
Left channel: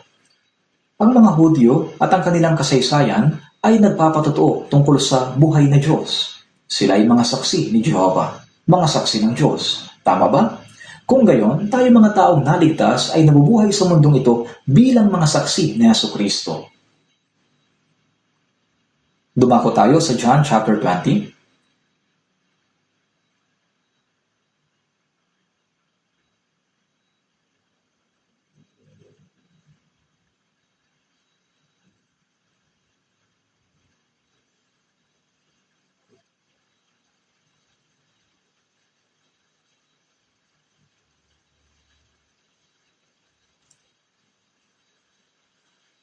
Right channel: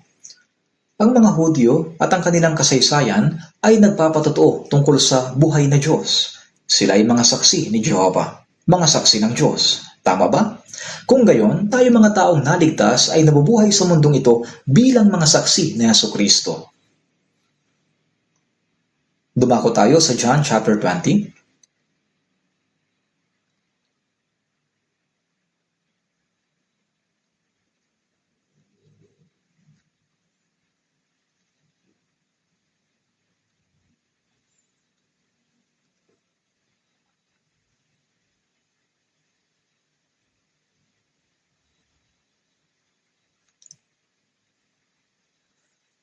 Ang mga Hudyo at ang kanilang kasaysayan ay nagpapatotoo tungkol sa buhay na Diyos. Sila ay mga saksi ni Jehovah, mga saksi ng Diyos. Tama ba? Kung gayon, tayo mga taong naligtas ay nabubuhay sa mundong ito bilang mga saksi ni Jesucristo. Dumako tayo sa John chapter 20.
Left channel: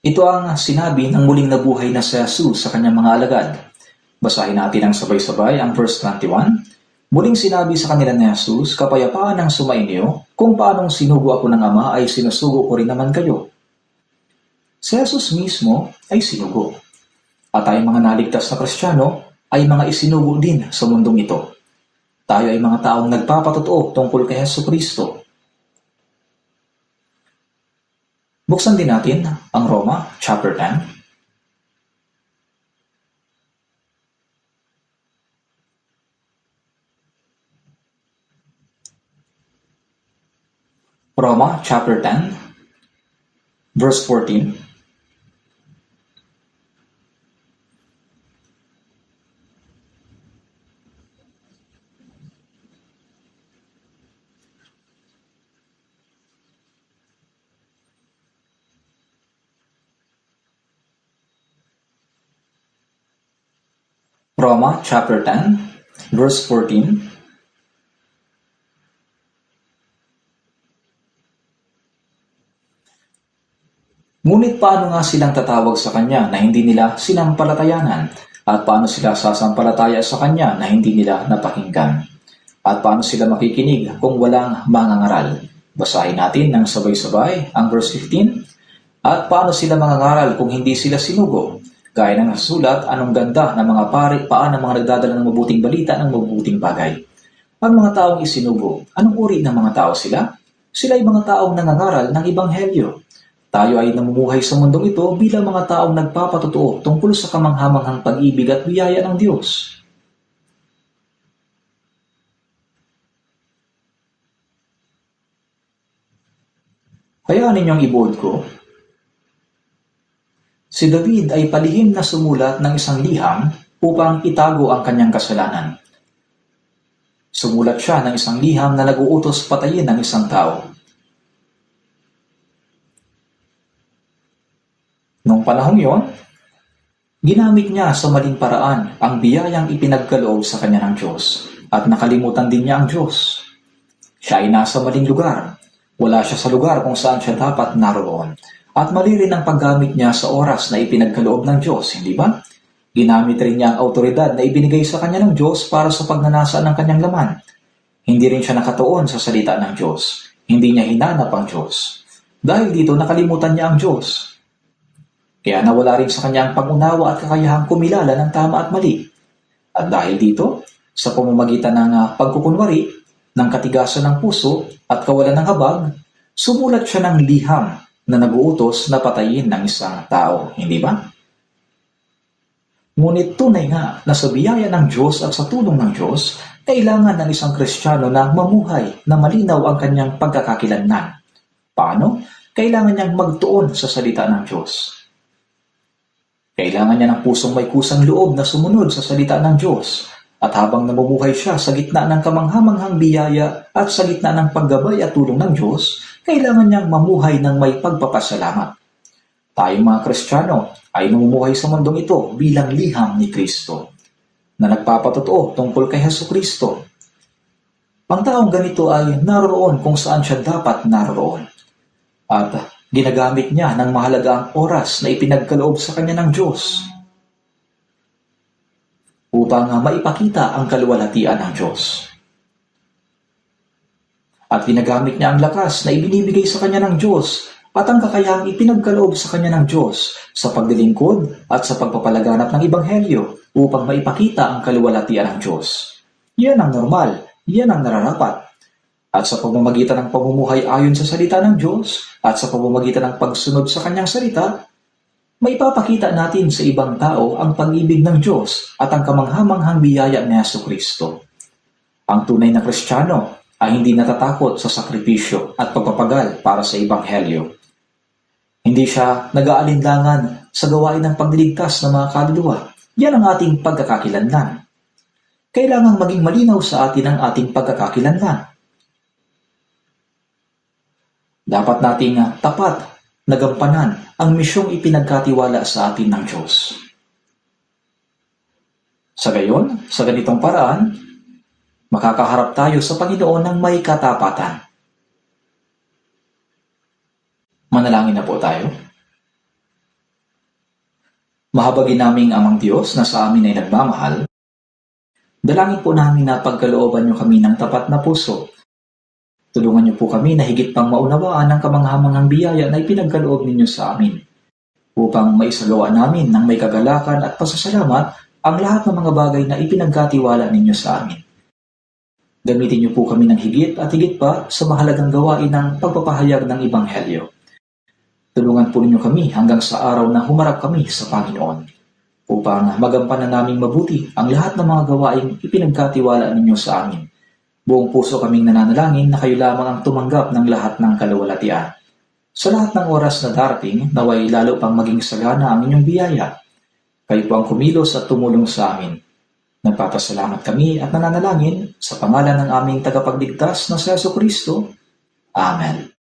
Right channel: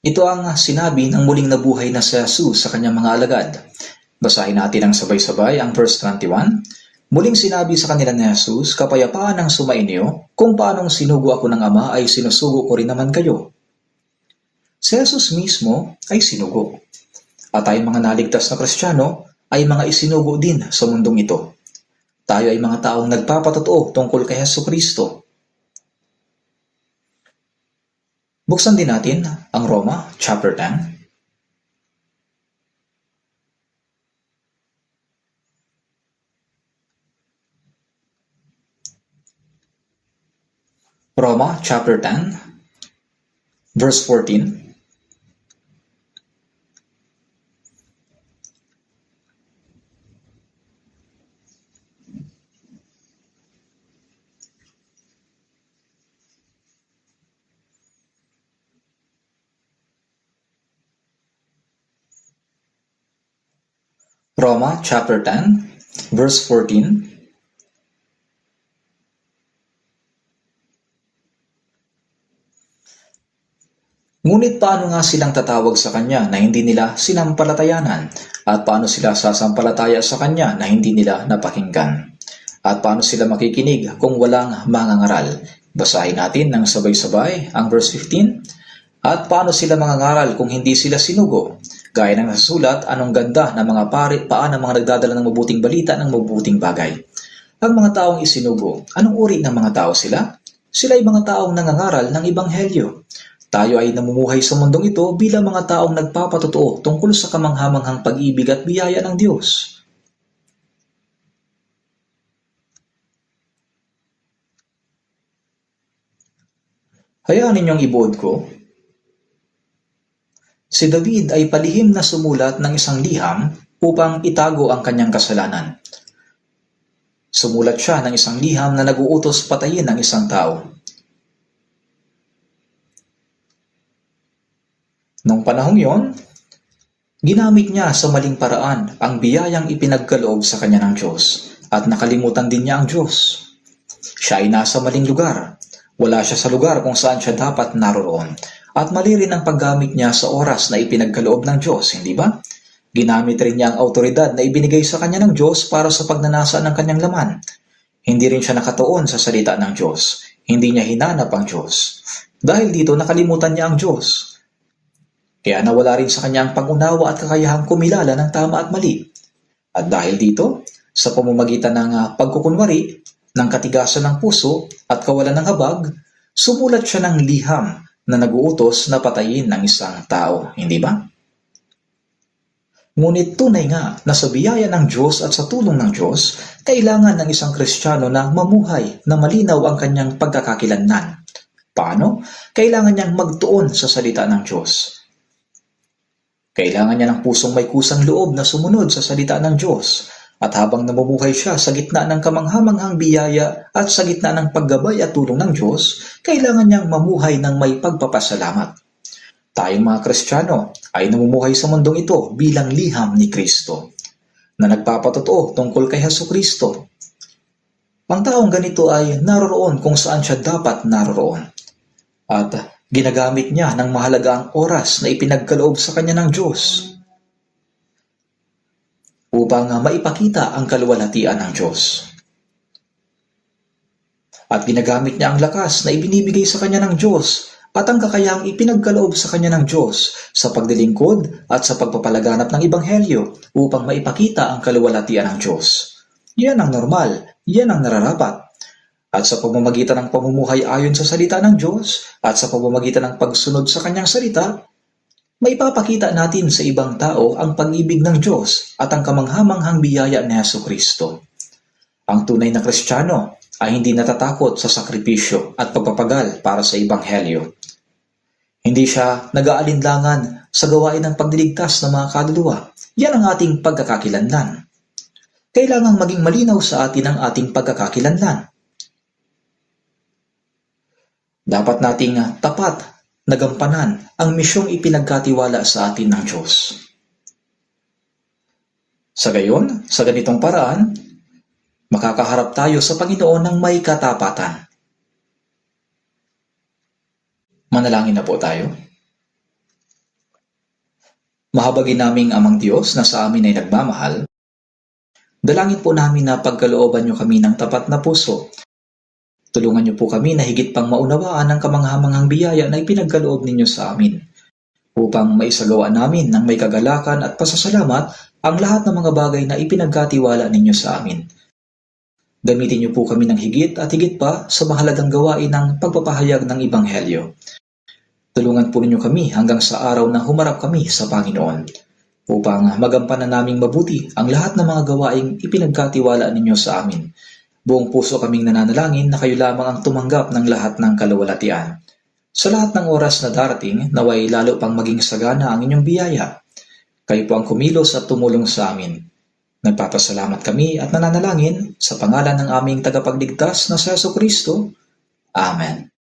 Ito ang sinabi ng muling nabuhay na si Jesus sa kanyang mga alagad. Basahin natin ang sabay-sabay ang verse 21. Muling sinabi sa kanila ni Jesus, kapayapaan ang sumainyo, kung paanong sinugo ako ng Ama ay sinusugo ko rin naman kayo. Si Jesus mismo ay sinugo. At tayong mga naligtas na Kristiyano ay mga isinugo din sa mundong ito. Tayo ay mga taong nagpapatotoo tungkol kay Jesucristo. Buksan din natin ang Roma chapter 10. Roma chapter 10 verse 14. Roma chapter 10 verse 14. Ngunit paano nga silang tatawag sa Kanya na hindi nila sinampalatayanan? At paano sila sasampalataya sa Kanya na hindi nila napakinggan? At paano sila makikinig kung walang mangangaral? Basahin natin ng sabay-sabay ang verse 15. At paano sila mangangaral kung hindi sila sinugo? Gaya ng nasulat, anong ganda ng mga paan ng mga nagdadala ng mabuting balita ng mabuting bagay. Ang mga taong isinugo, anong uri ng mga tao sila? Sila ay mga taong nangangaral ng Ebanghelyo. Tayo ay namumuhay sa mundong ito bilang mga taong nagpapatotoo tungkol sa kamanghamanghang pag-ibig at biyaya ng Diyos. Hayaan ninyong ibuod ko. Si David ay palihim na sumulat ng isang liham upang itago ang kanyang kasalanan. Sumulat siya ng isang liham na nag-uutos patayin ang isang tao. Noong panahong yon, ginamit niya sa maling paraan ang biyayang ipinagkaloob sa kanya ng Diyos at nakalimutan din niya ang Diyos. Siya ay nasa maling lugar. Wala siya sa lugar kung saan siya dapat naroon. At mali rin ang paggamit niya sa oras na ipinagkaloob ng Diyos, hindi ba? Ginamit rin niya ang autoridad na ibinigay sa kanya ng Diyos para sa pagnanasa ng kanyang laman. Hindi rin siya nakatuon sa salita ng Diyos. Hindi niya hinanap ang Diyos. Dahil dito nakalimutan niya ang Diyos. Kaya nawala rin sa kanya ang pag-unawa at kakayahang kumilala ng tama at mali. At dahil dito, sa pamamagitan ng pagkukunwari, ng katigasan ng puso at kawalan ng habag, sumulat siya ng liham na nag-uutos na patayin ng isang tao, hindi ba? Ngunit tunay nga na sa biyaya ng Diyos at sa tulong ng Diyos, kailangan ng isang Kristiyano na mamuhay na malinaw ang kanyang pagkakakilanlan. Paano? Kailangan niyang magtuon sa salita ng Diyos. Kailangan niya ng pusong may kusang loob na sumunod sa salita ng Diyos. At habang namumuhay siya sa gitna ng kamanghamanghang biyaya at sa gitna ng paggabay at tulong ng Diyos, kailangan niyang mamuhay ng may pagpapasalamat. Tayong mga Kristiyano ay namumuhay sa mundong ito bilang liham ni Kristo, na nagpapatotoo tungkol kay Jesucristo. Ang taong ganito ay naroroon kung saan siya dapat naroroon. At ginagamit niya ng mahalagang oras na ipinagkaloob sa kanya ng Diyos upang maipakita ang kaluwalhatian ng Diyos. At ginagamit niya ang lakas na ibinibigay sa kanya ng Diyos at ang kakayahang ipinagkaloob sa kanya ng Diyos sa pagdilingkod at sa pagpapalaganap ng Ebanghelyo upang maipakita ang kaluwalhatian ng Diyos. Yan ang normal, yan ang nararapat. At sa pamamagitan ng pamumuhay ayon sa salita ng Diyos at sa pamamagitan ng pagsunod sa kanyang salita, maipapakita natin sa ibang tao ang pag-ibig ng Diyos at ang kamanghamanghang biyaya ni Jesucristo. Ang tunay na Kristiyano ay hindi natatakot sa sakripisyo at pagpapagal para sa Ebanghelyo. Hindi siya nag-aalinlangan sa gawain ng pagliligtas ng mga kaluluwa. Yan ang ating pagkakakilanlan. Kailangang maging malinaw sa atin ang ating pagkakakilanlan. Dapat nating tapat na gampanan ang misyong ipinagkatiwala sa atin ng Diyos. Sa gayon, sa ganitong paraan, makakaharap tayo sa Panginoon ng may katapatan. Manalangin na po tayo. Mahabagin naming Amang Diyos na sa amin ay nagmamahal, dalangin po namin na pagkalooban niyo kami ng tapat na puso. Tulungan niyo po kami na higit pang maunawaan ang kamanghamanghang biyaya na ipinagkaloob ninyo sa amin upang maisagawa namin ng may kagalakan at pasasalamat ang lahat ng mga bagay na ipinagkatiwala ninyo sa amin. Gamitin niyo po kami ng higit at higit pa sa mahalagang gawain ng pagpapahayag ng Ebanghelyo. Tulungan po ninyo kami hanggang sa araw na humarap kami sa Panginoon upang magampanan naming mabuti ang lahat ng mga gawaing ipinagkatiwala ninyo sa amin. Buong puso kaming nananalangin na kayo lamang ang tumanggap ng lahat ng kaluwalhatian. Sa lahat ng oras na darating, naway lalo pang maging sagana ang inyong biyaya. Kayo po ang kumilos at tumulong sa amin. Nagpapasalamat kami at nananalangin sa pangalan ng aming tagapagligtas na si Jesucristo. Amen.